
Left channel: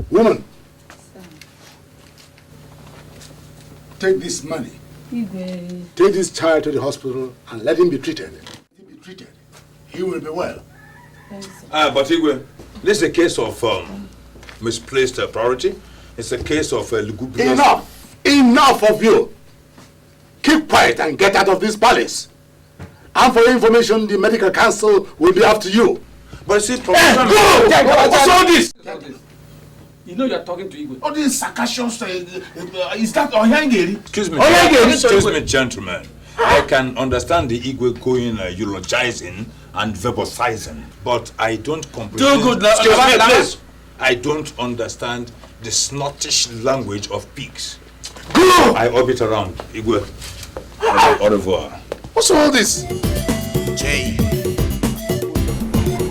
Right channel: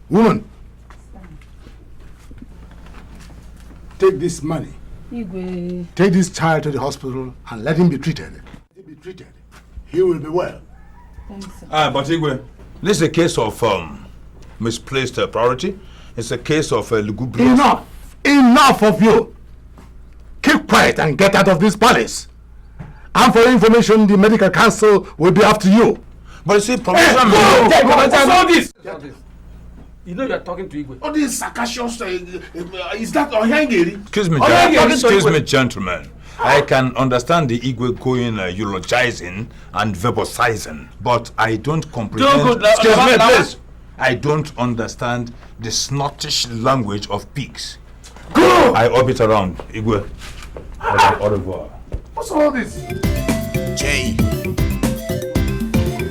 Woman, take this money. Igwe. Take this child to the hospital and let him be treated. He will be well. But Igwe, this is a case of misplaced priority. It's a case of lugubrious. Enough! Enough of you! Keep quiet and get out of this palace. And for information, the medical council will be after you. But see, go! this? You know you are talking to Igwe. All these sarcastic is that Ohangeri? Excuse me, gentlemen. I can understand the Igwe going eulogizing and verbalizing, but I don't comprehend. Excuse me, please. I don't understand the snottish language of pigs. Go! I orbit around Igwe. Au revoir. What's all this? J.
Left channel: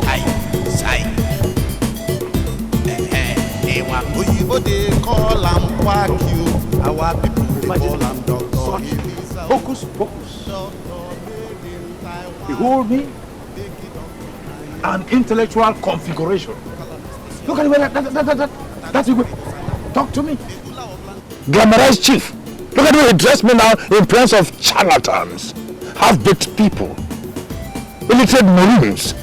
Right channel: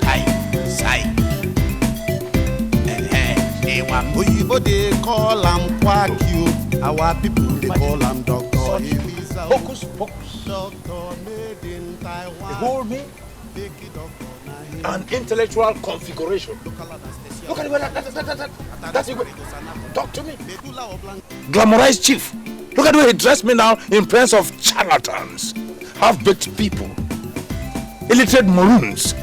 I. Sai. Oyibo they call am Kwakio. Our people they call am Dr. Elisa. Focus, focus. Doctor made in Taiwan. Behold me. An intellectual configuration. Look at that's Igwe. Talk to me. Glamorized chief. Look at you address me now in presence of charlatans. Half-baked people, illiterate maroons.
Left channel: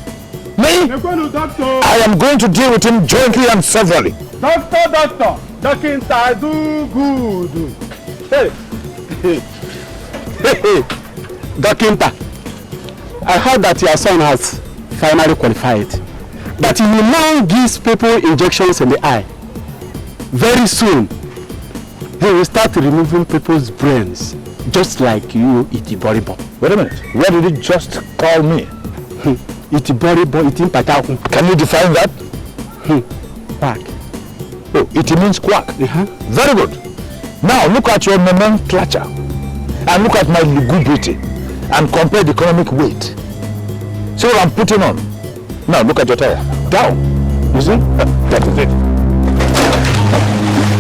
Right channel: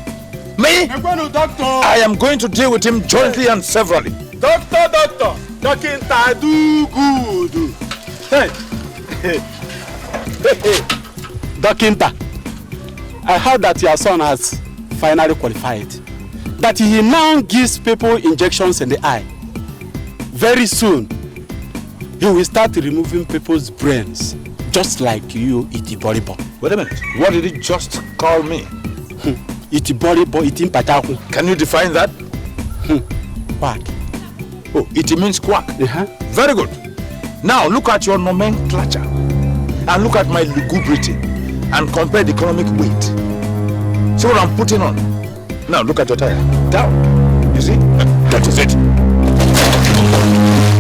Me? I am going to deal with him jointly and severally. Doctor, Dokinta, do good. Hey, Dokinta, I heard that your son has finally qualified. But he now gives people injections in the eye. Very soon, he will start removing people's brains, just like you, Itiboribo. Wait a minute, what did he just call me? Itiboribo, Itimpataku. Can you define that? Quack. Oh, it means quack. Very good. Now look at your nomenclature and look at my lugubrity and compare the economic weight. See what I'm putting on? Now look at your tire. Down. You see? That is it.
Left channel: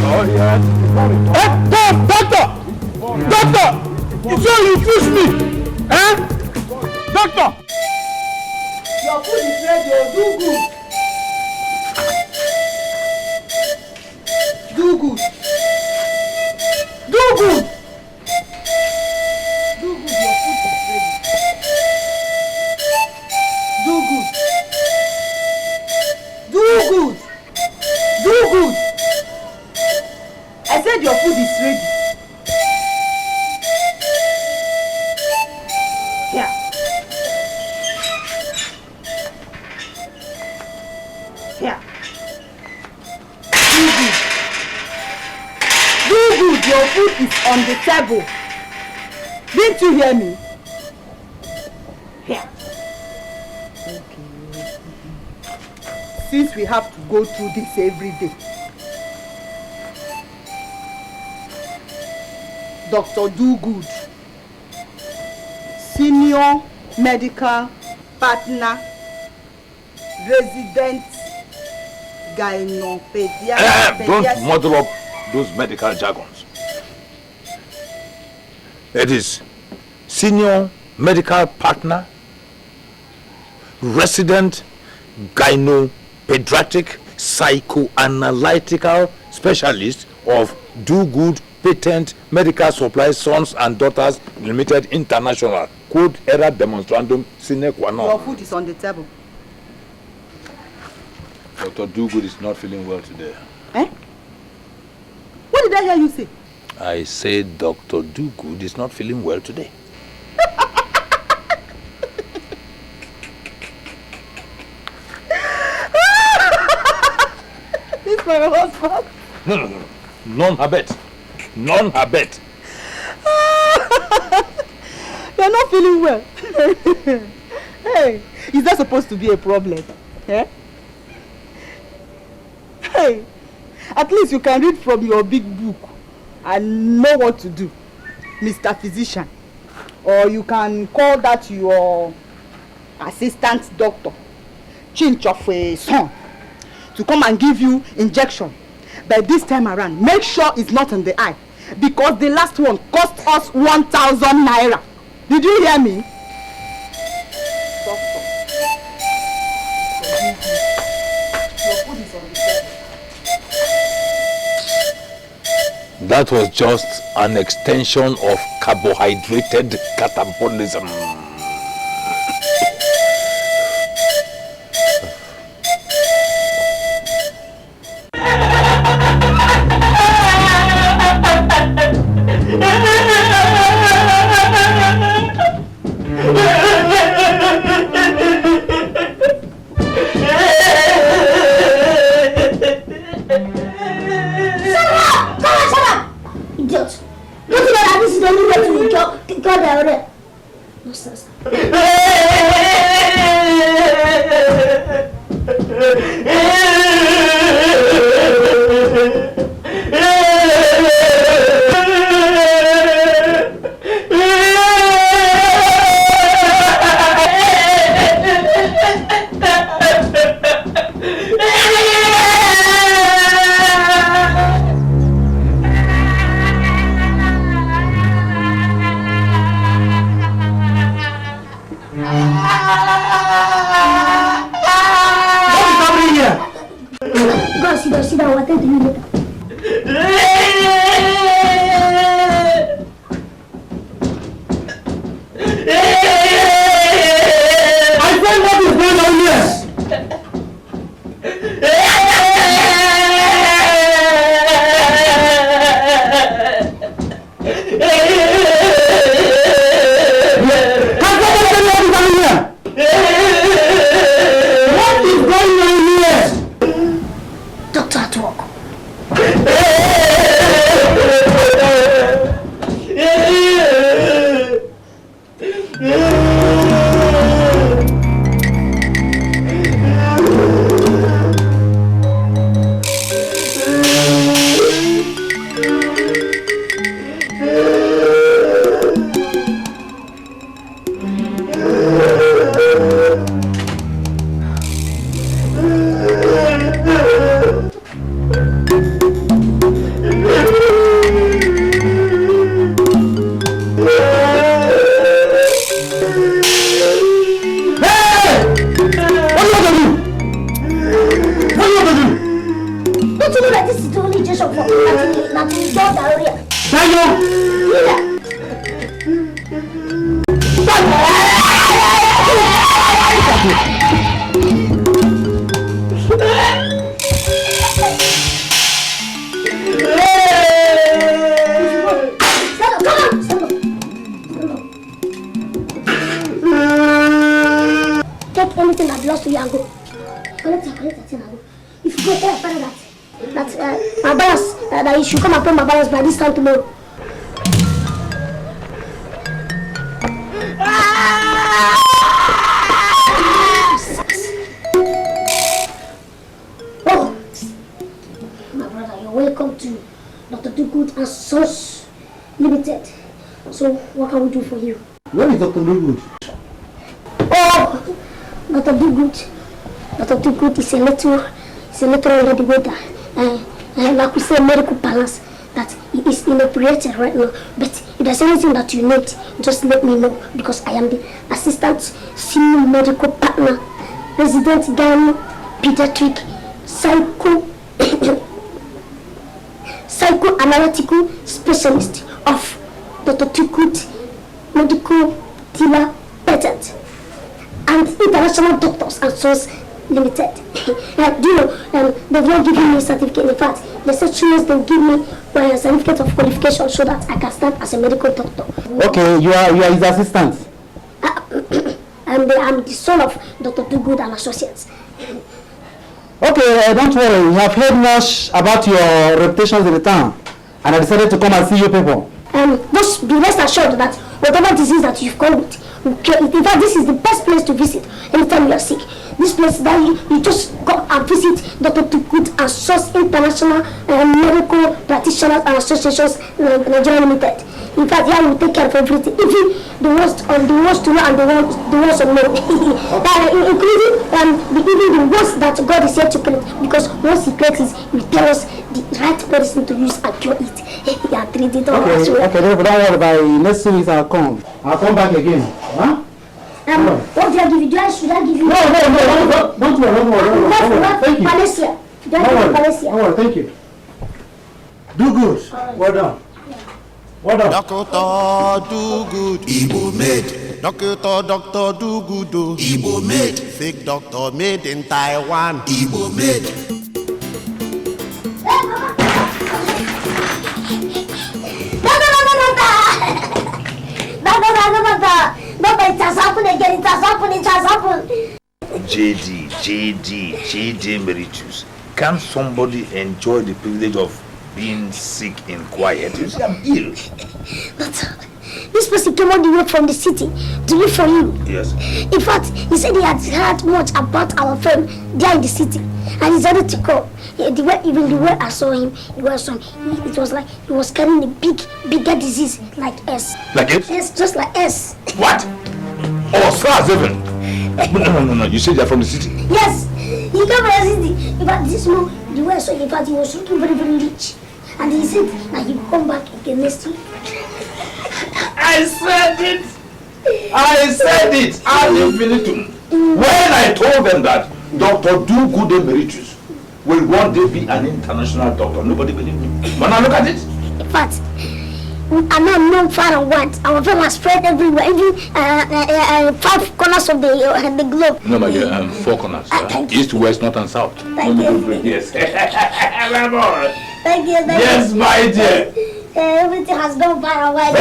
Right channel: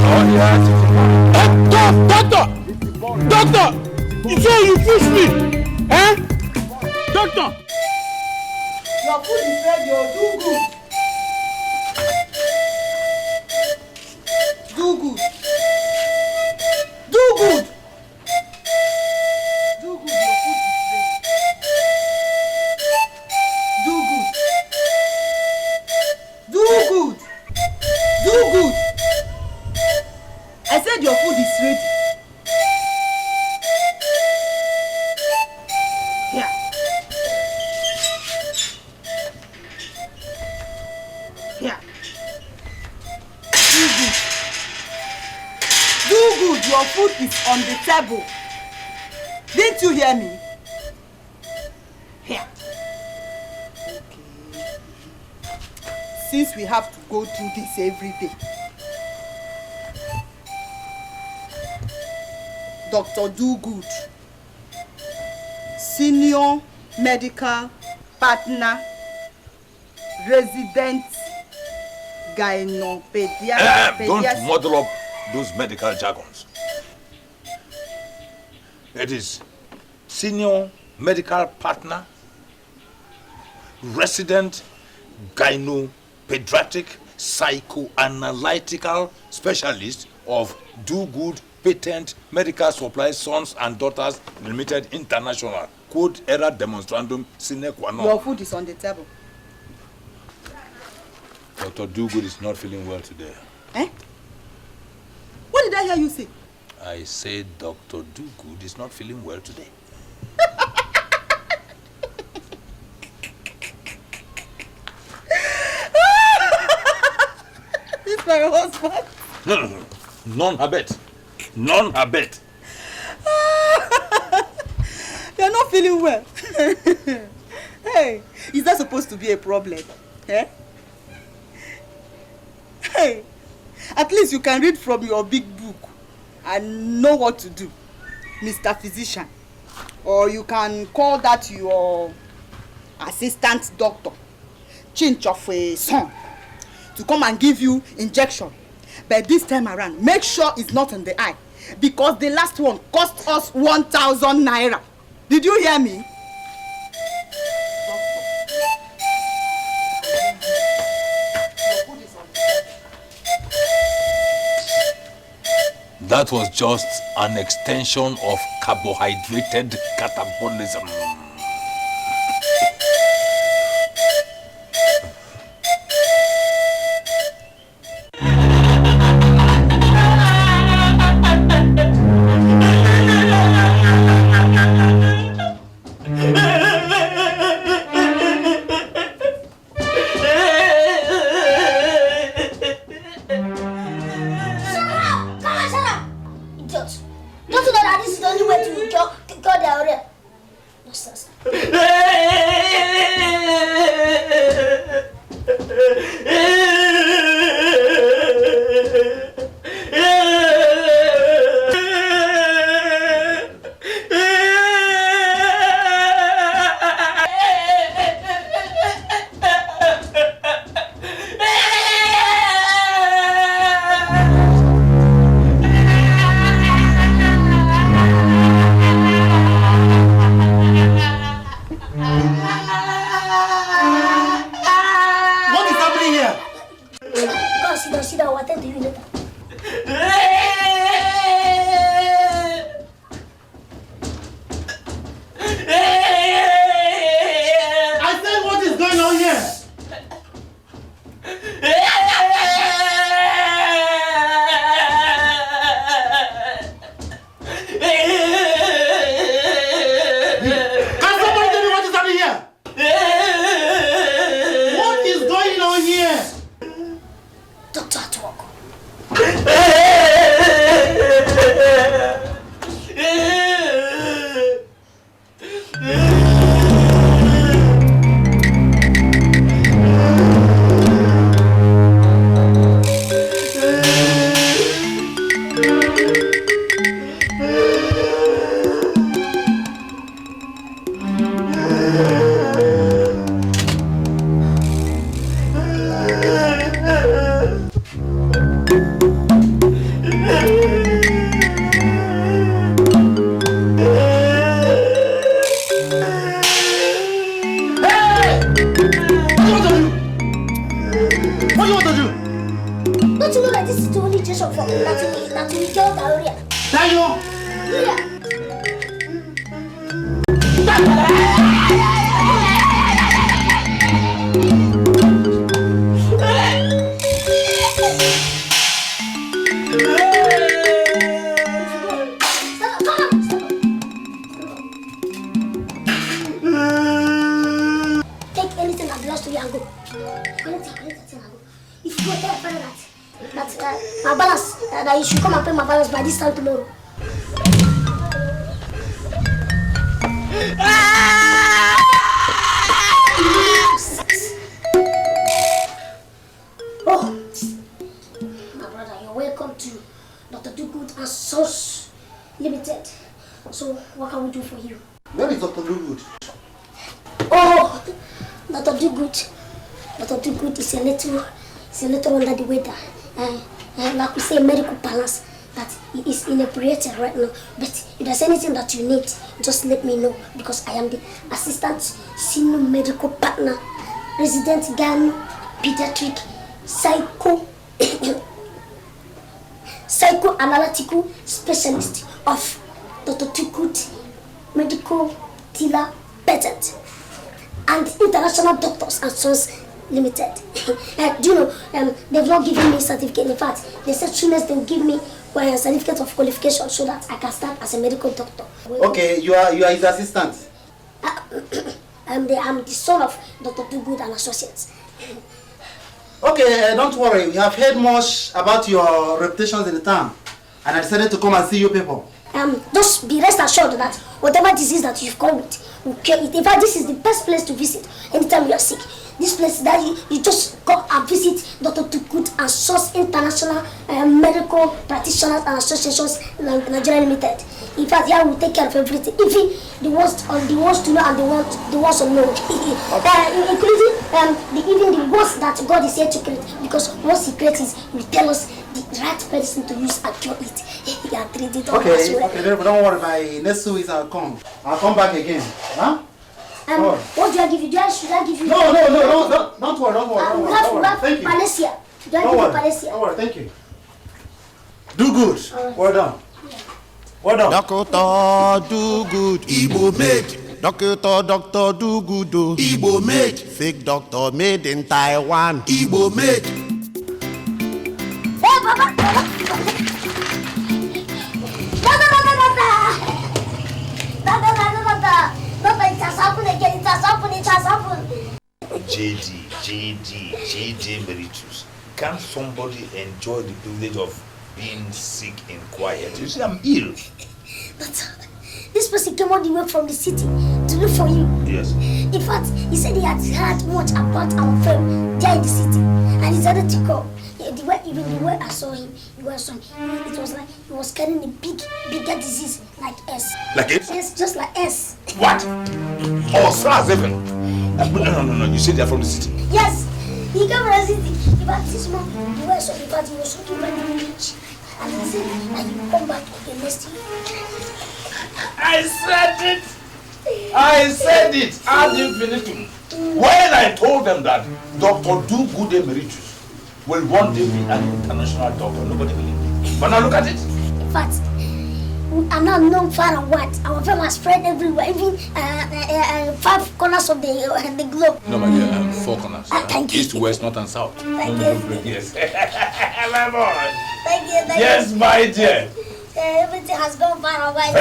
Oh, yeah. Doctor! You say you push me! Eh? Doctor! Your food is ready, do good. Do good. Do good. Do good, your food is ready. Do good. Do good. Do good. I said your food is ready. Yeah. Yeah. Do good, your food is on the table. Didn't you hear me? Here. Okay. Since we have to go through this every day, Dr. Dogood, senior medical partner, resident gynopediatrician. Don't muddle up those medical jargons. It is senior medical partner, resident gynopediatric psychoanalytical specialist of Dogood Patent Medical Supply Sons and Daughters Limited International. Code era demonstrandum sine qua non. Your food is on the table. Dr. Dogood is not feeling well today. Eh? What did I hear you say? I said Dr. Dogood is not feeling well today. This my husband. None habet. None habet. You're not feeling well. Hey, is that supposed to be a problem? Eh? Hey, at least you can read from your big book and know what to do, Mr. Physician. Or you can call that your assistant doctor, change of a son, to come and give you injection. But this time around, make sure it's not in the eye, because the last one cost us 1,000 naira. Did you hear me? Doctor. That was just an extension of carbohydrated catabolism. Take anything that belongs to you and go. Collect it and go. If you go tell your father that my balance, that you should come and pay my balance by this time tomorrow. Oh, my brother, you're welcome to Dr. Dugood and Sons Limited. So, what can we do for you? Where is Dr. Dugood? Oh, Dr. Dugood. Dr. Dugood is a little under the weather. Like we say, medical balance that he is inoperated right now. But if there's anything that you need, just let me know, because I am the assistant senior medical partner, resident gyno pediatric psychoanalytical specialist of Dr. Dugood Medical Dealer Patent and International Doctors and Sons Limited. Do you know, they've not given me a certificate. In fact, they said soon they'll give me a certificate of qualification so that I can stand as a medical doctor. Okay, you are his assistant. I'm the son of Dr. Dugood and Associates. Okay, don't worry. We have heard much about your reputation in the town, and I decided to come and see you people. Just be rest assured that whatever disease that you've come with, we'll cure it. In fact, this is the best place to visit anytime you are sick. This place that you just go and visit Dr. Dugood and Sons International Medical Practitioners and Associations Nigeria Limited. In fact, here we take care of everything, even the worst to know and the worst unknown, including even the worst that God is here to create. Because once He creates it, He will tell us the right medicine to use and cure it. And treat it all as well. Okay, don't worry. By next 2 weeks I'll come back again. Huh? What do I give you? Should I give you? No, don't worry. Thank you. Palacia. Do I give you Palacia? Don't worry, thank you. Do good. Well done. Well done. Dr. Dugood, Igbo made. Dr. Dugood, Igbo made. Fake doctor made in Taiwan, Igbo made. It has happened again. It has happened. JD Emeritus. Can somebody enjoy the privilege of being sick in quiet? You see, I'm ill. But this person came all the way from the city to look for you. Yes. In fact, he said he had heard much about our friend there in the city, and he decided to come. Even the way I saw him, it was like he was carrying a bigger disease like S. Like S? Yes, just like S. What? Oh, SARS even? No. You said they're from the city? Yes, he came from the city. In fact, this man, the way I saw him, in fact, he was looking very, very rich. And he said that he will come back again next year. I said it! Ad infinitum. When I told them that Dr. Dugood Emeritus will one day be an international doctor, nobody believed me. But now look at it. In fact, I'm not known far and wide. Our fame has spread everywhere, even 5 corners of the globe. No, my dear, 4 corners. East, west, north, and south. Thank you. Yes. Thank you. Yes, my dear. Everything has gone far and wide.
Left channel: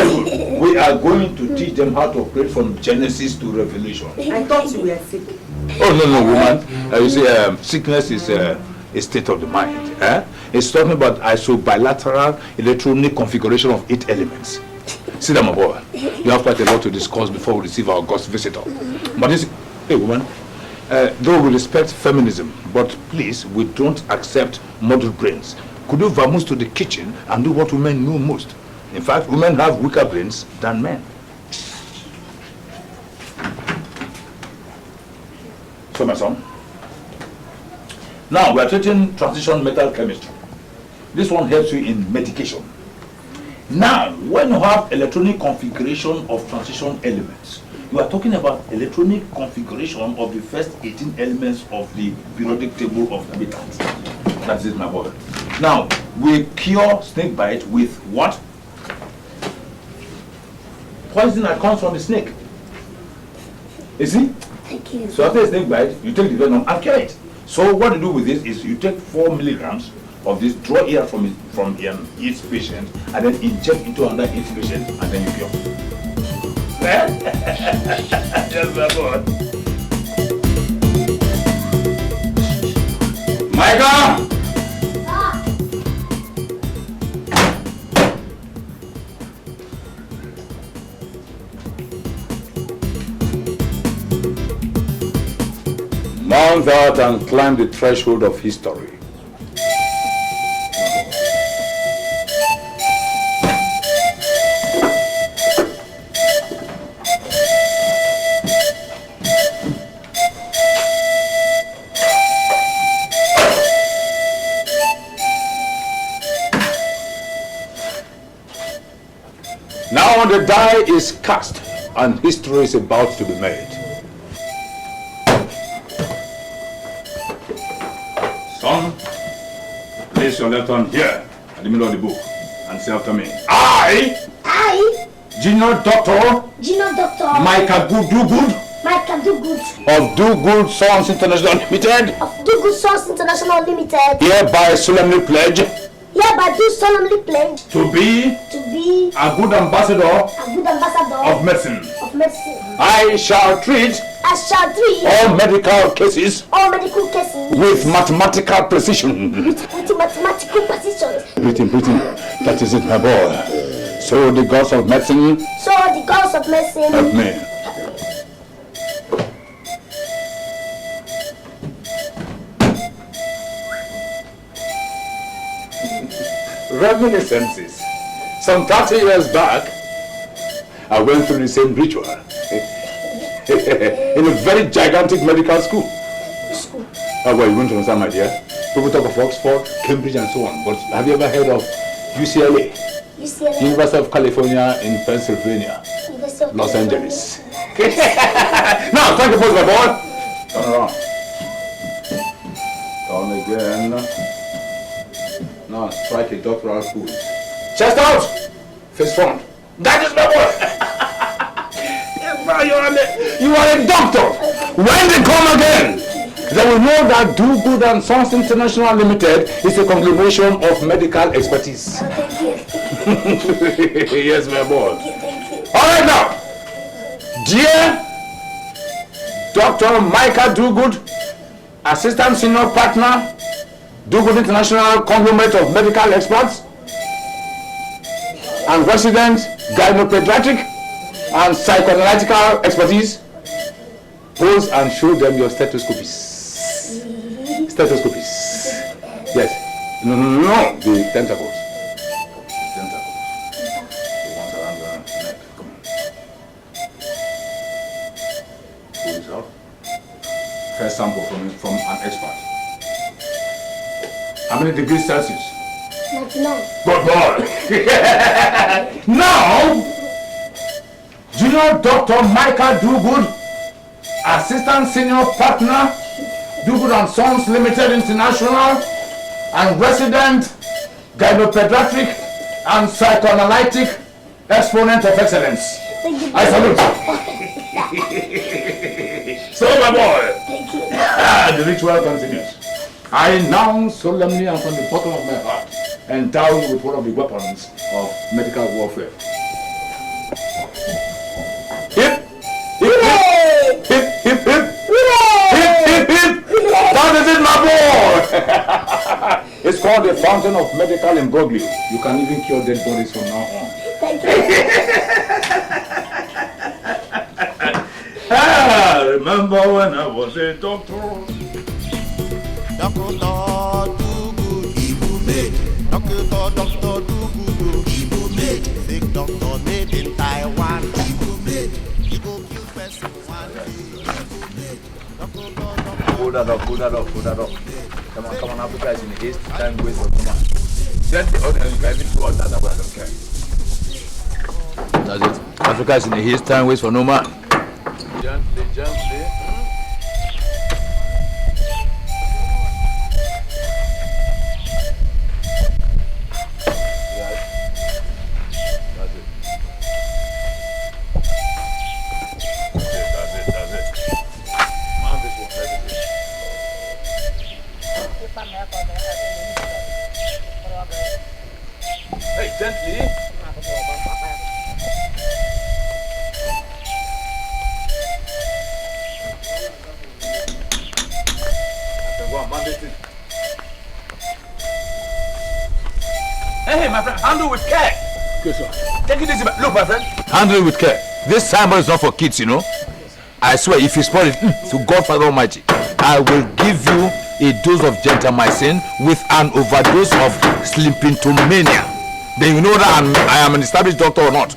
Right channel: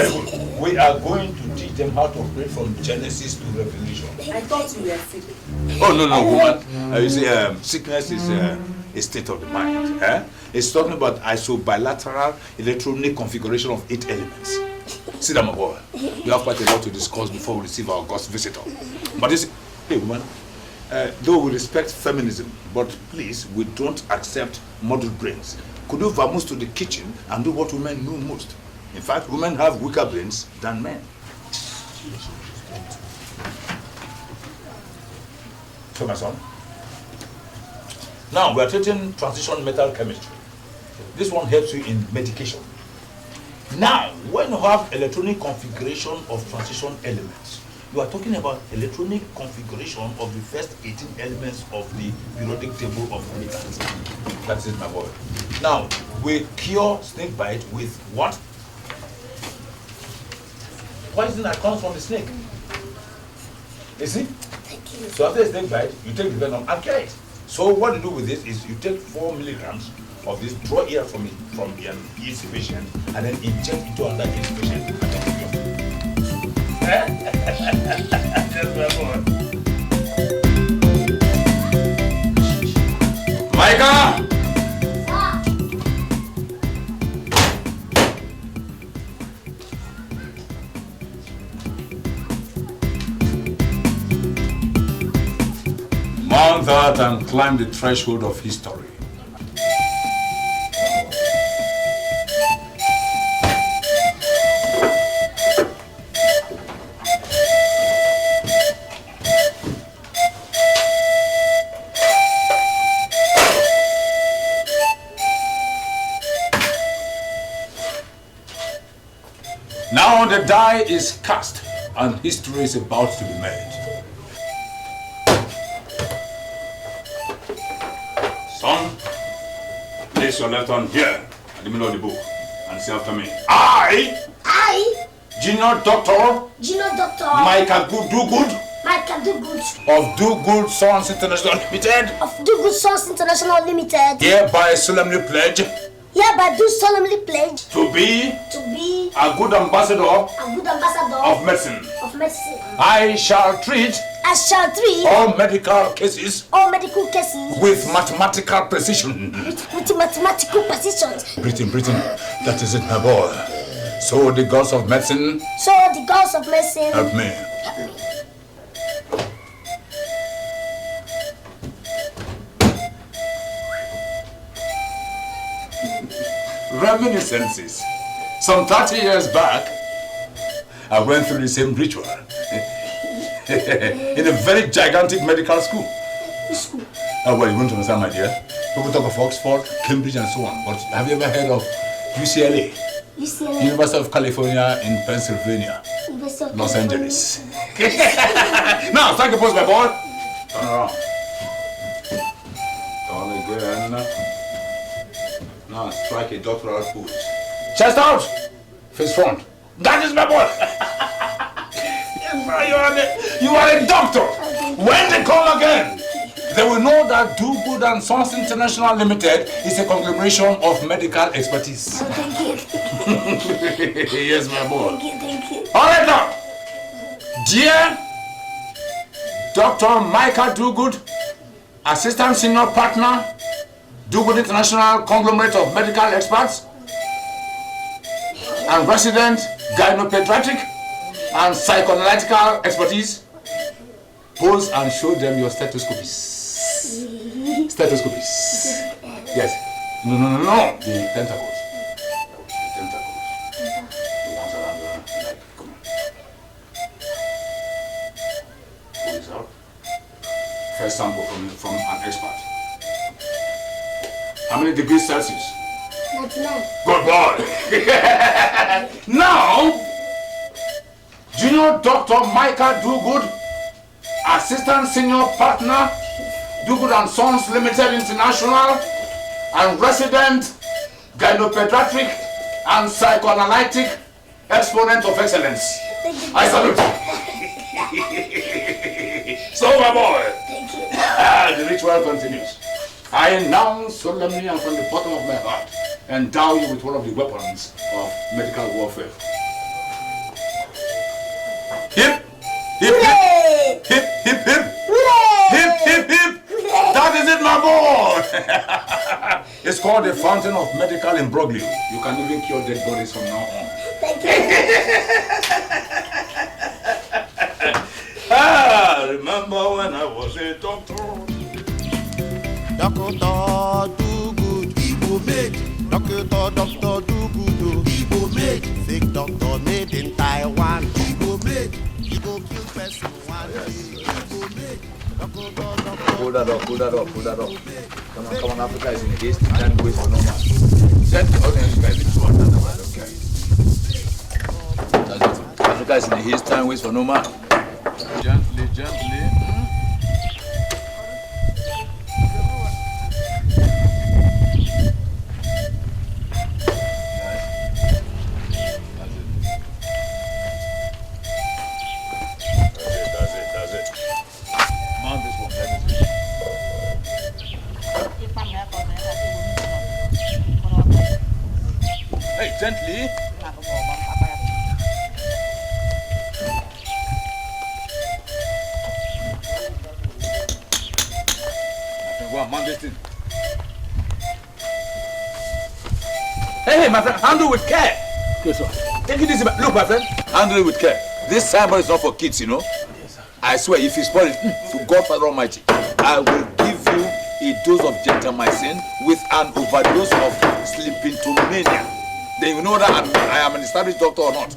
We are going to teach them how to operate from Genesis to Revelation. I thought you were sick. Oh, no, woman. You see, sickness is a state of the mind. It's talking about isobilateral electronic configuration of 8 elements. Sit down, my boy. You have quite a lot to discuss before we receive our ghost visitor. But this, hey, woman, though we respect feminism, but please, we don't accept model brains. Could you vamoose to the kitchen and do what women know most? In fact, women have weaker brains than men. So, my son, now we are treating transition metal chemistry. This one helps you in medication. Now, when you have electronic configuration of transition elements, you are talking about electronic configuration of the first 18 elements of the periodic table of elements. That's it, my boy. Now, we cure snake bite with what? Poison that comes from the snake. You see? Thank you. So after a snake bite, you take the venom and kill it. So what you do with this is you take 4 milligrams of this, draw air from each patient, and then inject into another each patient, and then you cure. Yes, my boy. Micah! Mount that and climb the threshold of history. Now the die is cast and history is about to be made. Son, place your left hand here at the middle of the book and say after me. I, Junior Doctor Micah Good of Do Good Sons International Limited. Of Do Good Sons International Limited. Hereby solemnly pledge. Hereby do solemnly pledge. To be a good ambassador. Of medicine. I shall treat all medical cases. With mathematical precision. With mathematical precision. Breathing. That is it, my boy. So the gods of medicine. Help me. Reminiscences. Some 30 years back, I went through the same ritual in a very gigantic medical school. Well, you won't understand, my dear. People talk of Oxford, Cambridge, and so on. But have you ever heard of UCLA? University of California in Pennsylvania, Los Angeles. Now, strike the pose, my boy. Turn around. Turn again. Now, strike a doctoral pose. Chest out. Face front. That is my boy. You are a doctor. When they come again, they will know that Do Good and Sons International Limited is a conglomeration of medical expertise. Yes, my boy. All right now, dear Dr. Micah Do Good, Assistant Senior Partner, Do Good International Conglomerate of Medical Experts, and resident gynopediatric and psychoanalytical expertise, pose and show them your stethoscopes. Yes. No. The tentacles. The ones around your neck. Come on. Pull this out. First sample from an expert. How many degrees Celsius? 99. Good boy. Now, Junior Dr. Micah Do Good, Assistant Senior Partner, Do Good and Sons Limited International, and resident gynopediatric and psychoanalytic exponent of excellence. I salute you. So, my boy, the ritual continues. I now solemnly and from the bottom of my heart endow you with one of the weapons of medical warfare. Hip, hip, hip, hip, hip, hip, hip, hip, hip. That is it, my boy. It's called the fountain of medical imbroglio. You can even cure dead bodies from now on. Thank you. Remember when I was a doctor? Doctor Do Good, he will make. Doctor Do Good, he will make. Fake doctor made in Taiwan, he will make. He will kill person one day, he will make. Doctor. Hold that up. Come on, advertise in haste. Don't waste for no man. Send the audience, you guys need to order that one, okay? That's it. Advertise in haste, time waste for no man. Gently. Hey, my friend, handle with care. Okay, sir. Take it easy. Look, my friend, handle it with care. This signboard is not for kids, you know. I swear, if you spoil it, to God Father Almighty, I will give you a dose of gentamicin with an overdose of slimpintomania. Then you know that I am an established doctor or not.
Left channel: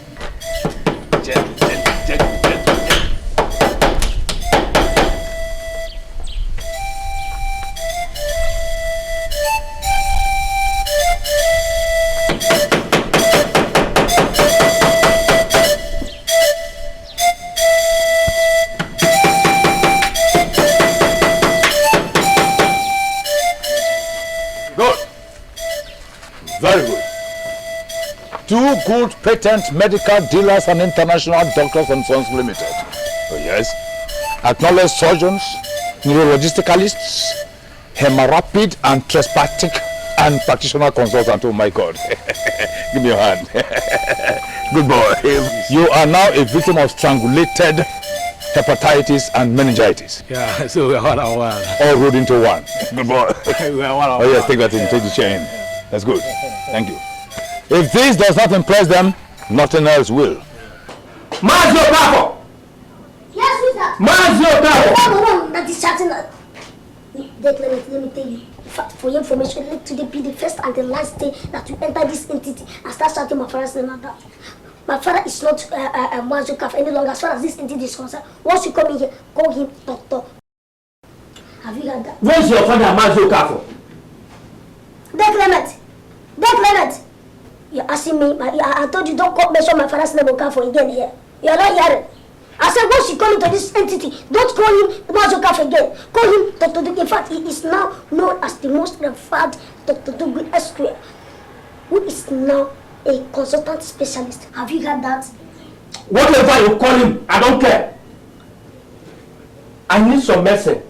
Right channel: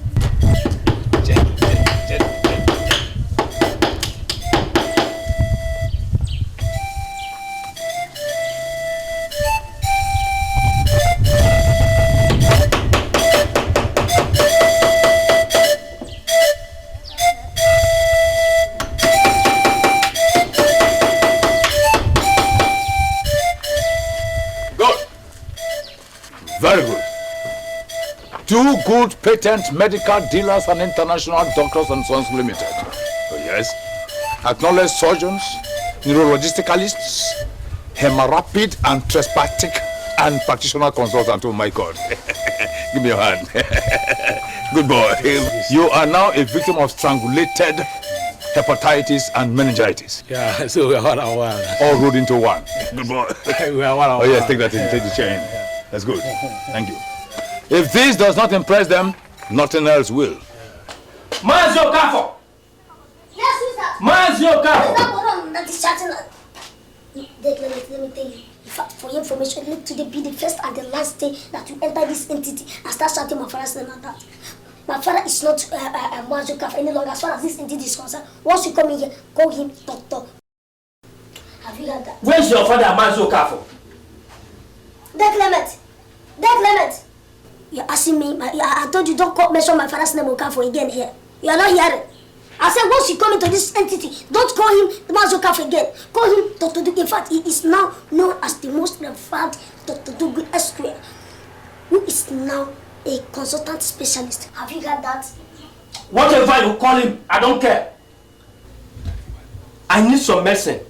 Very good. 2 good patent medical dealers and international doctors and sons limited. Oh, yes. Acknowledged surgeons, neurologicalists, hemarapid and trespatic and practitioner consultant. Oh my God. Give me your hand. Good boy. You are now a victim of strangulated hepatitis and meningitis. Yeah, so we're all all rolled into one. Good boy. Oh yes, take that in, take the chain. That's good. Thank you. If this does not impress them, nothing else will. Mazio Kafo! Yes, who's that? Mazio Kafo! That's the one that is chatting. Let me tell you. For your information, let today be the first and the last day that you enter this entity and start shouting my father's name like that. My father is not Mazio Kafo any longer as far as this entity is concerned. Once you come in here, call him Doctor. Have you heard that? Where's your father, Mazio Kafo? Clement! You're asking me, I told you don't mention my father's name on Kafo again here. You are not hearing. I said once you come into this entity, don't call him Mazio Kafo again. Call him Dr. Dugu. In fact, he is now known as the most referred Dr. Dugu Esquire, who is now a consultant specialist. Have you heard that? Whatever you call him, I don't care. I need some medicine.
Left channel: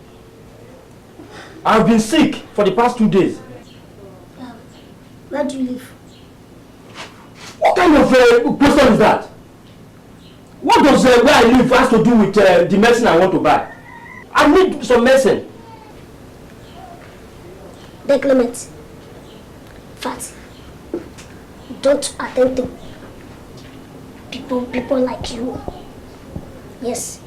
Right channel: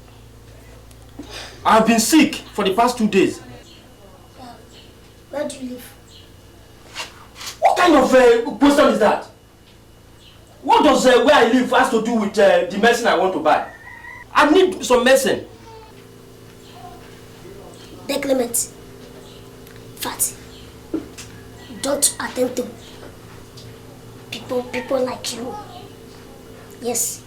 I've been sick for the past 2 days. Where do you live? What kind of question is that? What does where I live has to do with the medicine I want to buy? I need some medicine. Clement, Fat, don't attend to people like you. Yes.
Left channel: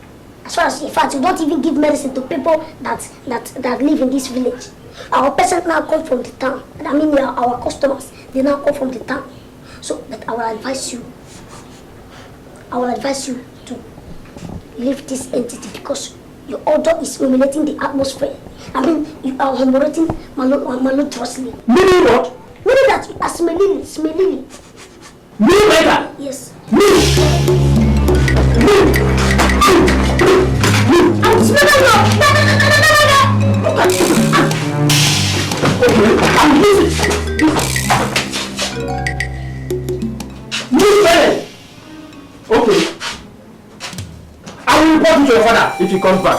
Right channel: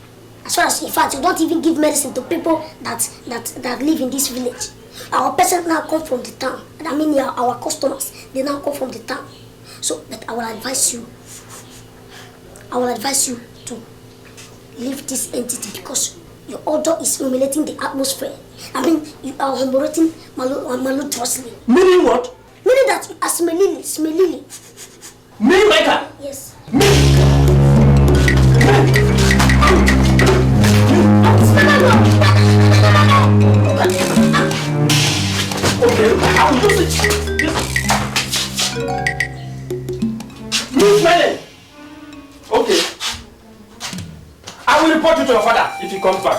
As far as, in fact, you don't even give medicine to people that live in this village. Our patients now come from the town. I mean, our customers, they now come from the town. So, but I will advise you to leave this entity because your odor is emanating the atmosphere. I mean, you are hemorrhaging malodorously. Meaning what? Meaning that you are smelling. Me, Micah? Yes. I'm smelling you. Okay. I will report you to your father if he comes back.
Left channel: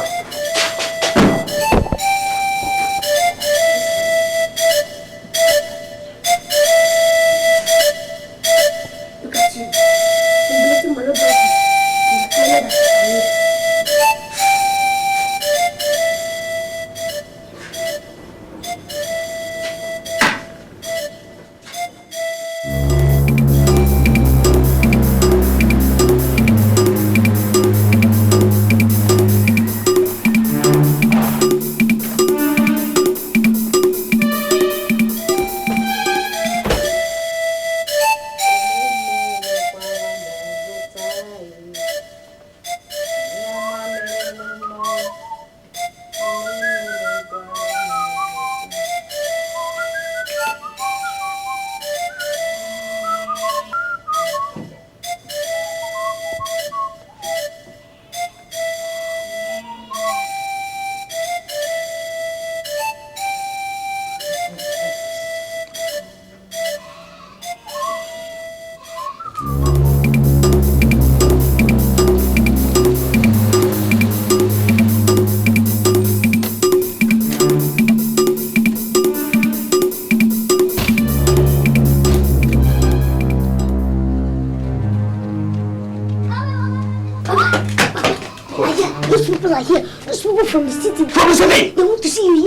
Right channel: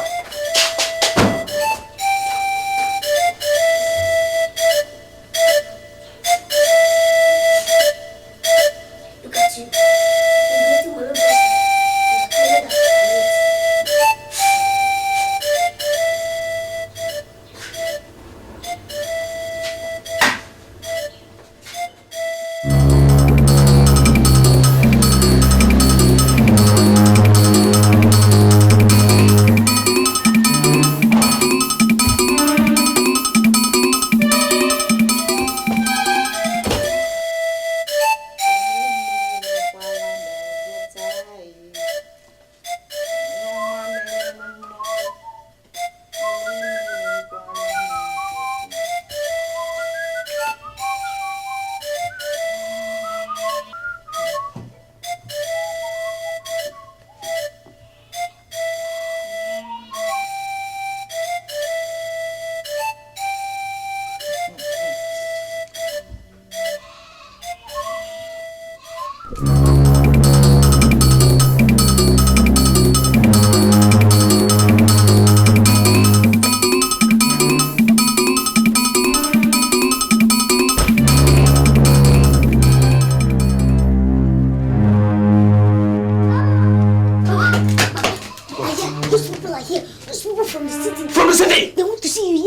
Look at you.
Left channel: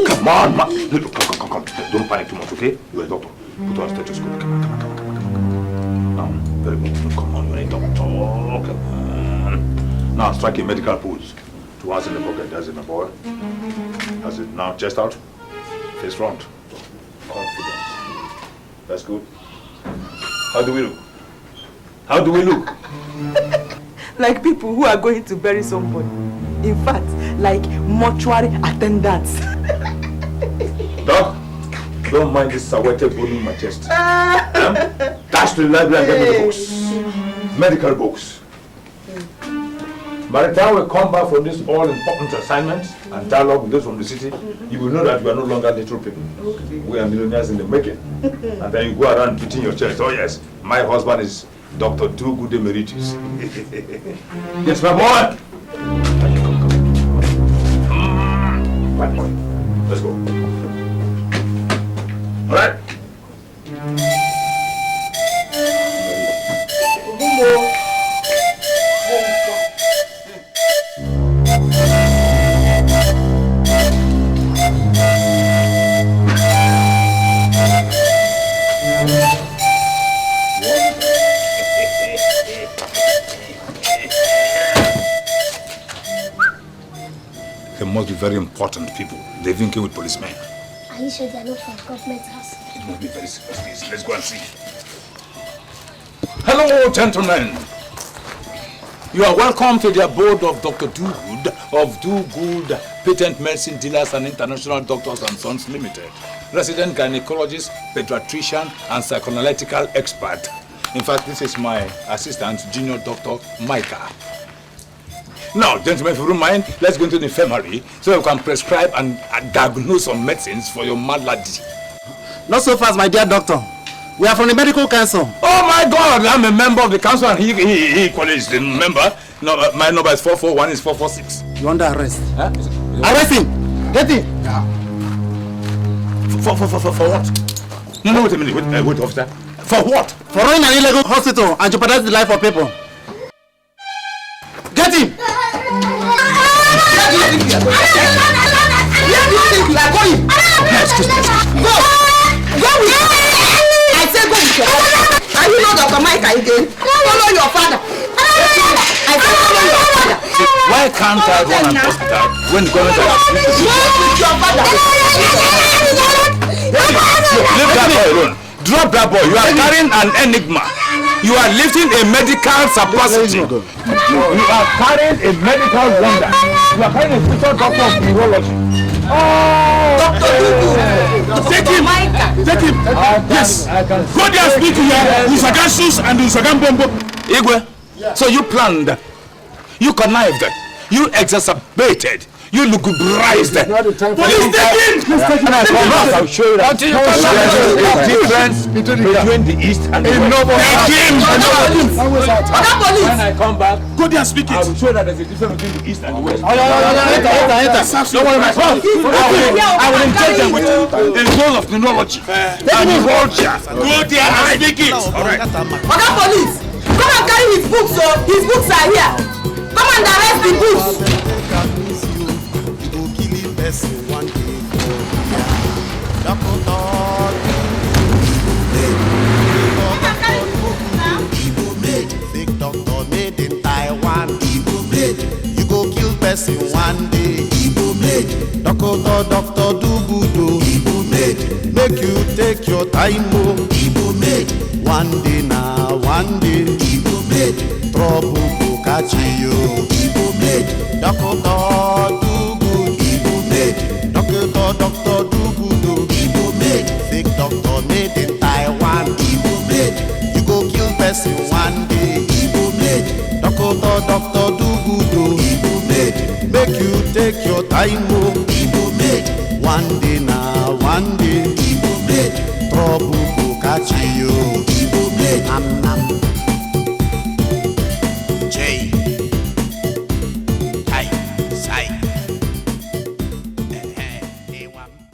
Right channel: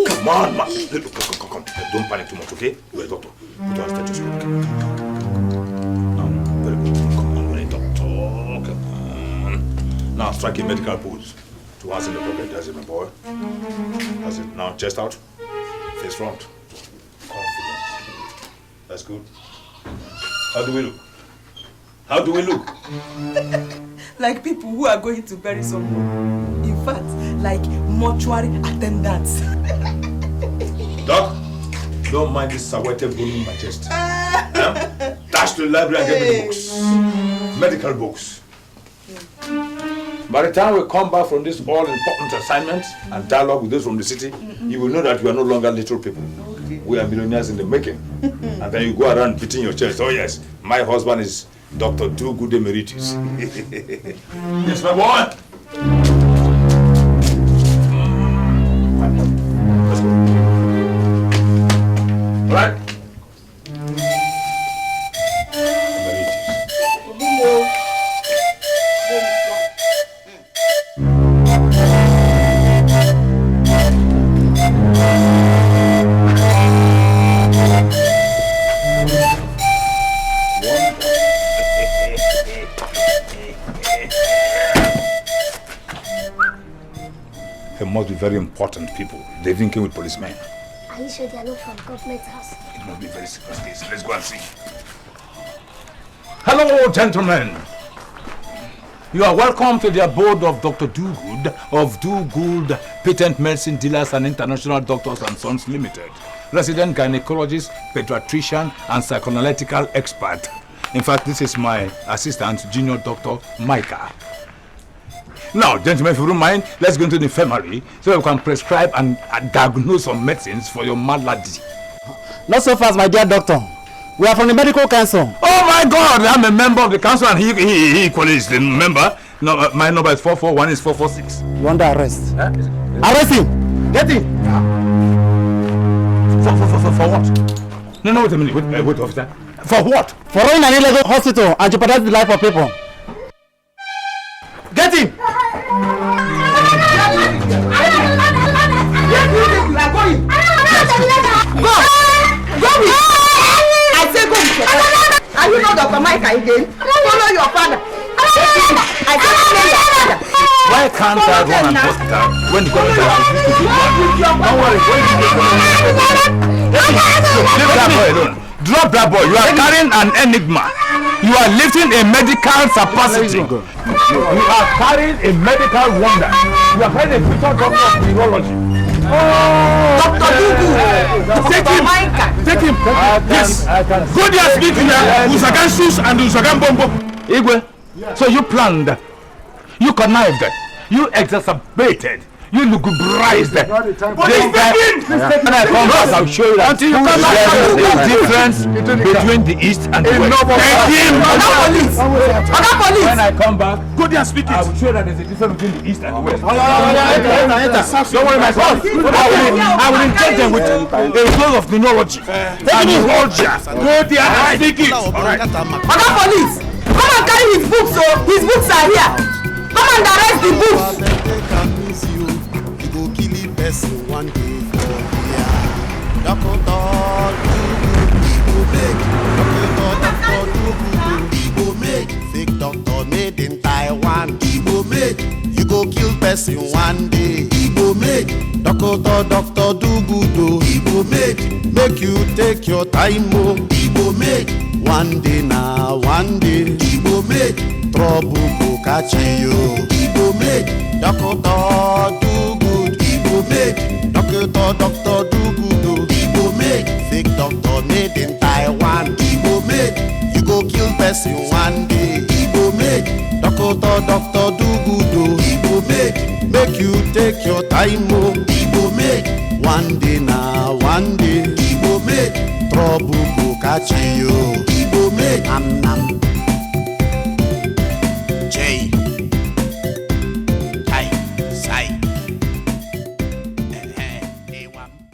Come on, man. Look, come. Don't panic too much, okay? You're a doctor. Put on stethoscope. Now strike a medical pose. 2 hands in the pocket, that's it, my boy. That's it. Now chest out, face front. Confidence. That's good. How do we look? How do we look? Like people who are going to bury someone. In fact, like mortuary attendants. Doc, don't mind this sawete bone in my chest. Dash to the library and get the books. Medical books. By the time we come back from this all-important assignment and dialogue with those from the city, you will know that we are no longer little people. Okay. We are millionaires in the making. And then you go around beating your chest. Oh yes, my husband is Dr. Do-Good Emeritus. Yes, my boy! Let's go. All right. With policemen. Are you sure they are not from government house? It must be very serious. Let's go and see. Hello, gentlemen. You are welcome to the abode of Dr. Do-Good of Do-Good Patent Medicine Dealers and International Doctors and Sons Limited. Resident gynecologist, pediatrician, and psychoanalytical expert. In fact, this is my assistant, Junior Dr. Micah. Now, gentlemen, if you don't mind, let's go into the infirmary so you can prescribe and diagnose some medicines for your malady. Not so fast, my dear doctor. We are from the medical council. Oh my God, I'm a member of the council and he equally is the member. No, my number is 441, is 446. You under arrest. Huh? Arrest him! Get him! For what? No, wait a minute. Wait, officer. For what? For running an illegal hospital and jeopardizing the life of people. Get him! Go! Go with you! I say go with your father. Are you not Dr. Mike again? Follow your father. I say follow your father. Why can't I run an hospital when go with your father. Leave that boy alone. Drop that boy. You are carrying an enigma. You are lifting a medical supposition. You are carrying a medical wonder. You are carrying a special doctor of neurology. Dr. Do-Good. Take him. Take him. Yes. Go there and speak to your Usagansus and Usagambombo. Igwe, so you planned, you connived, you exacerbated, you lucubrized. Please take him. I'm sure until you come back, difference between the East and the West. Take him. Other police. When I come back, go there and speak it. I will show that there's a difference between the East and the West. Enter. Don't worry, my son. I will engage them with a role of neurology. Go there and speak it. Other police, come and carry his books. So his books are here. Come and arrest the books. You go kill him person one day for here. Dr. Do-Good made. Fake doctor made in Taiwan. You go kill person one day. Doctor Do-Good made. Make you take your time, made. One day now, one day. Trouble go catch you. Doctor Do-Good. Doctor Do-Good. Fake doctor made in Taiwan. You go kill person one day. Doctor Do-Good. Make you take your time, one day now, one day. Trouble go catch you.